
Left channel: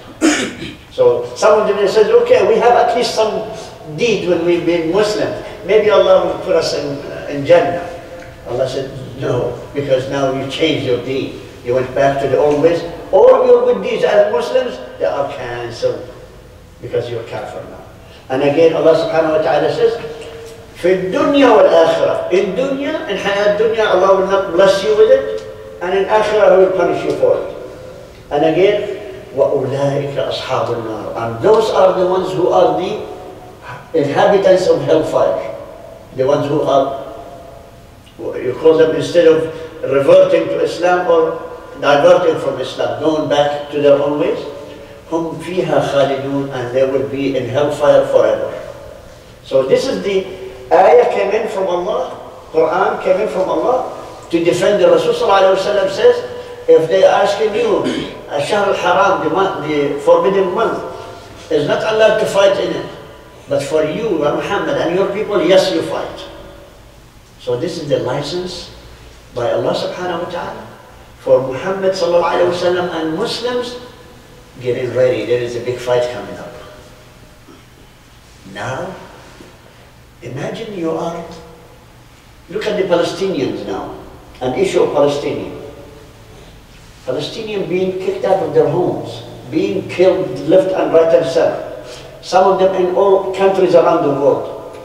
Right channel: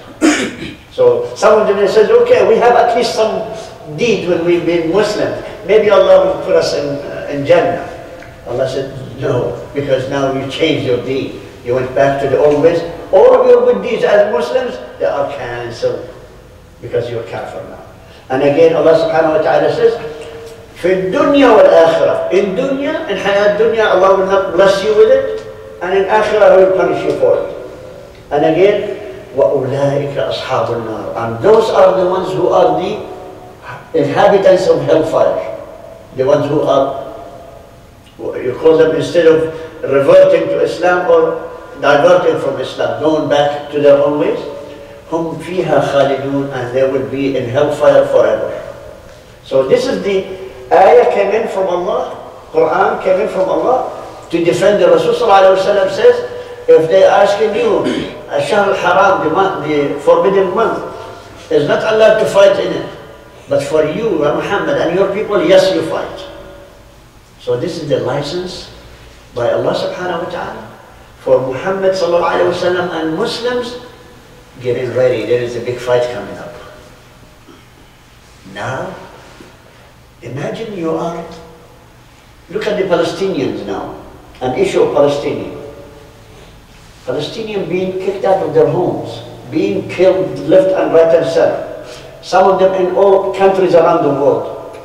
So some of them says, okay, we have at least some deed when we've been Muslim. Maybe Allah will put us in Jannah. Allah said, no, because now you changed your deed. You went back to the old ways. All of your good deeds as Muslims, they are cancelled because you're kafir now. And again, Allah subhanahu wa ta'ala says, في الدنيا والآخرة. In dunya, in hayat dunya, Allah will not bless you with it. And in akhirah, He will punish you for it. And again, وَأُولَٰئِكَ أَصْحَابُ النَّارِ. And those are the ones who are the inhabitants of hellfire. The ones who are, you call them, instead of reverting to Islam or diverting from Islam, going back to their own ways, هُمْ فِيهَا خَالِدُونَ, and they will be in hellfire forever. So this is the ayah came in from Allah, Quran came in from Allah to defend the Rasul sallallahu alayhi wa sallam says, if they are asking you, Shahr al-Haram, the forbidden month, is not allowed to fight in it. But for you, Muhammad, and your people, yes, you fight. So this is the license by Allah subhanahu wa ta'ala for Muhammad sallallahu alayhi wa sallam and Muslims getting ready. There is a big fight coming up. Now, imagine you are, look at the Palestinians now, an issue of Palestinians being kicked out of their homes, being killed left and right and center. Some of them in all countries around the world.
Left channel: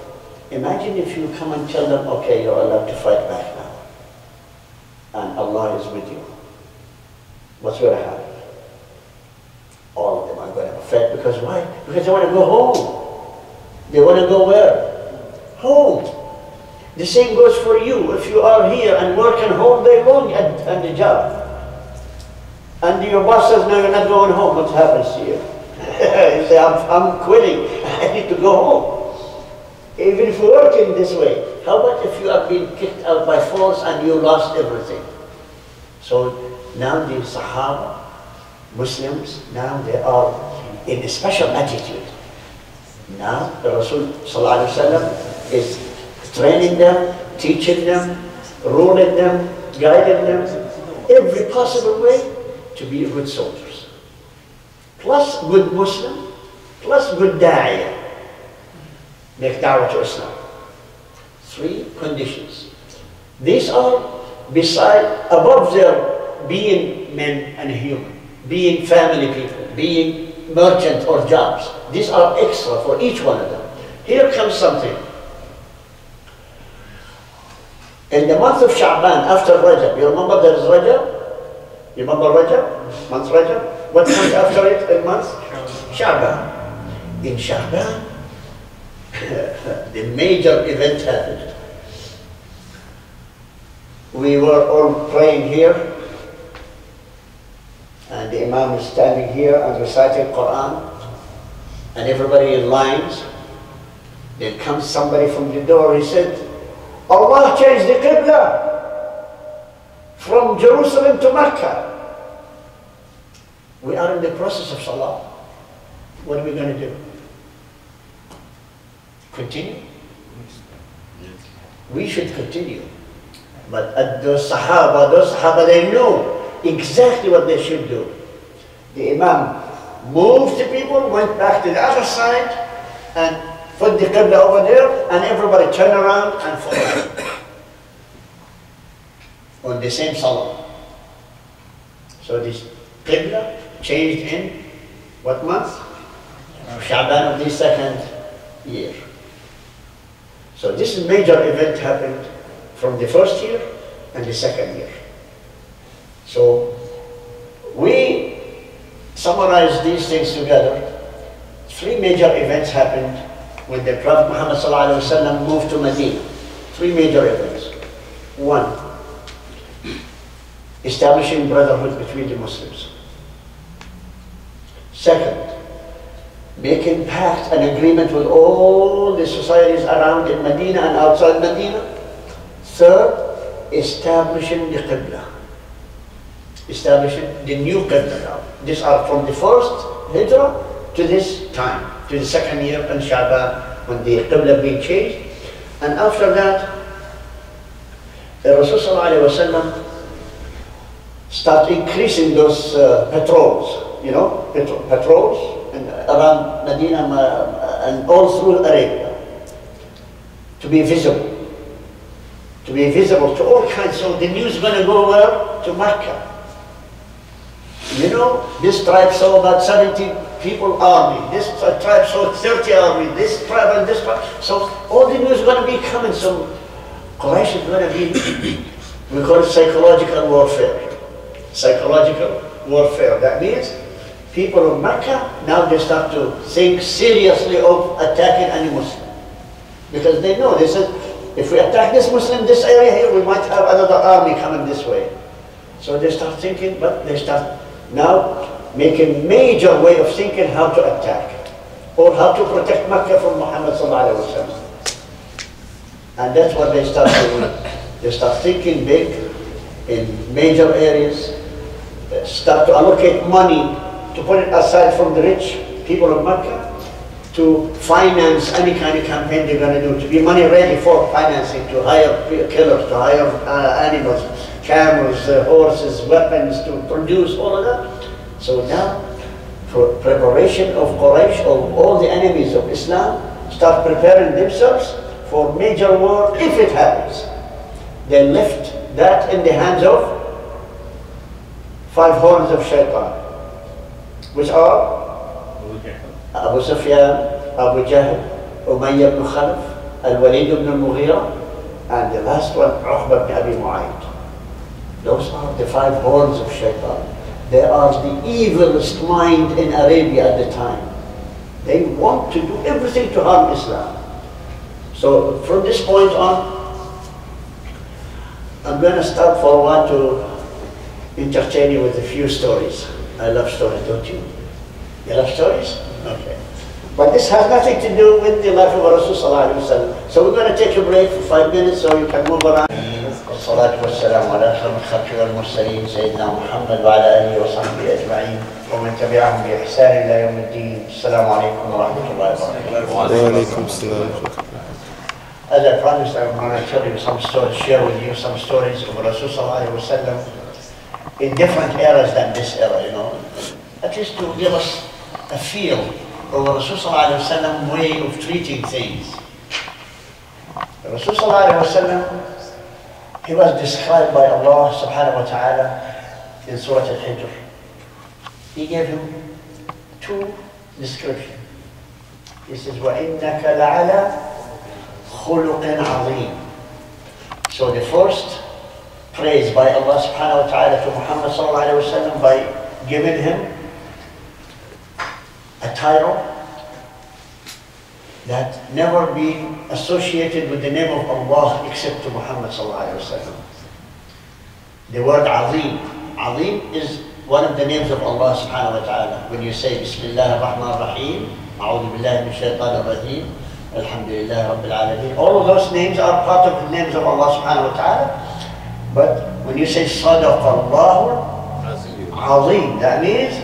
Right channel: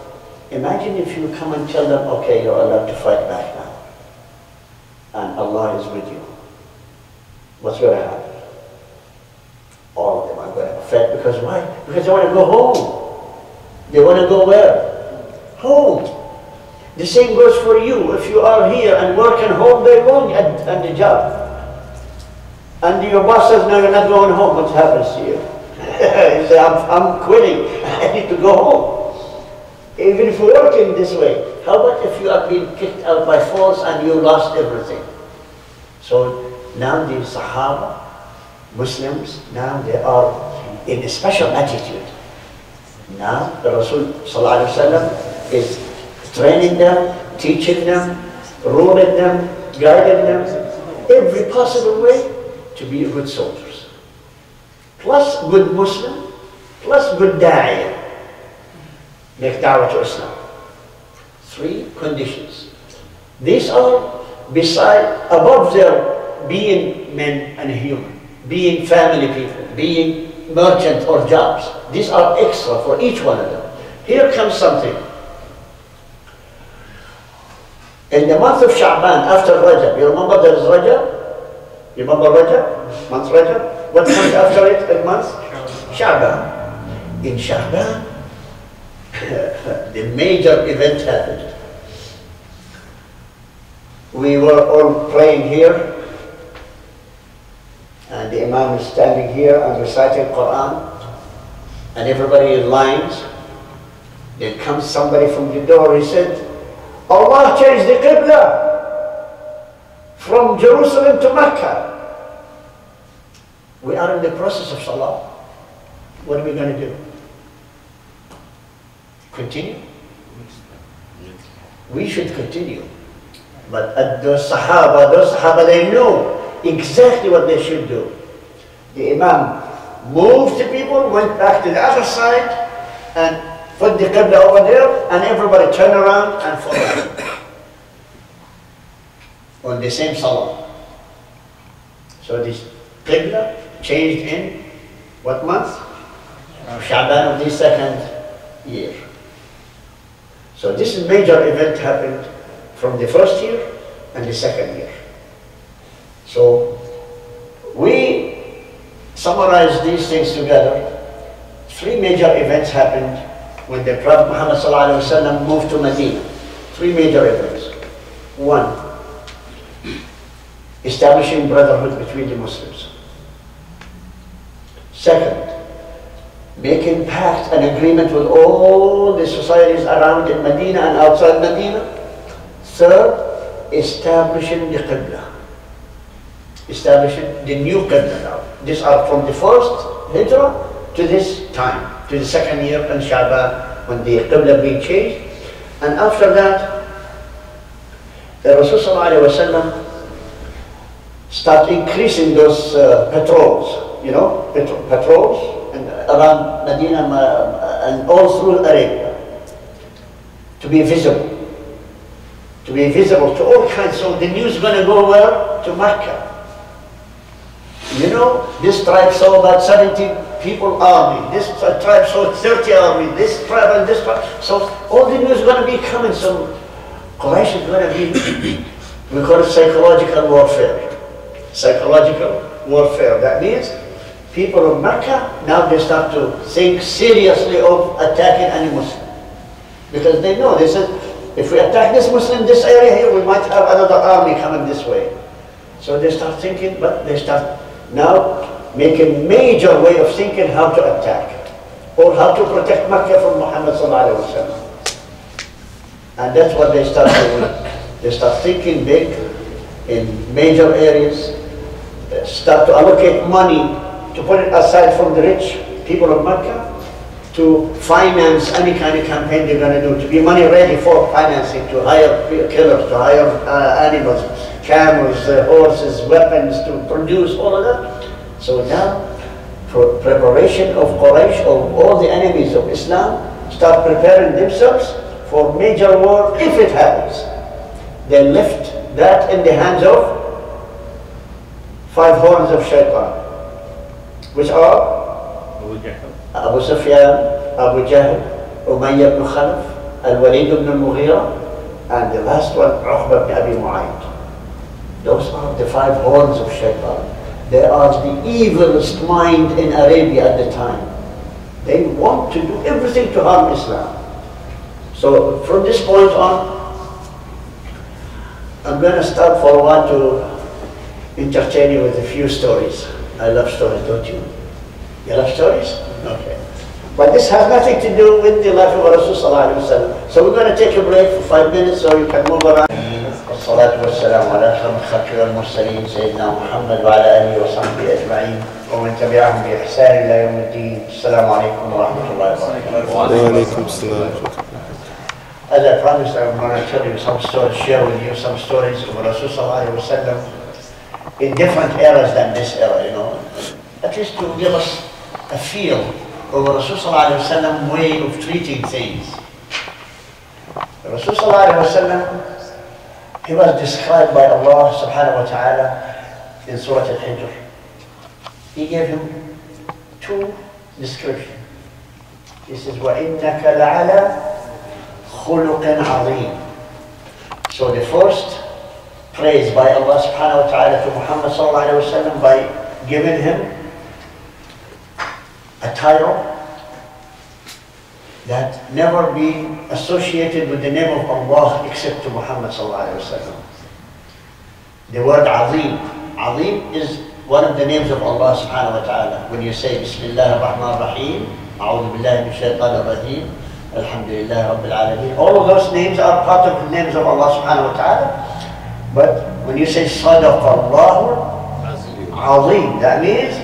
Imagine if you come and tell them, okay, you're allowed to fight back now. And Allah is with you. What's going to happen? All of them are going to fight because why? Because they want to go home. They want to go where? Home. The same goes for you. If you are here and working home day long at the job, and your boss says, no, you're not going home, what happens to you? You say, I'm quitting, I need to go home. Even if you're working this way, how about if you are being kicked out by force and you lost everything? So now the Sahaba, Muslims, now they are in a special attitude. Now the Rasul sallallahu alaihi wasallam is training them, teaching them, ruling them, guiding them, every possible way to be good soldiers. Plus good Muslim, plus good da'iyah. Make da'wah to Islam. 3 conditions. These are above their being men and human, being family people, being merchant or jobs. These are extra for each one of them. Here comes something. In the month of Sha'ban, after Rajab, you remember there is Rajab? You remember Rajab? Month Rajab? What comes after it in month? Sha'ban. In Sha'ban, the major event happened. We were all praying here, and the Imam is standing here and reciting Quran, and everybody in lines. Then comes somebody from the door, he said, Allah changed the Qibla from Jerusalem to Mecca. We are in the process of Salah. What are we going to do? Continue? We should continue. But those Sahaba, they know exactly what they should do. The Imam moved the people, went back to the other side, and put the Qibla over there, and everybody turned around and followed on the same Salah. So this Qibla changed in what month? Sha'ban of the 2nd year. So this major event happened from the 1st year and the 2nd year. So we summarize these things together. 3 major events happened when the Prophet Muhammed ﷺ moved to Medina. 3 major events. 1, establishing brotherhood between the Muslims. 2nd, making pact and agreement with all the societies around in Medina and outside Medina. 3rd, establishing the Qibla. establishing the new Qibla now. These are from the first Hijrah to this time, to the second year in Sha'ban, when the Qibla being changed. And after that, the Rasul start increasing those patrols, you know, patrols around Medina and all through Arabia, to be visible to all kinds. So the news is going to go where? To Mecca. You know, this tribe saw about 70 people army, this tribe saw 30 army, this tribe and this tribe. So all the news is going to be coming. So Quraysh is going to be, we call it psychological warfare. Psychological warfare. That means people of Mecca, now they start to think seriously of attacking any Muslim. Because they know, they said, if we attack this Muslim, this area here, we might have another army coming this way. So they start thinking, but they start now making major way of thinking how to attack or how to protect Mecca from Muhammad sallallahu alaihi wasallam. And that's what they start doing. They start thinking big in major areas, start to allocate money to put it aside from the rich people of Mecca to finance any kind of campaign they're going to do, to be money ready for financing, to hire killers, to hire animals, camels, horses, weapons, to produce all of that. So now, for preparation of Quraysh, of all the enemies of Islam, start preparing themselves for major war if it happens. They left that in the hands of 5 horns of shaitan, which are Abu Sufyan, Abu Jahl, Umayyah ibn Khalaf, Al-Walid ibn al-Mughira, and the last one, Uqba ibn Abi Mu'ayyid. Those are the 5 horns of shaitan. They are the evilest mind in Arabia at the time. They want to do everything to harm Islam. So from this point on, I'm going to start for a while to entertain you with a few stories. I love stories, don't you? You love stories? Okay. But this has nothing to do with the life of Rasulullah sallallahu alaihi wasallam. So we're going to take a break for 5 minutes so you can move around. والصلاة والسلام على أشرف الخلق والمرسلين سيدنا محمد وعلى آله وصحبه أجمعين ومن تبعهم بإحسان إلى يوم الدين. السلام عليكم ورحمة الله وبركاته. وعليكم السلام. As I promised, I'm going to tell you some stories, share with you some stories of Rasulullah sallallahu alaihi wasallam in different eras than this era, you know, at least to give us a feel of Rasulullah sallallahu alaihi wasallam way of treating things. Rasulullah sallallahu alaihi wasallam, he was described by Allah subhanahu wa ta'ala in Surah Al-Hijr. He gave him 2 descriptions. He says, وَإِنَّكَ لَعَلَى خُلُقٍ عَظِيمٍ. So the first praise by Allah subhanahu wa ta'ala to Muhammad sallallahu alayhi wa sallam by giving him a title that never been associated with the name of Allah except to Muhammad sallallahu alayhi wa sallam. The word Azim. Azim is one of the names of Allah subhanahu wa ta'ala. When you say Bismillah ar-Rahman ar-Rahim, A'udhu billahi min shaitan ar-Rajim, Alhamdulillah Rabbil Alameen. All of those names are part of the names of Allah subhanahu wa ta'ala. But when you say Sadaqallahu Azim, that means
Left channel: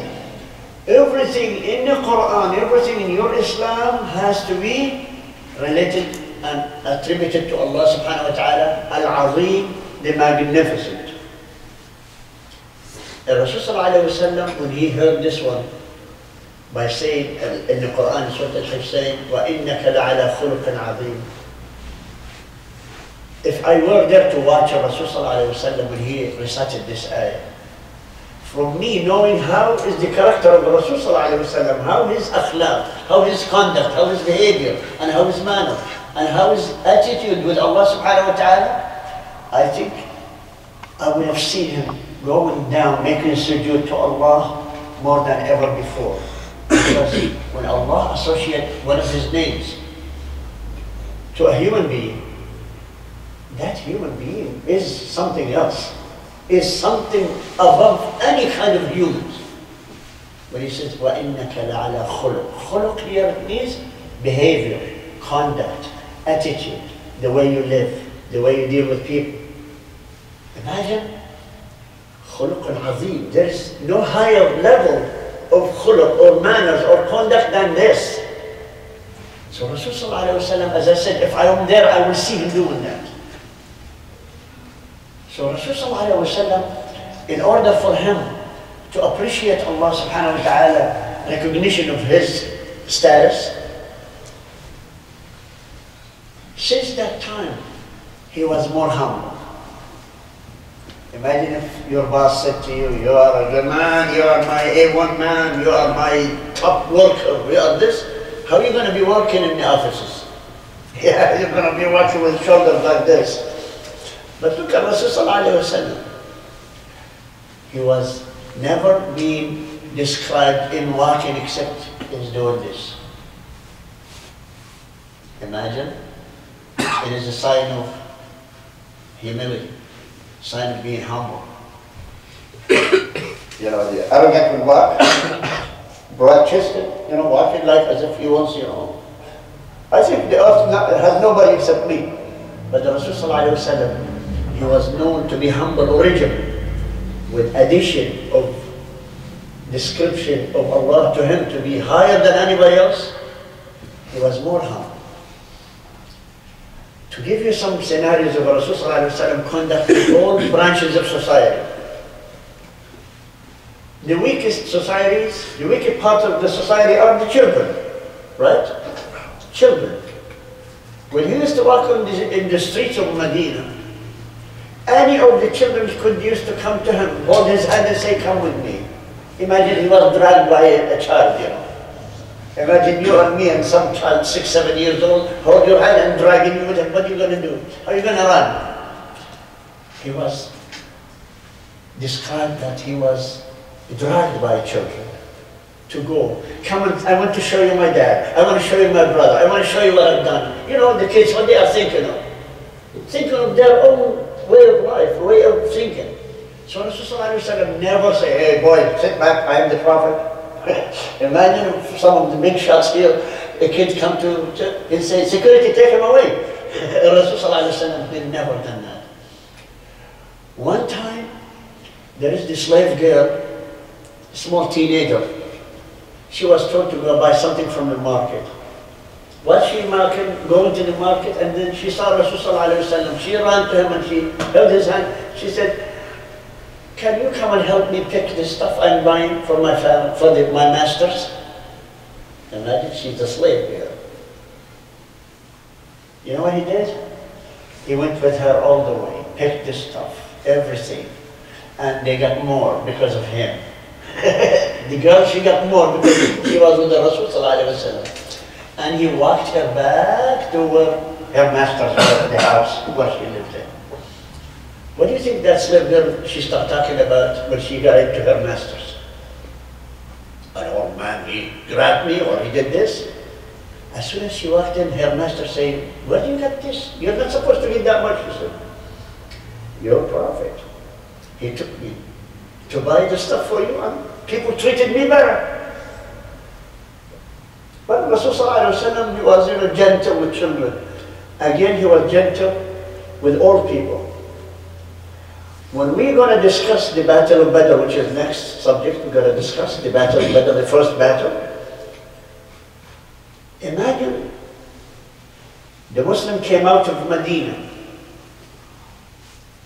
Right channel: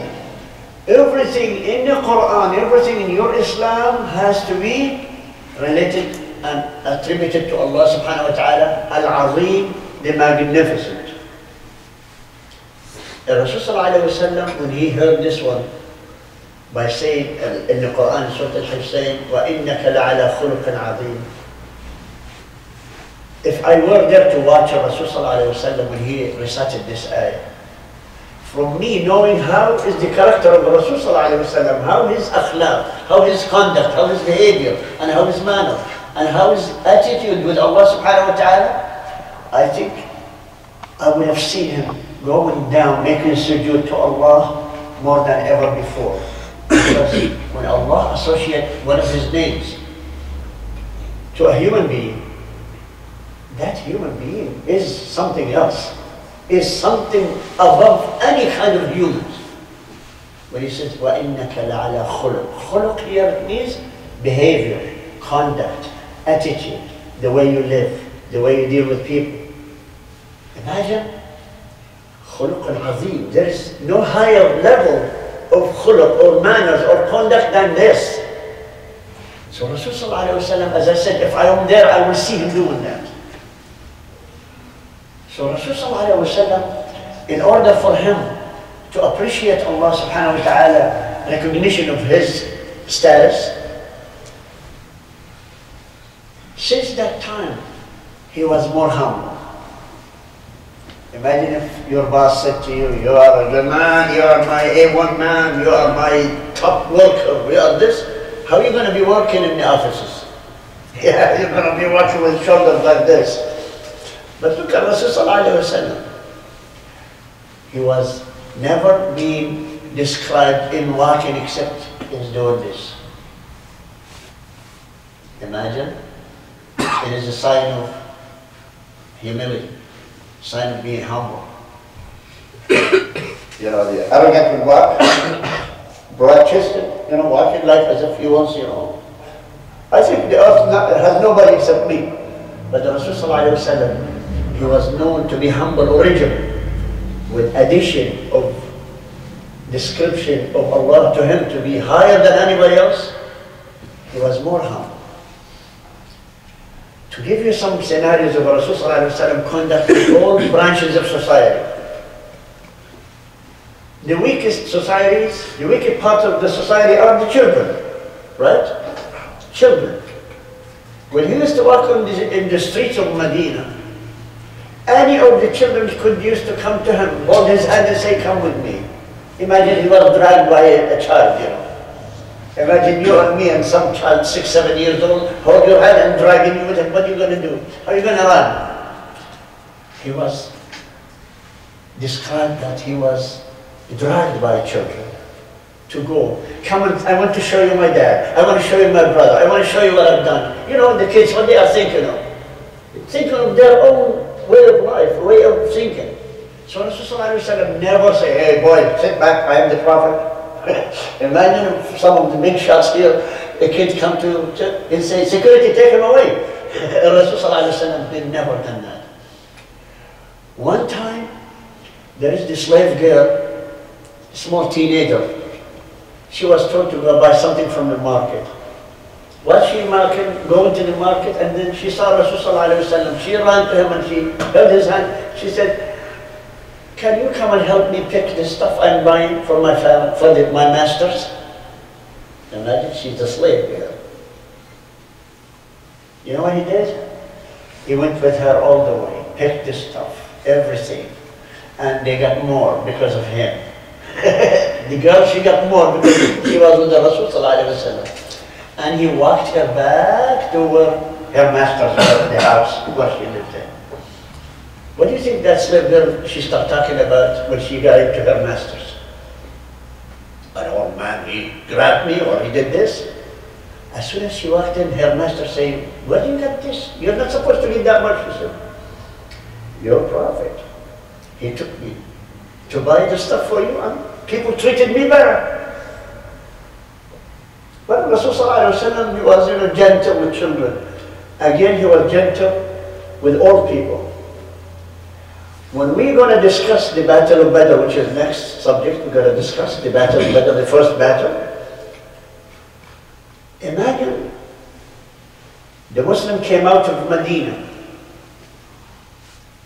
everything in the Quran, everything in your Islam has to be related and attributed to Allah subhanahu wa ta'ala, Al-Azim, the Magnificent. Rasul sallallahu alayhi wa sallam, when he heard this one, by saying in the Quran, Surah Al-Hijr, saying, وَإِنَّكَ لَعَلَى خُلُقٍ عَظِيمٍ. If I were there to watch Rasul sallallahu alayhi wa sallam when he recited this ayah, from me knowing how is the character of Rasul sallallahu alayhi wa sallam, how his akhlaq, how his conduct, how his behavior, and how his manner, and how his attitude with Allah subhanahu wa ta'ala, I think I would have seen him going down, making sujood to Allah more than ever before. Because when Allah associates one of his names to a human being, that human being is something else, is something above any kind of humans. When he says, وَإِنَّكَ لَعَلَى خُلُقٍ. Khuluq here means behavior, conduct, attitude, the way you live, the way you deal with people. Imagine خلق عظيم. There is no higher level of khuluq or manners or conduct than this. So Rasulullah ﷺ, as I said, if I am there, I will see him doing that. So Rasulullah ﷺ, in order for him to appreciate Allah subhanahu wa ta'ala, recognition of his status, since that time, he was more humble. Imagine if your boss said to you, you are the man, you are my A1 man, you are my top worker, you are this. How are you going to be working in the offices? Yeah, you're going to be working with shoulders like this. But look at Rasulullah. He was never being described in walking except in doing this. Imagine, it is a sign of humility. Sign of being humble. You know, the arrogant will walk, broad-chested, you know, walking like as if he wants, you know. I think the earth has nobody except me. But the Rasulullah ﷺ, he was known to be humble originally, with addition of description of Allah to him to be higher than anybody else. He was more humble. To give you some scenarios of Rasulullah ﷺ conduct in all branches of society. The weakest societies, the weakest part of the society are the children, right? Children. When he used to walk in the streets of Medina, any of the children could used to come to him, hold his hand and say, come with me. Imagine he was dragged by a child, you know. Imagine you and me and some child, 6, 7 years old, hold your hand and dragging you with him. What are you going to do? How are you going to run? He was described that he was dragged by children to go. Come and I want to show you my dad. I want to show you my brother. I want to show you what I've done. You know, the kids, what they are thinking of. Thinking of their own way of life, way of thinking. So Rasulullah never say, hey boy, sit back, I am the Prophet. Imagine if some of the big shots here, a kid come to and say, security, take him away. Rasulullah did never done that. One time, there is this slave girl, a small teenager. She was told to go buy something from the market. While she going to the market, and then she saw Rasulullah. She ran to him and she held his hand. She said, can you come and help me pick this stuff I'm buying for my family, for my masters? Imagine she's a slave girl. You know what he did? He went with her all the way, picked this stuff, everything. And they got more because of him. The girl, she got more because she was with the Rasul. And he walked her back to where her masters were, the house where she lived in. What do you think that slave girl, she started talking about when she got into her masters? An old man, he grabbed me or he did this. As soon as she walked in, her master said, where do you get this? You're not supposed to get that much. She said, your prophet. He took me to buy the stuff for you and people treated me better. But Rasulullah he was gentle with children. Again, he was gentle with old people. When we're going to discuss the Battle of Badr, which is next subject, we're going to discuss the Battle of Badr, the first battle. Imagine the Muslim came out of Medina.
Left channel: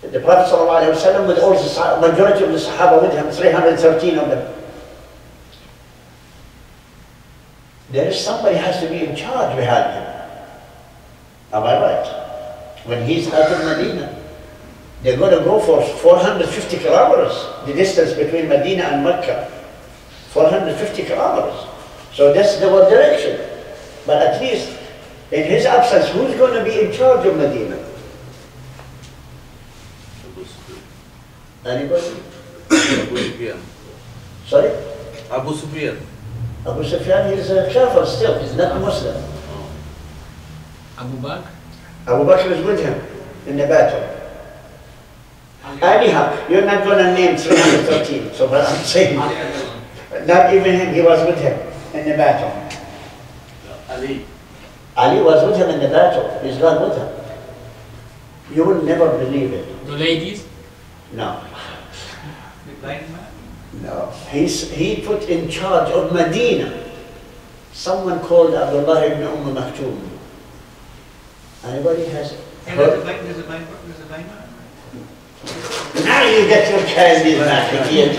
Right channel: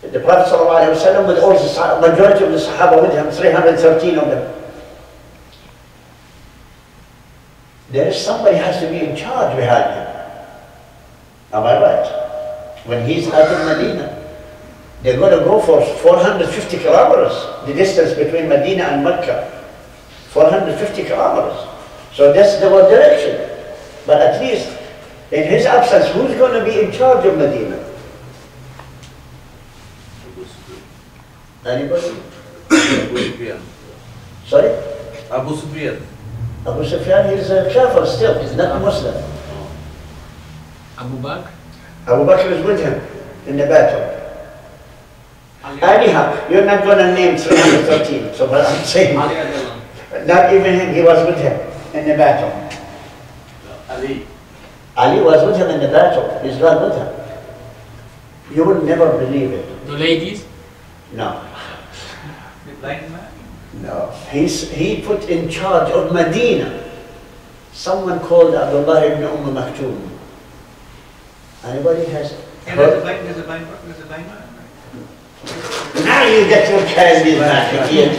The Prophet ﷺ with all the majority of the Sahaba with him, 313 of them. There is somebody has to be in charge behind him. Am I right? When he's out of Medina, they're going to go for 450 kilometers, the distance between Medina and Mecca. 450 kilometers. So that's the one direction. But at least, in his absence, who's going to be in charge of Medina? Anybody? Abu Sufyan. Sorry? Abu Sufyan. Abu Sufyan, he's a kafir still, he's not a Muslim. Abu Bakr. Abu Bakr is with him in the battle. Anyhow, you're not going to name 313, so what I'm saying, not even him, he was with him in the battle. Ali. Ali was with him in the battle, he's not with him. You will never believe it. The ladies? No. The blind man? No, he put in charge of Medina someone called Abdullah ibn Maktoum. Anybody has And heard? there's a blind man, right? Now you get your candies back again.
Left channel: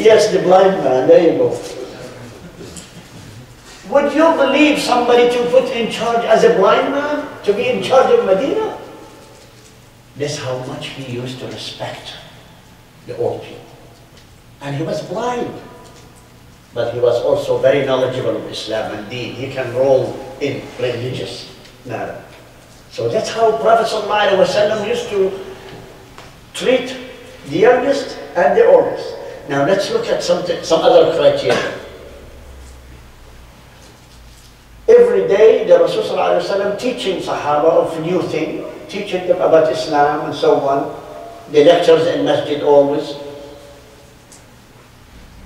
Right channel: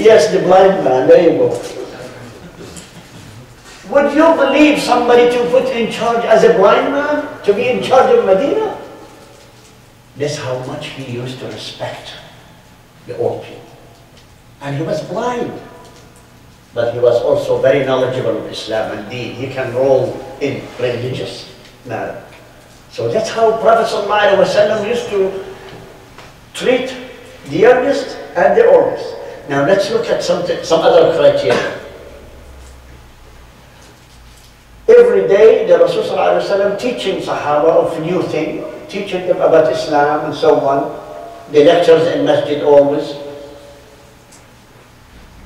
Yes, the blind man, there you go. Would you believe somebody to put in charge as a blind man, to be in charge of Medina? That's how much he used to respect the old people. And he was blind. But he was also very knowledgeable of Islam and Deen. He can roll in religious matter. So that's how Prophet ﷺ used to treat the youngest and the oldest. Now let's look at some other criteria. Every day the Rasul ﷺ teaching Sahaba of new things, teaching them about Islam and so on. The lectures in Masjid always.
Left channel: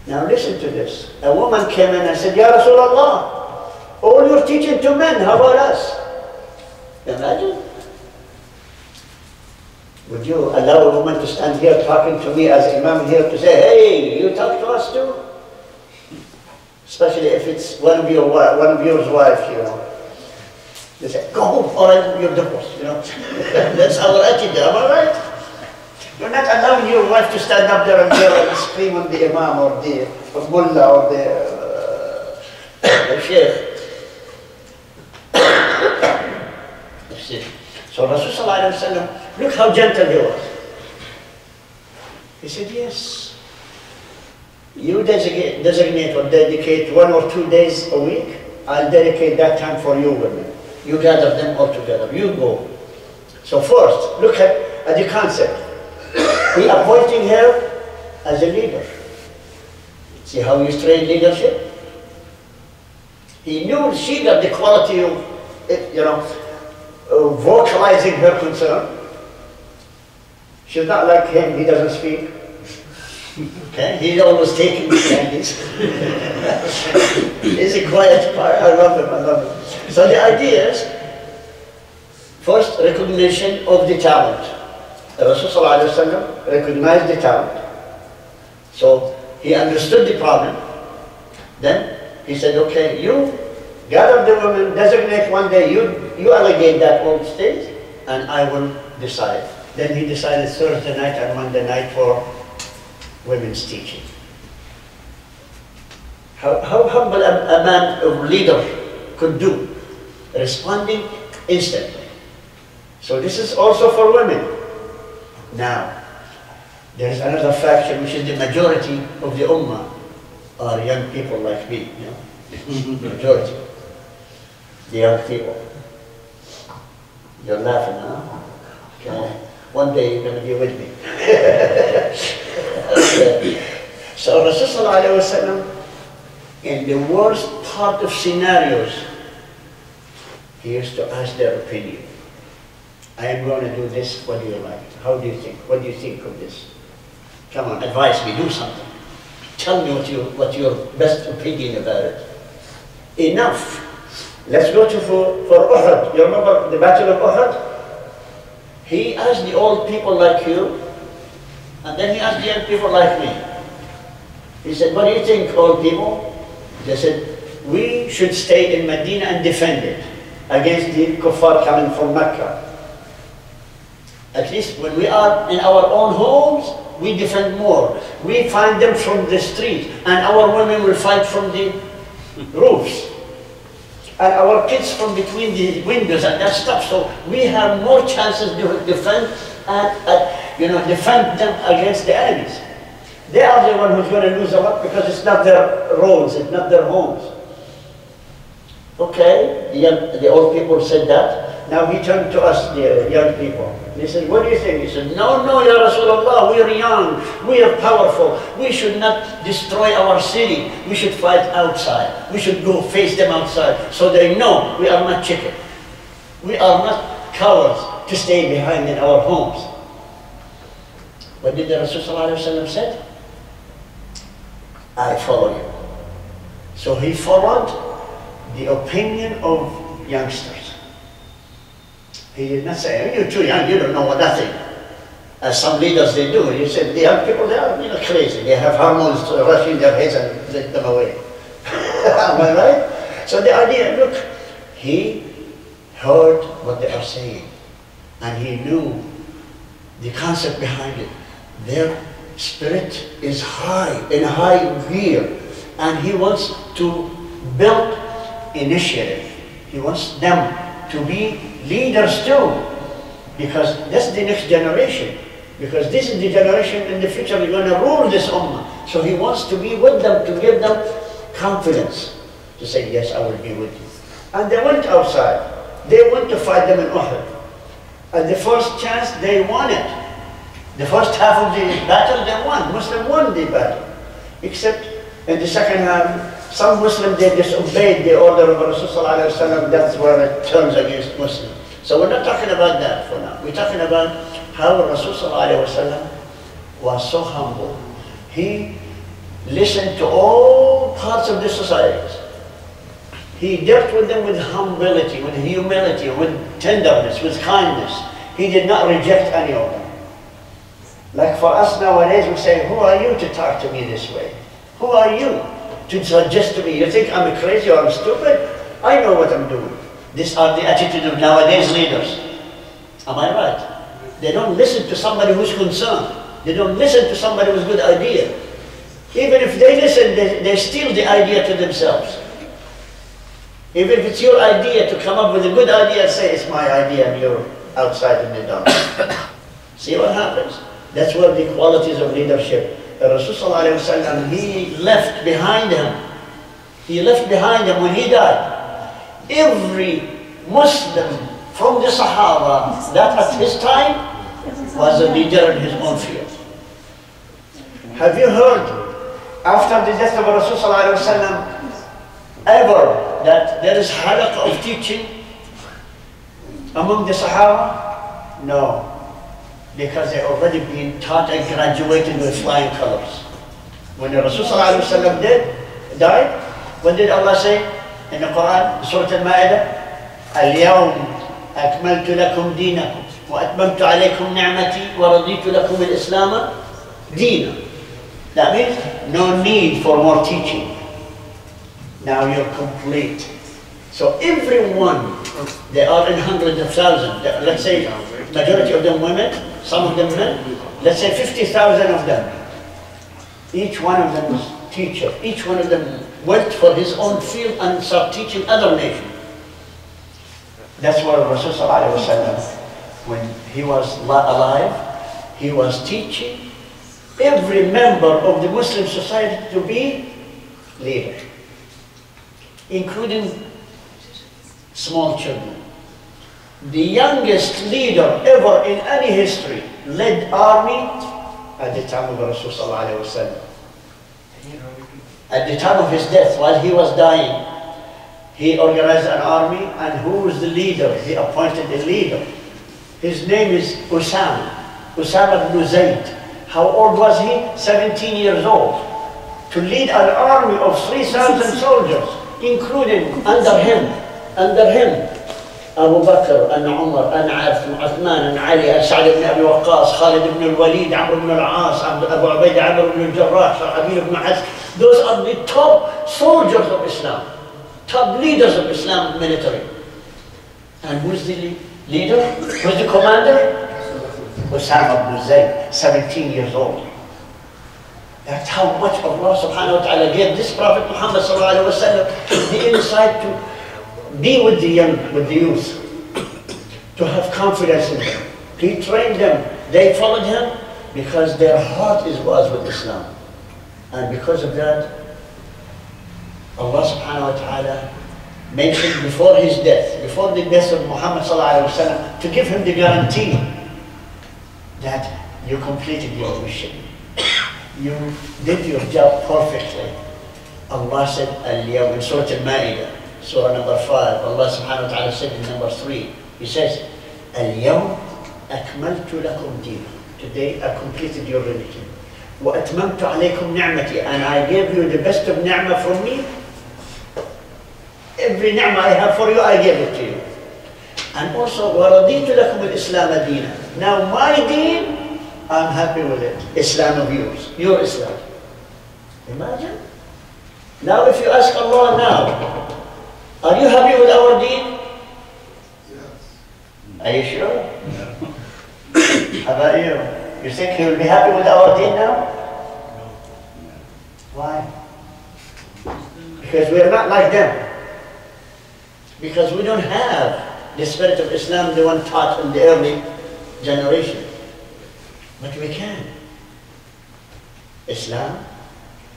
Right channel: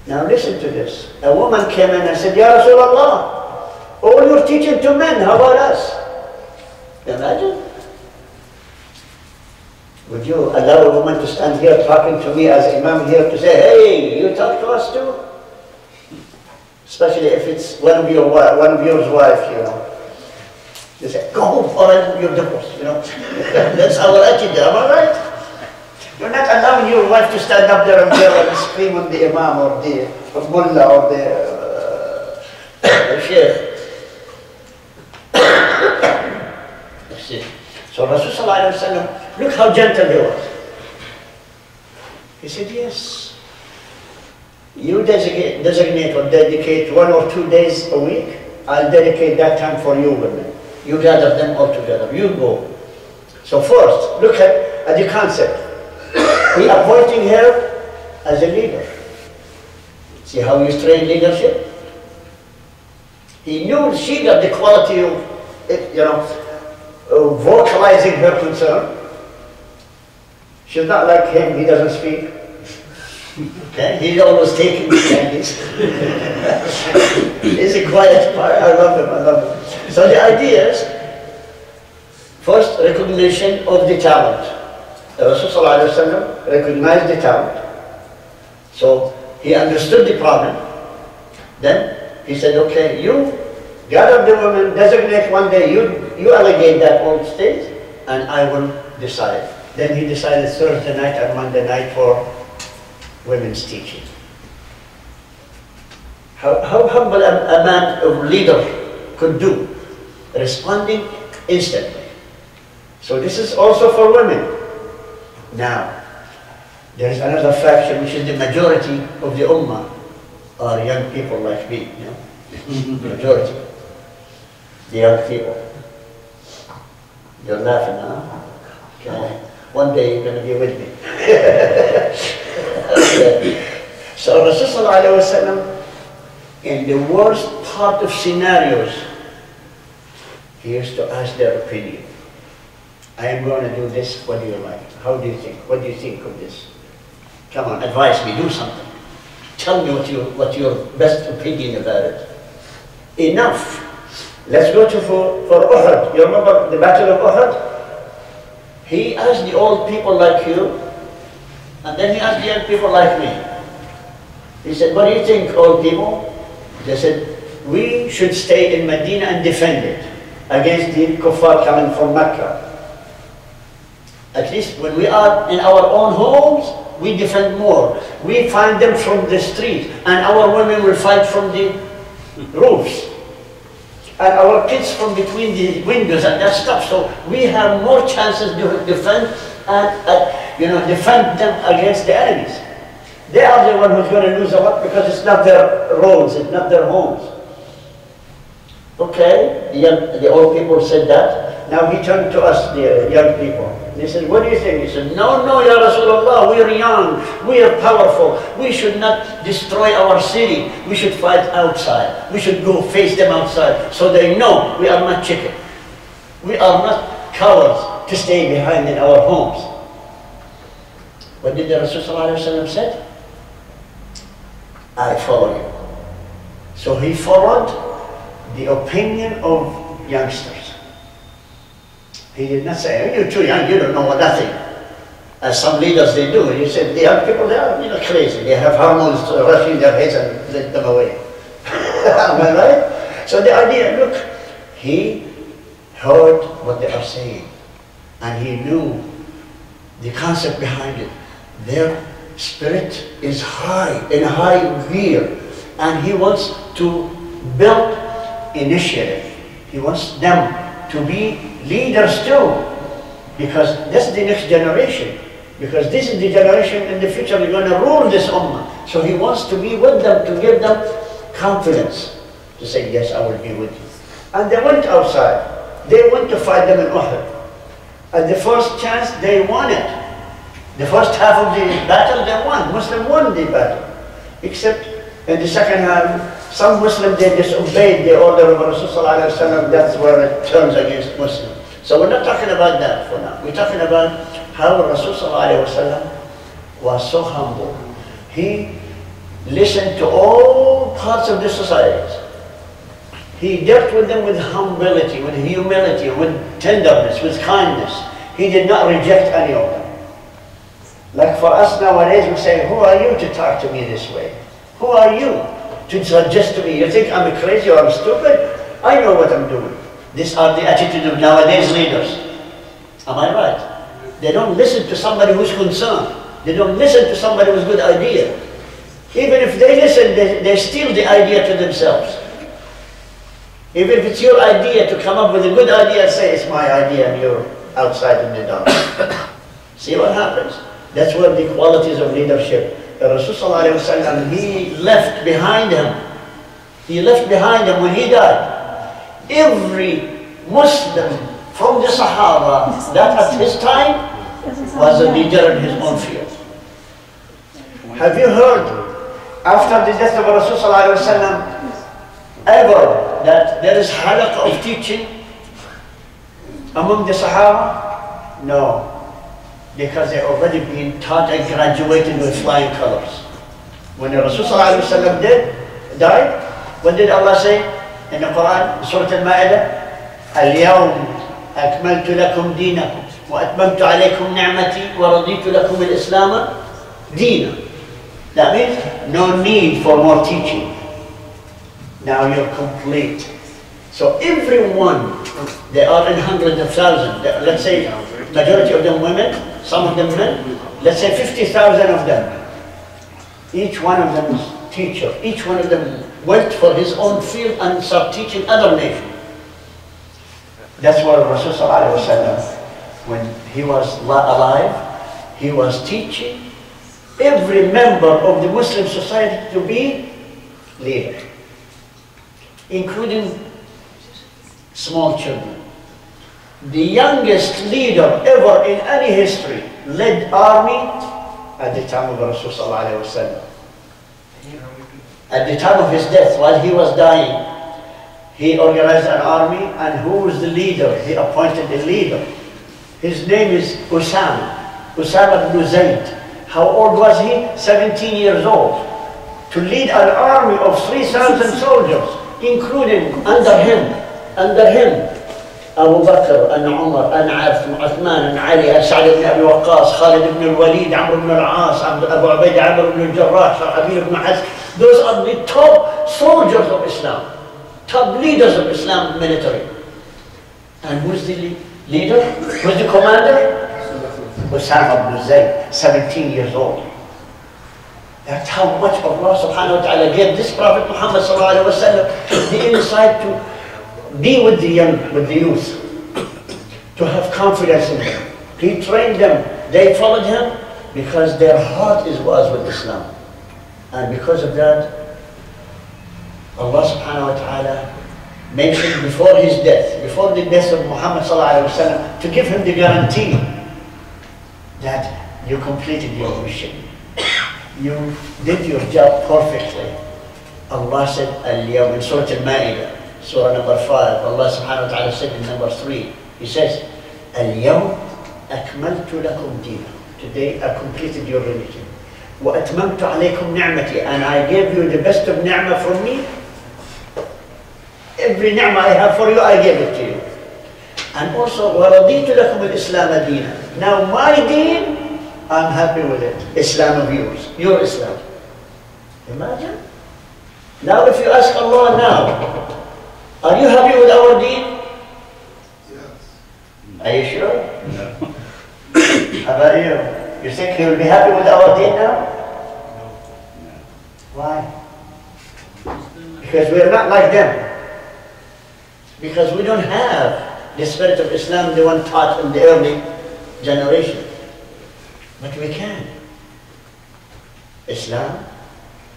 Now listen to this. A woman came in and said, Ya Rasulullah, all you're teaching to men, how about us? Imagine. Would you allow a woman to stand here talking to me as Imam here to say, hey, you talk to us too? Especially if it's one of your wife, you know. They say, go home or you're divorced, you know. That's our attitude, am I right? You're not allowing your wife to stand up there and yell and scream on the Imam or the Mullah or the Sheikh. So Rasulullah ﷺ, look how gentle he was. He said, yes, you designate or dedicate 1 or 2 days a week, I'll dedicate that time for you women. You gather them all together, you go. So first, look at the concept. He appointing her as a leader. See how you train leadership? He knew she got the quality of it, you know, vocalizing her concern. She's not like him, he doesn't speak. Okay, he's always taking the candies. He's a quiet part. I love him. So the idea is, first, recognition of the talent. The Rasul ﷺ recognized the talent. So he understood the problem. Then he said, okay, you gather the women, designate one day, you allocate that old stage, and I will decide. Then he decided Thursday night and Monday night for women's teaching. How humble a man, a leader could do, responding instantly. So this is also for women. Now, there is another faction which is the majority of the Ummah are young people like me, you know, the majority, the young people. You're laughing, huh? Okay. One day you're going to be with me. So Rasulullah in the worst part of scenarios, he used to ask their opinion. I am going to do this, what do you like? How do you think? What do you think of this? Come on, advise me, do something. Tell me what your best opinion about it. Enough. Let's go to for Uhud. You remember the Battle of Uhud? He asked the old people like you, and then he asked the young people like me. He said, what do you think, old people? They said, we should stay in Medina and defend it against the kuffar coming from Mecca. At least when we are in our own homes, we defend more. We find them from the street, and our women will fight from the roofs. And our kids from between the windows and that stuff. So we have more chances to defend and defend them against the enemies. They are the one who's going to lose a lot because it's not their roads, it's not their homes. Okay, the old people said that. Now he turned to us, the young people. And he said, what do you think? He said, no, Ya Rasulullah, we are young, we are powerful. We should not destroy our city. We should fight outside. We should go face them outside so they know we are not chicken. We are not cowards to stay behind in our homes. What did the Rasul said? I follow you. So he followed the opinion of youngsters. He did not say, you're too young, you don't know nothing. as some leaders they do. You said the young people, they are crazy. They have hormones rushing their heads and let them away. Am I right? So the idea, look, he heard what they are saying and he knew the concept behind it. Their spirit is high, in high gear, and he wants to build initiative. He wants them to be leaders too, because that's the next generation. Because this is the generation in the future we're going to rule this ummah. So he wants to be with them, to give them confidence, to say, yes, I will be with you. And they went outside. They went to fight them in Uhud. At the first chance, they won it. The first half of the battle, they won. Muslims won the battle. Except in the second half, some Muslims, they disobeyed the order of Rasulullah ﷺ. That's where it turns against Muslims. So we're not talking about that for now. We're talking about how Rasulullah ﷺ was so humble. He listened to all parts of the society. He dealt with them with humility, with humility, with tenderness, with kindness. He did not reject any of them. Like for us nowadays, we say, who are you to talk to me this way? Who are you to suggest to me? You think I'm crazy or I'm stupid? I know what I'm doing. These are the attitude of nowadays leaders. Am I right? They don't listen to somebody who's concerned. They don't listen to somebody with good idea. Even if they listen, they steal the idea to themselves. Even if it's your idea to come up with a good idea, say it's my idea and you're outside in the dark. See what happens? That's where the qualities of leadership. Rasulullah ﷺ, he left behind him. He left behind him when he died. Every Muslim from the Sahaba that at his time was a leader in his own field. Have you heard after the death of Rasulullah ﷺ ever that there is halaka of teaching among the Sahaba? No. Because they already been taught and graduated with flying colors. When Rasulullah ﷺ died, what did Allah say in the Quran, Surah Al-Ma'idah? اليوم أكملت لكم دينكم وأتممت عليكم نعمتي ورضيت لكم الإسلام دينا. That means no need for more teaching. Now you're complete. So everyone, they are in hundreds of thousands. Let's say majority of them women, some of them men. Let's say 50,000 of them. Each one of them is teacher. Each one of them went for his own field and started teaching other nations. That's what Rasulullah ﷺ, when he was alive, he was teaching every member of the Muslim society to be leader, including small children. The youngest leader ever in any history led army at the time of Rasulullah ﷺ. At the time of his death, while he was dying, he organized an army, and who was the leader? He appointed a leader. His name is Usama ibn Zayd. How old was he? 17 years old. To lead an army of 3,000 soldiers, including under him, Abu Bakr, and Umar, and Uthman, and Ali, and S.A.W. ibn Abi Waqqas, Khalid ibn al-Walid, Amr ibn al-As, Abu Ubaidah, Amr ibn al-Jarrah, Shahabil ibn Hazm. Those are the top soldiers of Islam, top leaders of Islam military. And who's the leader? Who's the commander? Usama ibn Zayd, 17 years old. That's how much Allah subhanahu wa ta'ala gave this Prophet Muhammed sallallahu alaihi wasallam the insight to be with the young, with the youth, to have confidence in them. He trained them. They followed him because their heart was with Islam. And because of that, Allah subhanahu wa ta'ala mentioned before his death, before the death of Muhammad sallallahu alaihi wasallam, to give him the guarantee that you completed your mission. You did your job perfectly. Allah said, Al-Yawm, in Surah Al-Ma'idah, Surah number 5, Allah subhanahu wa ta'ala said in number 3, He says, Al-Yawm akmaltu lakum dinakum. Today I completed your religion. Wa atmamtu alaykum ni'mati. And I gave you the best of ni'mah from me. Every ni'mah I have for you, I gave it to you. And also, wa raditu lakum al-Islam dina. Now my deen I'm happy with it. Islam of yours, your Islam. Imagine. Now if you ask Allah now, are you happy with our deen? Yes. Are you sure? How about you? You think he will be happy with our deen now? Why? Because we are not like them. Because we don't have the spirit of Islam, the one taught in the early generation. But we can. Islam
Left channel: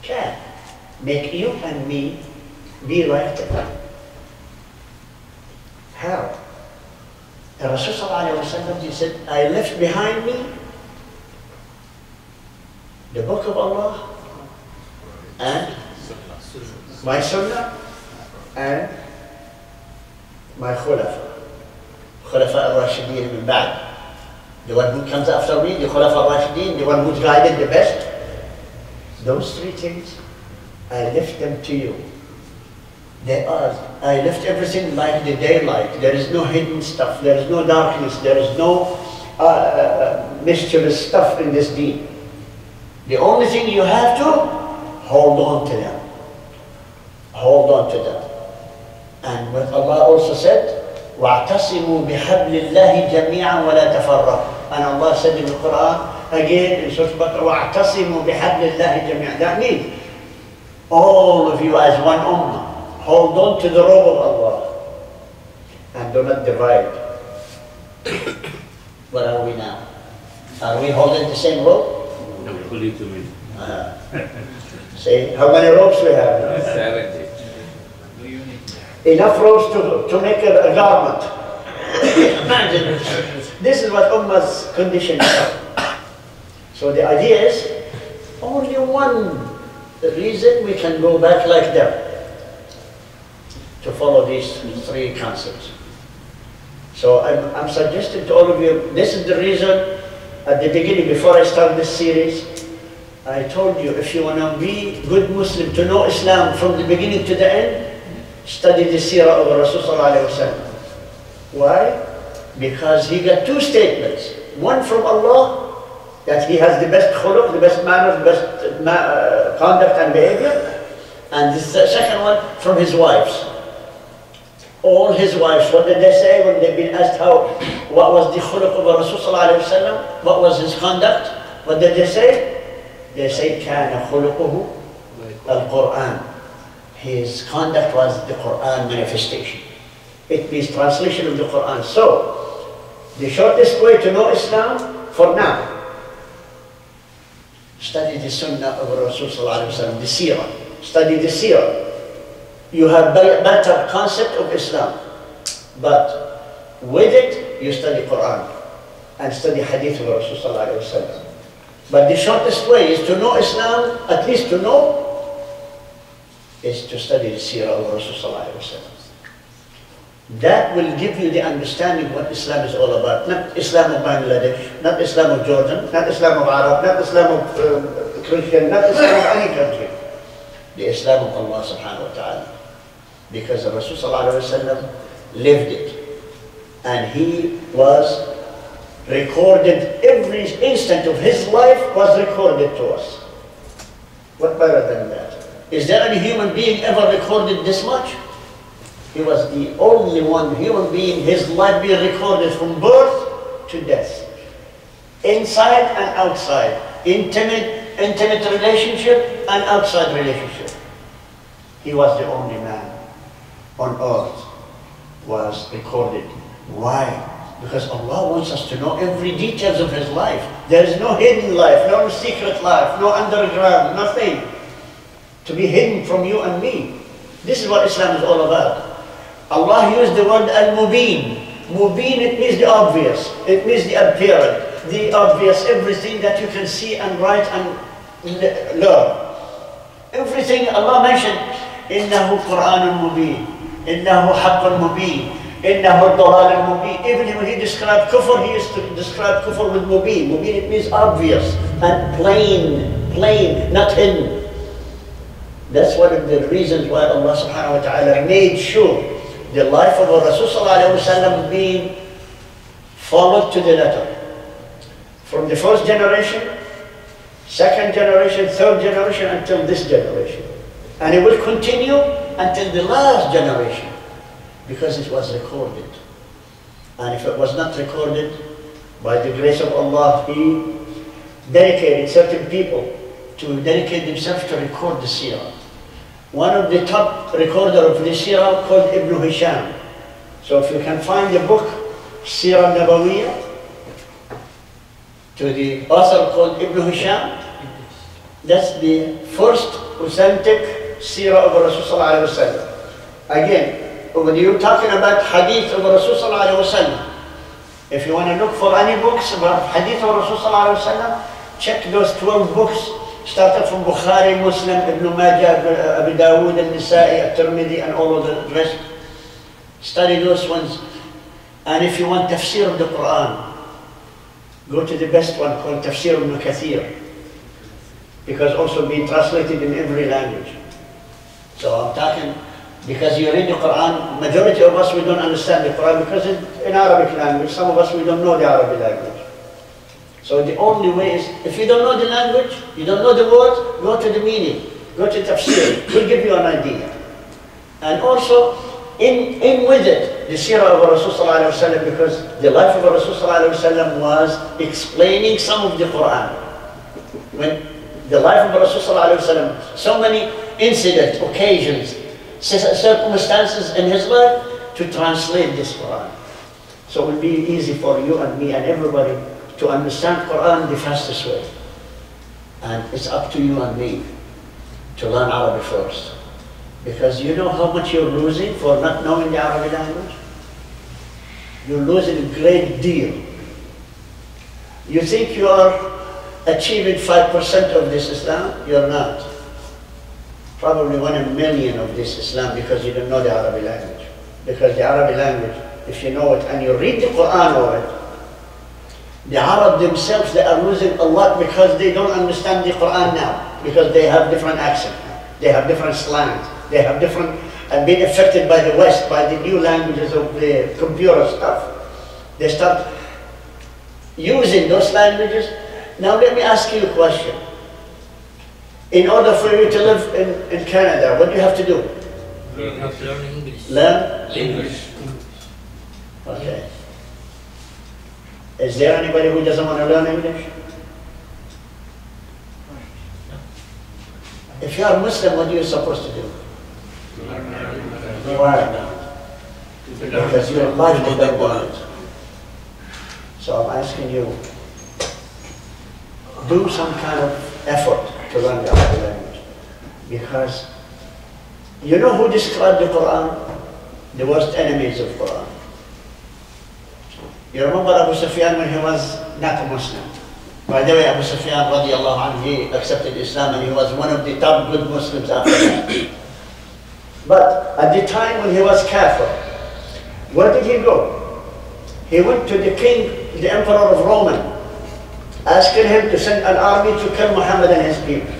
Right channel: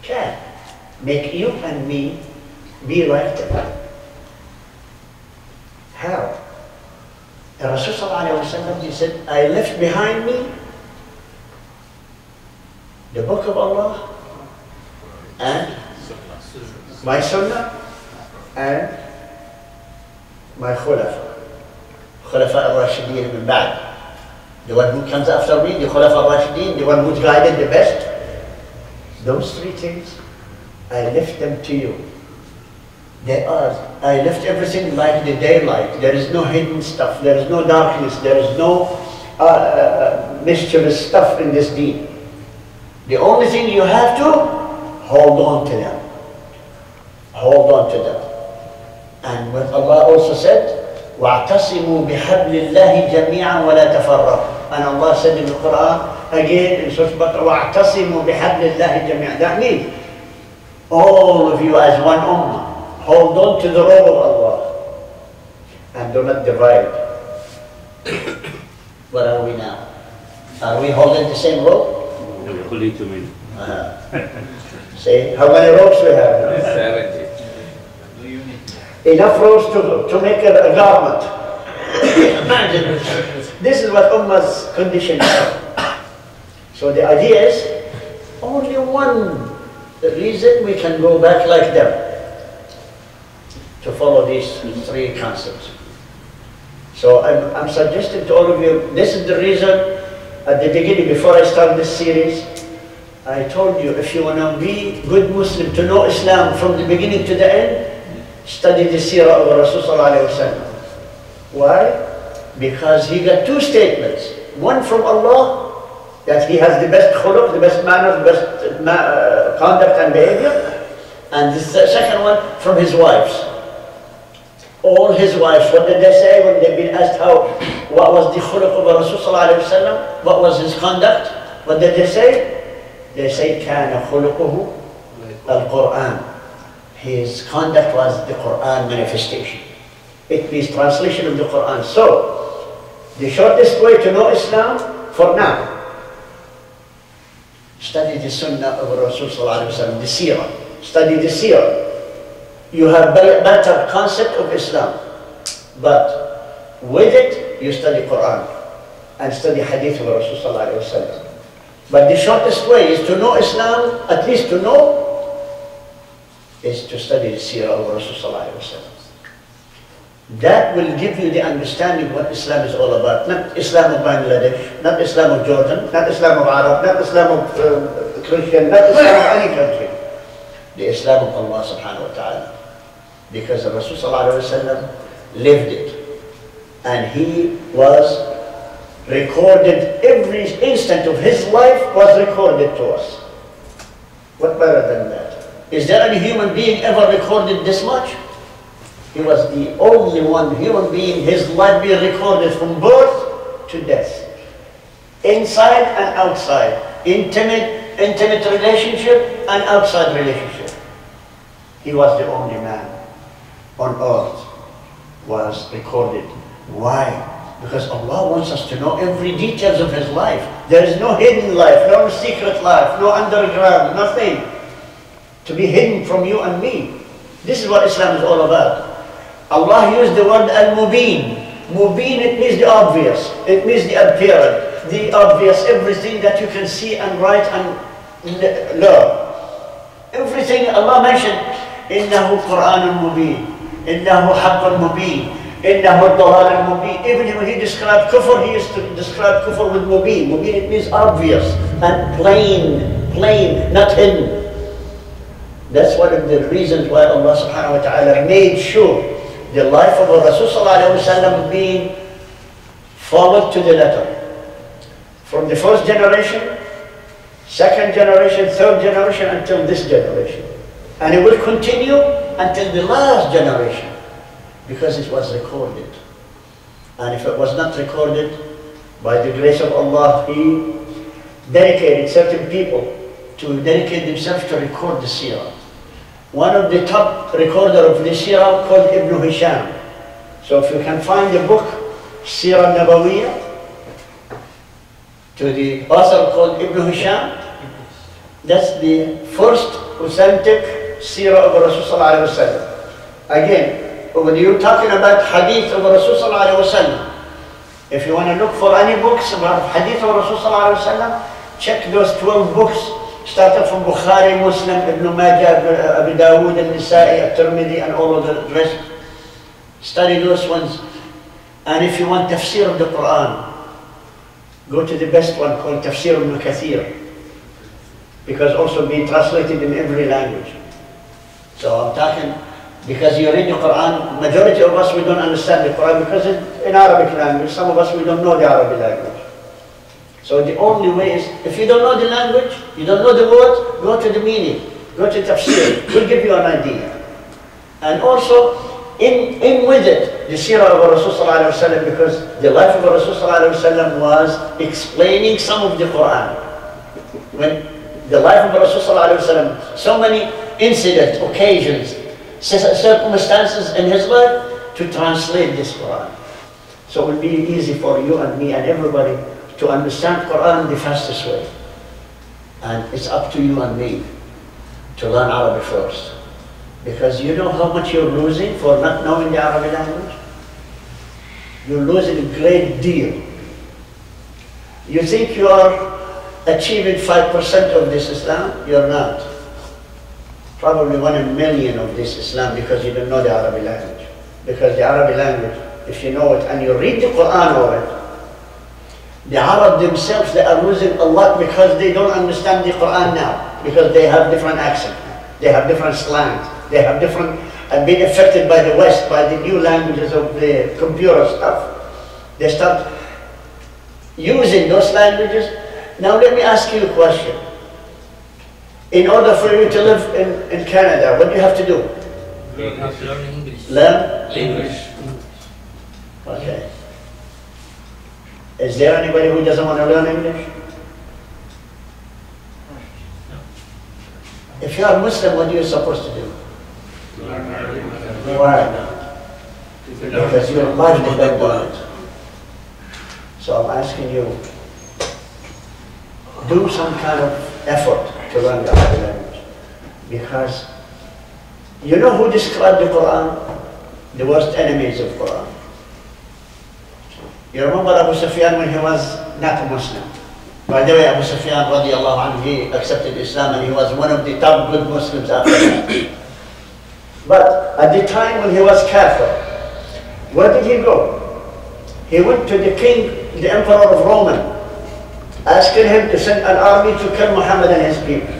can make you and me be like them. How? The Rasul ﷺ, he said, I left behind me the book of Allah and my sunnah and my khulafa al-Rashideen min ba'd. The one who comes after me, the khulafa al-Rashideen, the one who's guided the best. Those three things, I left them to you. They are, I left everything like the daylight. There is no hidden stuff, there is no darkness, there is no mischievous stuff in this deen. The only thing you have to, hold on to them. Hold on to them. And what Allah also said, وَاعْتَصِمُوا بِحَبْلِ اللَّهِ جَمِيعًا وَلَا تَفَرَّقُوا. And Allah said in the Quran, again in Surah Baqarah, وَاعْتَصِمُوا بِحَبْلِ اللَّهِ جَمِيعًا. That means, all of you as one ummah, hold on to the robe of Allah and do not divide. Where are we now? Are we holding the same robe? Fully to me. See, how many ropes we have now? 70. Enough ropes to make a garment. Imagine, this is what Ummah's condition is. So the idea is, only one reason we can go back like them, to follow these three concepts. So I'm suggesting to all of you, this is the reason, at the beginning, before I start this series, I told you, if you want to be good Muslim, to know Islam from the beginning to the end, study the Seerah of Rasul sallallahu alaihi wasallam. Why? Because he got two statements. One from Allah, that he has the best khuluq, the best manners, the best conduct and behavior. And the second one from his wives. All his wives, what did they say when they've been asked what was the khuluq of Rasul sallallahu alaihi wasallam? What was his conduct? What did they say? They say, كَانَ خُلُقُهُ الْقُرْآنِ. His conduct was the Quran manifestation. It means translation of the Quran. So, the shortest way to know Islam, for now, study the Sunnah of Rasul sallallahu alaihi wasallam, the Seerah. Study the Seerah. You have better concept of Islam. But with it, you study Quran and study Hadith of Rasul sallallahu alaihi wasallam. But the shortest way is to know Islam, at least to know, is to study the Seerah of Rasul sallallahu alaihi wasallam. That will give you the understanding what Islam is all about. Not Islam of Bangladesh, not Islam of Jordan, not Islam of Arab, not Islam of Christian, not Islam of any country. The Islam of Allah subhanahu wa ta'ala. Because the Rasul sallallahu alaihi wasallam lived it. And he was recorded, every instant of his life was recorded to us. What better than that? Is there any human being ever recorded this much? He was the only one human being, his life being recorded from birth to death. Inside and outside. Intimate relationship and outside relationship. He was the only man on earth was recorded. Why? Because Allah wants us to know every details of his life. There is no hidden life, no secret life, no underground, nothing to be hidden from you and me. This is what Islam is all about. Allah used the word al-mubin. Mubin, it means the obvious. It means the apparent, the obvious, everything that you can see and write and learn. Everything Allah mentioned, إِنَّهُ قُرْآنٌ مُبِينٌ إِنَّهُ حَقٌّ مُبِينٌ إِنَّهُ الضَّلَالٌ مُبِينٌ. Even when he described kufr, he used to describe kufr with mubin. Mubin, it means obvious and plain, not hidden. That's one of the reasons why Allah subhanahu wa ta'ala made sure the life of Rasul sallallahu alaihi wasallam being followed to the letter. From the first generation, second generation, third generation, until this generation. And it will continue until the last generation, because it was recorded. And if it was not recorded, by the grace of Allah, He dedicated certain people to dedicate themselves to record the Seerah. One of the top recorder of the Seerah called Ibn Hisham. So if you can find the book, Seerah Nabawiyah, to the author called Ibn Hisham, that's the first authentic Seerah of Rasulullah. Again, when you're talking about hadith of Rasulullah, if you want to look for any books about hadith of Rasulullah, check those 12 books, starting from Bukhari, Muslim, Ibn Majah, Abu Dawood, Al-Nisa'i, Al-Tirmidhi, and all of the rest. Study those ones. And if you want tafsir of the Quran, go to the best one called Tafsir Ibn Kathir, because also being translated in every language. So I'm talking, because you read the Quran, majority of us, we don't understand the Quran because it's in Arabic language. Some of us, we don't know the Arabic language. So the only way is, if you don't know the language, you don't know the words, go to the meaning, go to tafsir, we'll give you an idea. And also, in with it, the Seerah of Rasulullah ﷺ, because the life of Rasulullah ﷺ was explaining some of the Quran. When the life of Rasulullah ﷺ, so many incidents, occasions, circumstances in his life to translate this Quran. So it will be easy for you and me and everybody to understand Quran the fastest way. And it's up to you and me to learn Arabic first. Because you know how much you're losing for not knowing the Arabic language? You're losing a great deal. You think you are achieving 5% of this Islam? You're not. Probably 1 in a million of this Islam because you don't know the Arabic language. Because the Arabic language, if you know it and you read the Quran over it, the Arab themselves, they are losing a lot because they don't understand the Quran now. Because they have different accent, they have different slangs, they have different, and being affected by the West, by the new languages of the computer stuff. They start using those languages. Now let me ask you a question. In order for you to live in Canada, what do you have to do? Learn English. Learn? English. Okay. Is there anybody who doesn't want to learn English? If you are Muslim, what are you supposed to do? Why? Because your life depends on it. So I'm asking you, do some kind of effort to learn the Arabic language. Because you know who described the Quran? The worst enemies of Quran. You remember Abu Sufyan when he was not a Muslim? By the way, Abu Sufyan radiallahu anhu, he accepted Islam and he was one of the top good Muslims after that. But at the time when he was kafir, where did he go? He went to the king, the emperor of Rome, asking him to send an army to kill Muhammad and his people.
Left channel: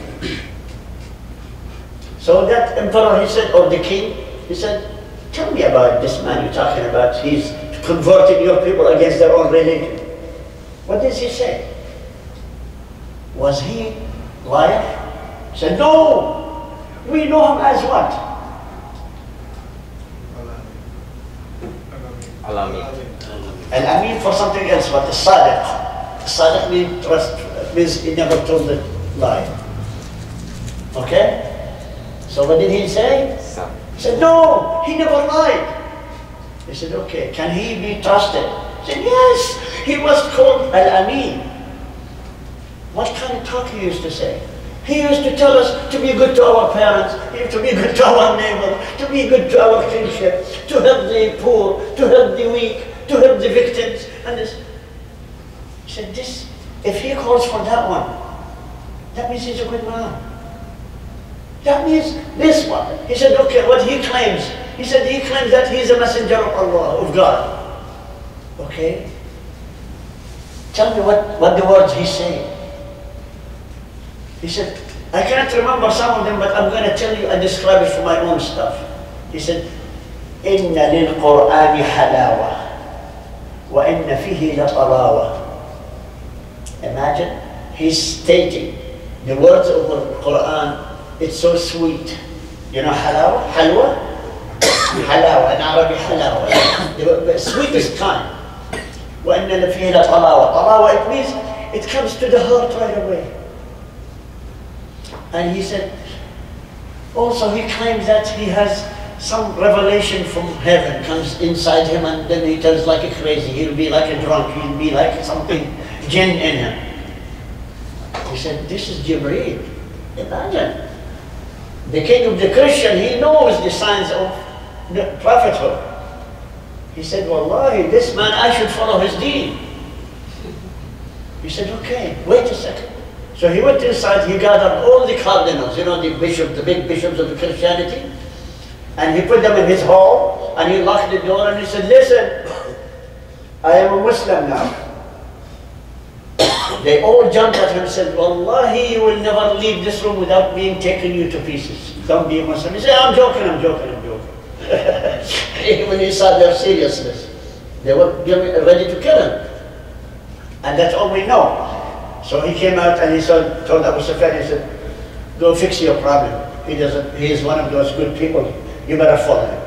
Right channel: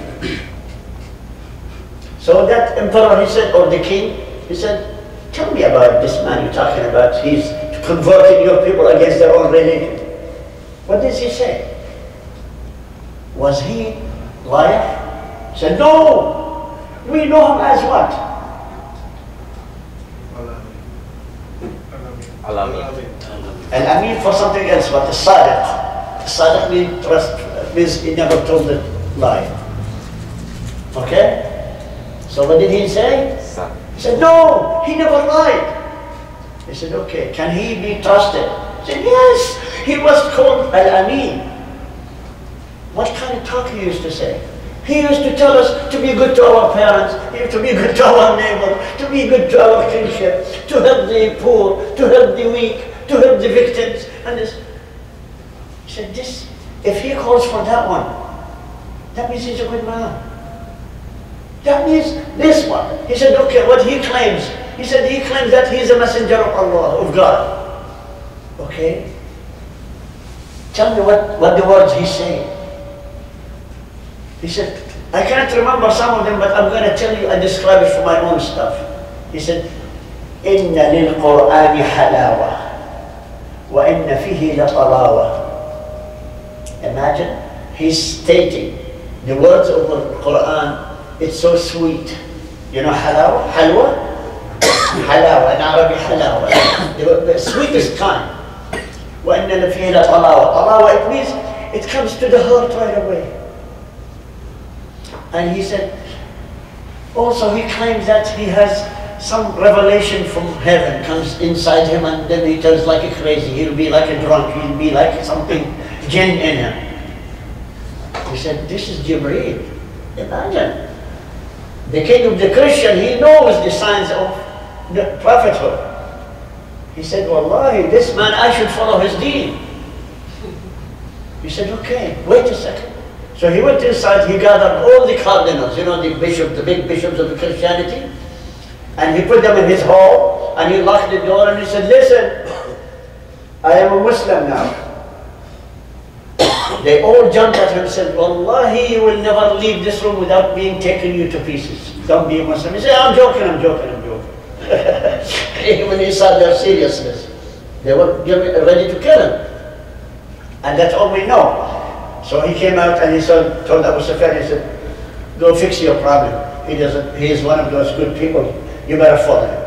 So that emperor, he said, or the king, he said, tell me about this man you're talking about. He's converting your people against their own religion. What does he say? Was he liar? He said, no, we know him as what? Al-Amin for something else, but As-Sadiq. As-Sadiq means trust, means he never told the lie. Okay? So what did he say? He said, no, he never lied. He said, okay, can he be trusted? He said, yes, he was called Al-Amin. What kind of talk he used to say? He used to tell us to be good to our parents, to be good to our neighbor, to be good to our kinship, to help the poor, to help the weak, to help the victims. And this. He said, this, if he calls for that one, that means he's a good man. That means this one. He said, okay, what he claims. He said he claims that he's a messenger of Allah, of God. Okay? Tell me what the words he's saying. He said, I can't remember some of them, but I'm going to tell you and describe it for my own stuff. He said, إِنَّ لِلْقُرْآنِ حَلَاوَةً وَإِنَّ فِيهِ لَطَرَاوَةً Imagine, he's stating the words of the Quran, it's so sweet. You know halawa? Halwa? Halawa, in Arabic halawa. The sweetest kind. وَإِنَّ لَفِيهِ لَطَلَاوَةً. Talawa, it means it comes to the heart right away. And he said, also he claims that he has some revelation from heaven comes inside him, and then he turns like a crazy. He'll be like a drunk, he'll be like something jinn in him. He said, this is Jibreel. Imagine. The king of the Christian, he knows the signs of the prophethood. He said, Wallahi, this man, I should follow his deen. He said, okay, wait a second. So he went inside, he gathered all the cardinals, you know, the bishops, the big bishops of the Christianity, and he put them in his hall, and he locked the door, and he said, listen, I am a Muslim now. They all jumped at him and said, Wallahi, you will never leave this room without being taken you to pieces. Don't be a Muslim. He said, I'm joking, I'm joking, I'm joking. When he saw their seriousness, they were ready to kill him. And that's all we know. So he came out and he told Abu Sufyan, he said, go fix your problem. He is one of those good people. You better follow him.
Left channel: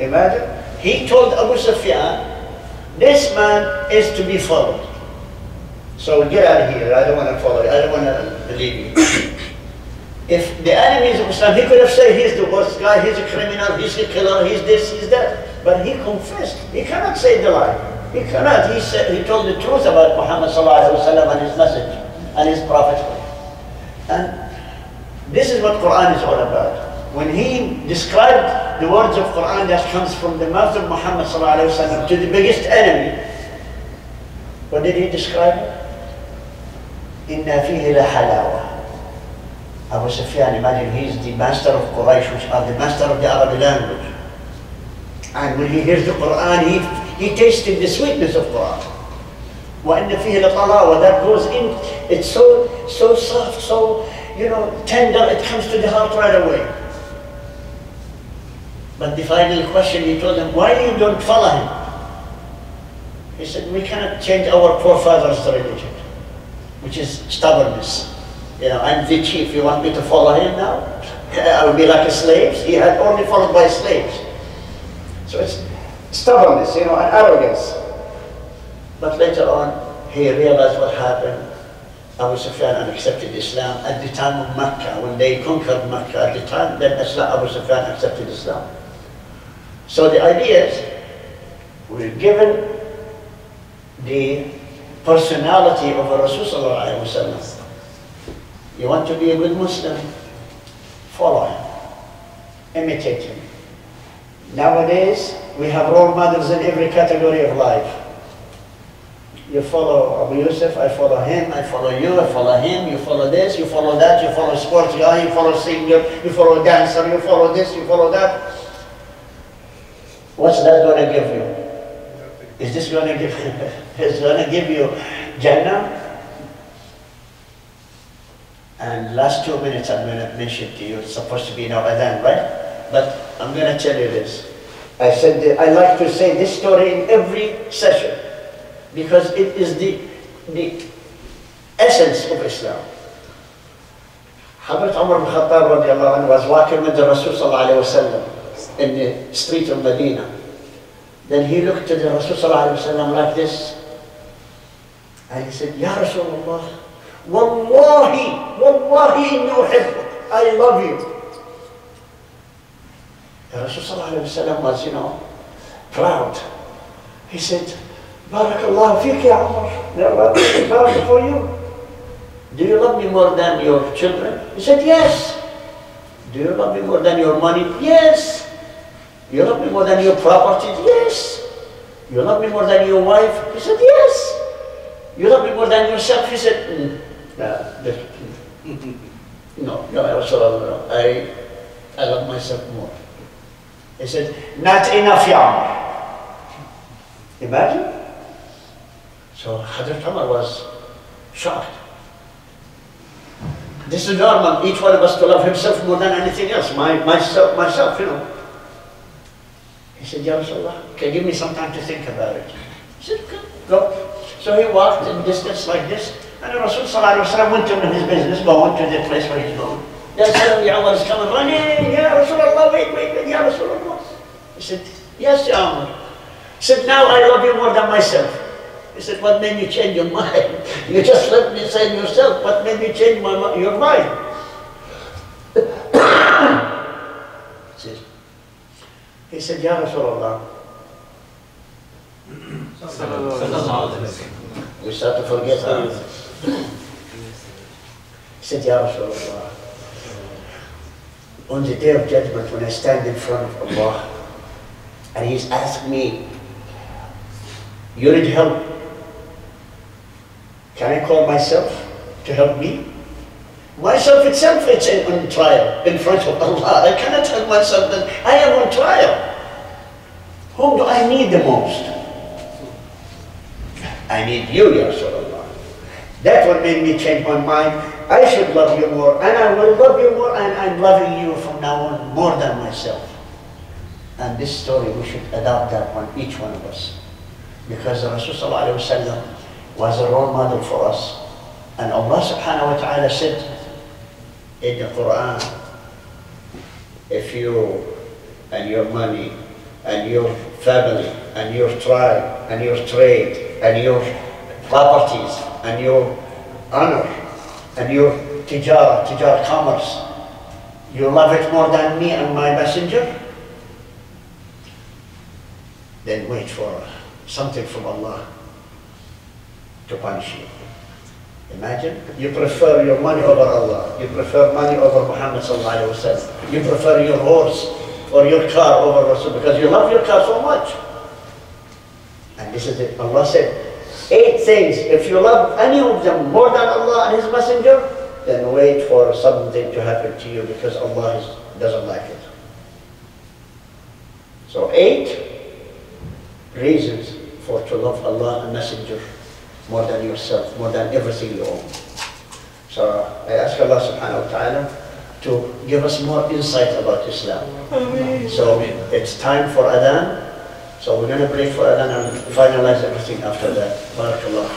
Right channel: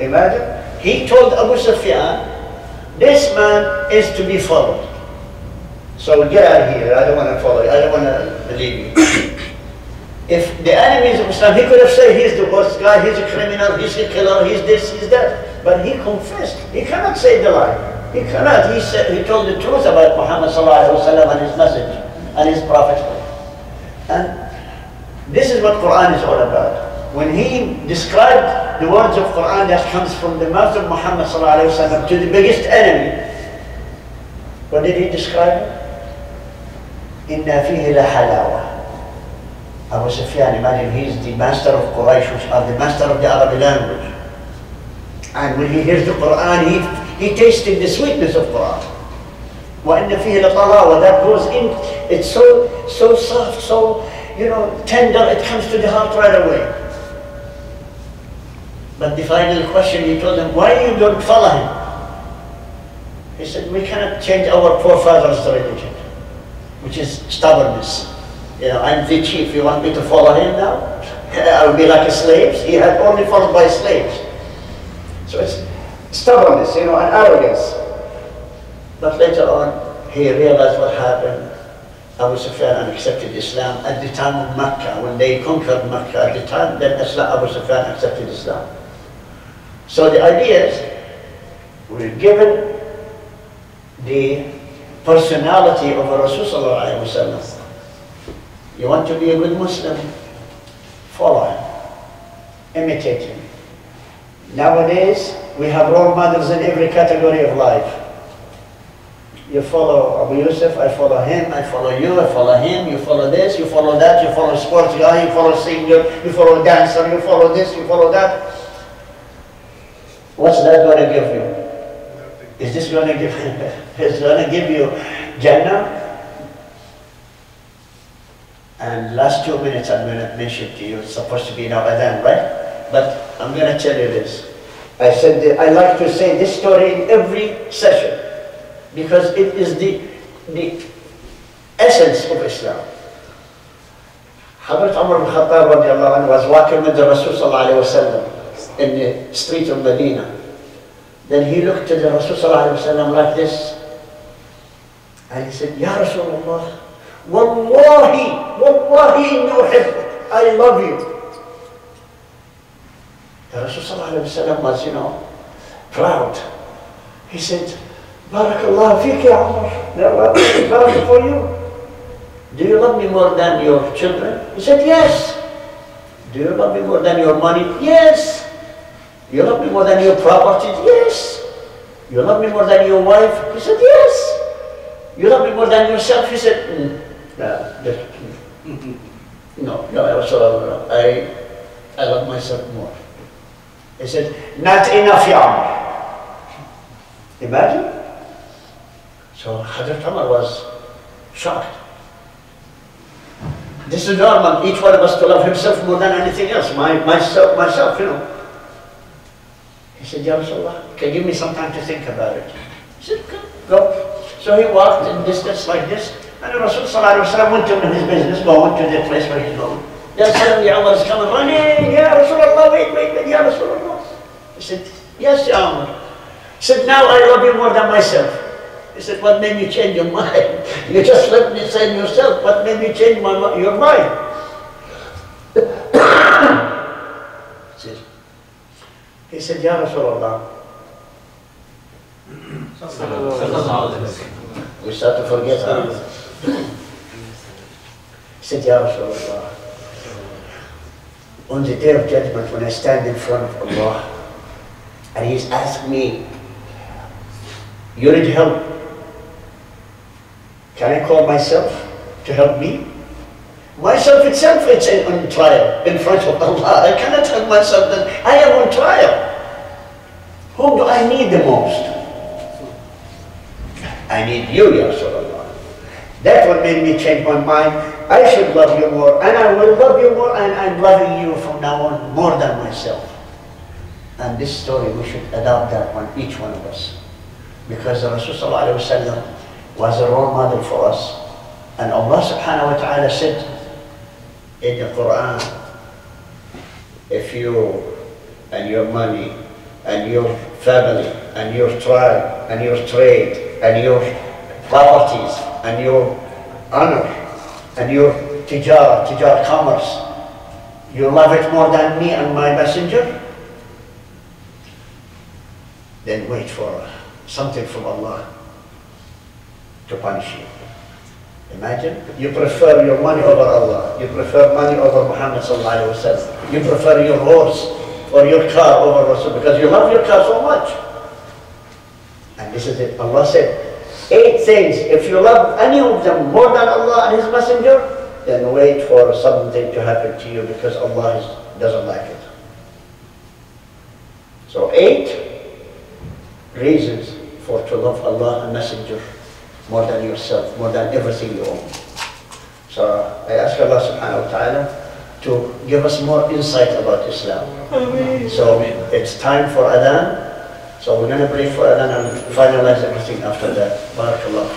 Imagine. He told Abu Sufyan, this man is to be followed. So get out of here. I don't want to follow you. I don't want to believe you. If the enemies of Islam, he could have said he's the worst guy, he's a criminal, he's a killer, he's this, he's that. But he confessed. He cannot say the lie. He cannot. He told the truth about Muhammad ﷺ and his message and his prophethood. And this is what Quran is all about. When he described the words of Quran that comes from the mouth of Muhammad ﷺ to the biggest enemy, what did he describe it? Inna fihi la halawa. Abu Sufyan, imagine he's the master of Quraysh, which are the master of the Arabic language. And when he hears the Quran, he tasted the sweetness of Quran. وَإِنَّ فِيهِ لَطَلَاوَةً. That goes in, it's so soft, so, you know, tender, it comes to the heart right away. But the final question, he told them, why you don't follow him? He said, we cannot change our forefathers' religion, which is stubbornness. You know, I'm the chief, you want me to follow him now? I will be like a slave. He had only followed by slaves. So it's stubbornness, you know, and arrogance. But later on, he realized what happened. Abu Sufyan accepted Islam at the time of Mecca, when they conquered Mecca. At the time, then Abu Sufyan accepted Islam. So the idea is, we're given the personality of Rasulullah. You want to be a good Muslim? Follow him. Imitate him. Nowadays, we have role models in every category of life. You follow Abu Yusuf, I follow him, I follow you, I follow him, you follow this, you follow that, you follow sports guy, you follow singer, you follow dancer, you follow this, you follow that. What's that going to give you? Is this going to give it's going to give you Jannah? And last 2 minutes I'm going to mention to you, it's supposed to be now adhan, right? But I'm going to tell you this. I said that I like to say this story in every session because it is the essence of Islam. Hazrat Umar ibn Khattab radiallahu anhu was walking with the Rasul sallallahu alayhi wa sallam in the street of Medina. Then he looked to the Rasul sallallahu alayhi wa sallam like this, and he said, Ya Rasulullah, Wallahi, Wallahi inni uhibbuk, I love you. The Rasul sallallahu alayhi wa sallam was, you know, proud. He said, Barakallah fik ya Umar, Barak for you. Do you love me more than your children? He said, yes. Do you love me more than your money? Yes. You love me more than your properties? Yes. You love me more than your wife? He said, yes. You love me more than yourself? He said, no, I love myself more. He said, not enough, ya Umar. Imagine. So Hazrat Umar was shocked. This is normal, each one of us to love himself more than anything else, myself, you know. He said, Ya Rasulullah, can you give me some time to think about it? He said, okay, go. So he walked in distance like this, and the Rasul sallallahu alayhi wa sallam went to his business, going to the place where he's going. Then suddenly Umar is coming running, Ya Rasulullah, wait, Ya Rasulullah. He said, yes, Ya Umar. He said, now I love you more than myself. He said, what made you change your mind? You just let me say yourself, what made you change your mind? He said, Ya Rasulullah. We start to forget her. He said, Ya Rasulullah, on the day of judgment, when I stand in front of Allah, and He's asked me, you need help, can I call myself to help me? Myself itself is on trial in front of Allah. I cannot help myself that I am on trial. Whom do I need the most? I need you, Ya Rasulullah. That's what made me change my mind. I should love you more, and I will love you more, and I'm loving you from now on more than myself. And this story, we should adopt that on each one of us. Because the Rasul sallallahu alayhi wa sallam was a role model for us. And Allah subhanahu wa ta'ala said in the Quran, if you and your money and your family and your tribe and your trade and your properties and your honor and your tijara commerce, you love it more than me and my messenger, then wait for something from Allah to punish you. Imagine, you prefer your money over Allah, you prefer money over Muhammad sallallahu alaihi wasallam, you prefer your horse or your car over Rasul because you love your car so much. And this is it. Allah said, 8 things, if you love any of them more than Allah and His Messenger, then wait for something to happen to you because Allah doesn't like it. So 8 reasons for to love Allah and Messenger more than yourself, more than everything you own. So I ask Allah subhanahu wa ta'ala to give us more insight about Islam. So it's time for Adhan. So we're going to pray for Adhan and finalize everything after that. Barakallah.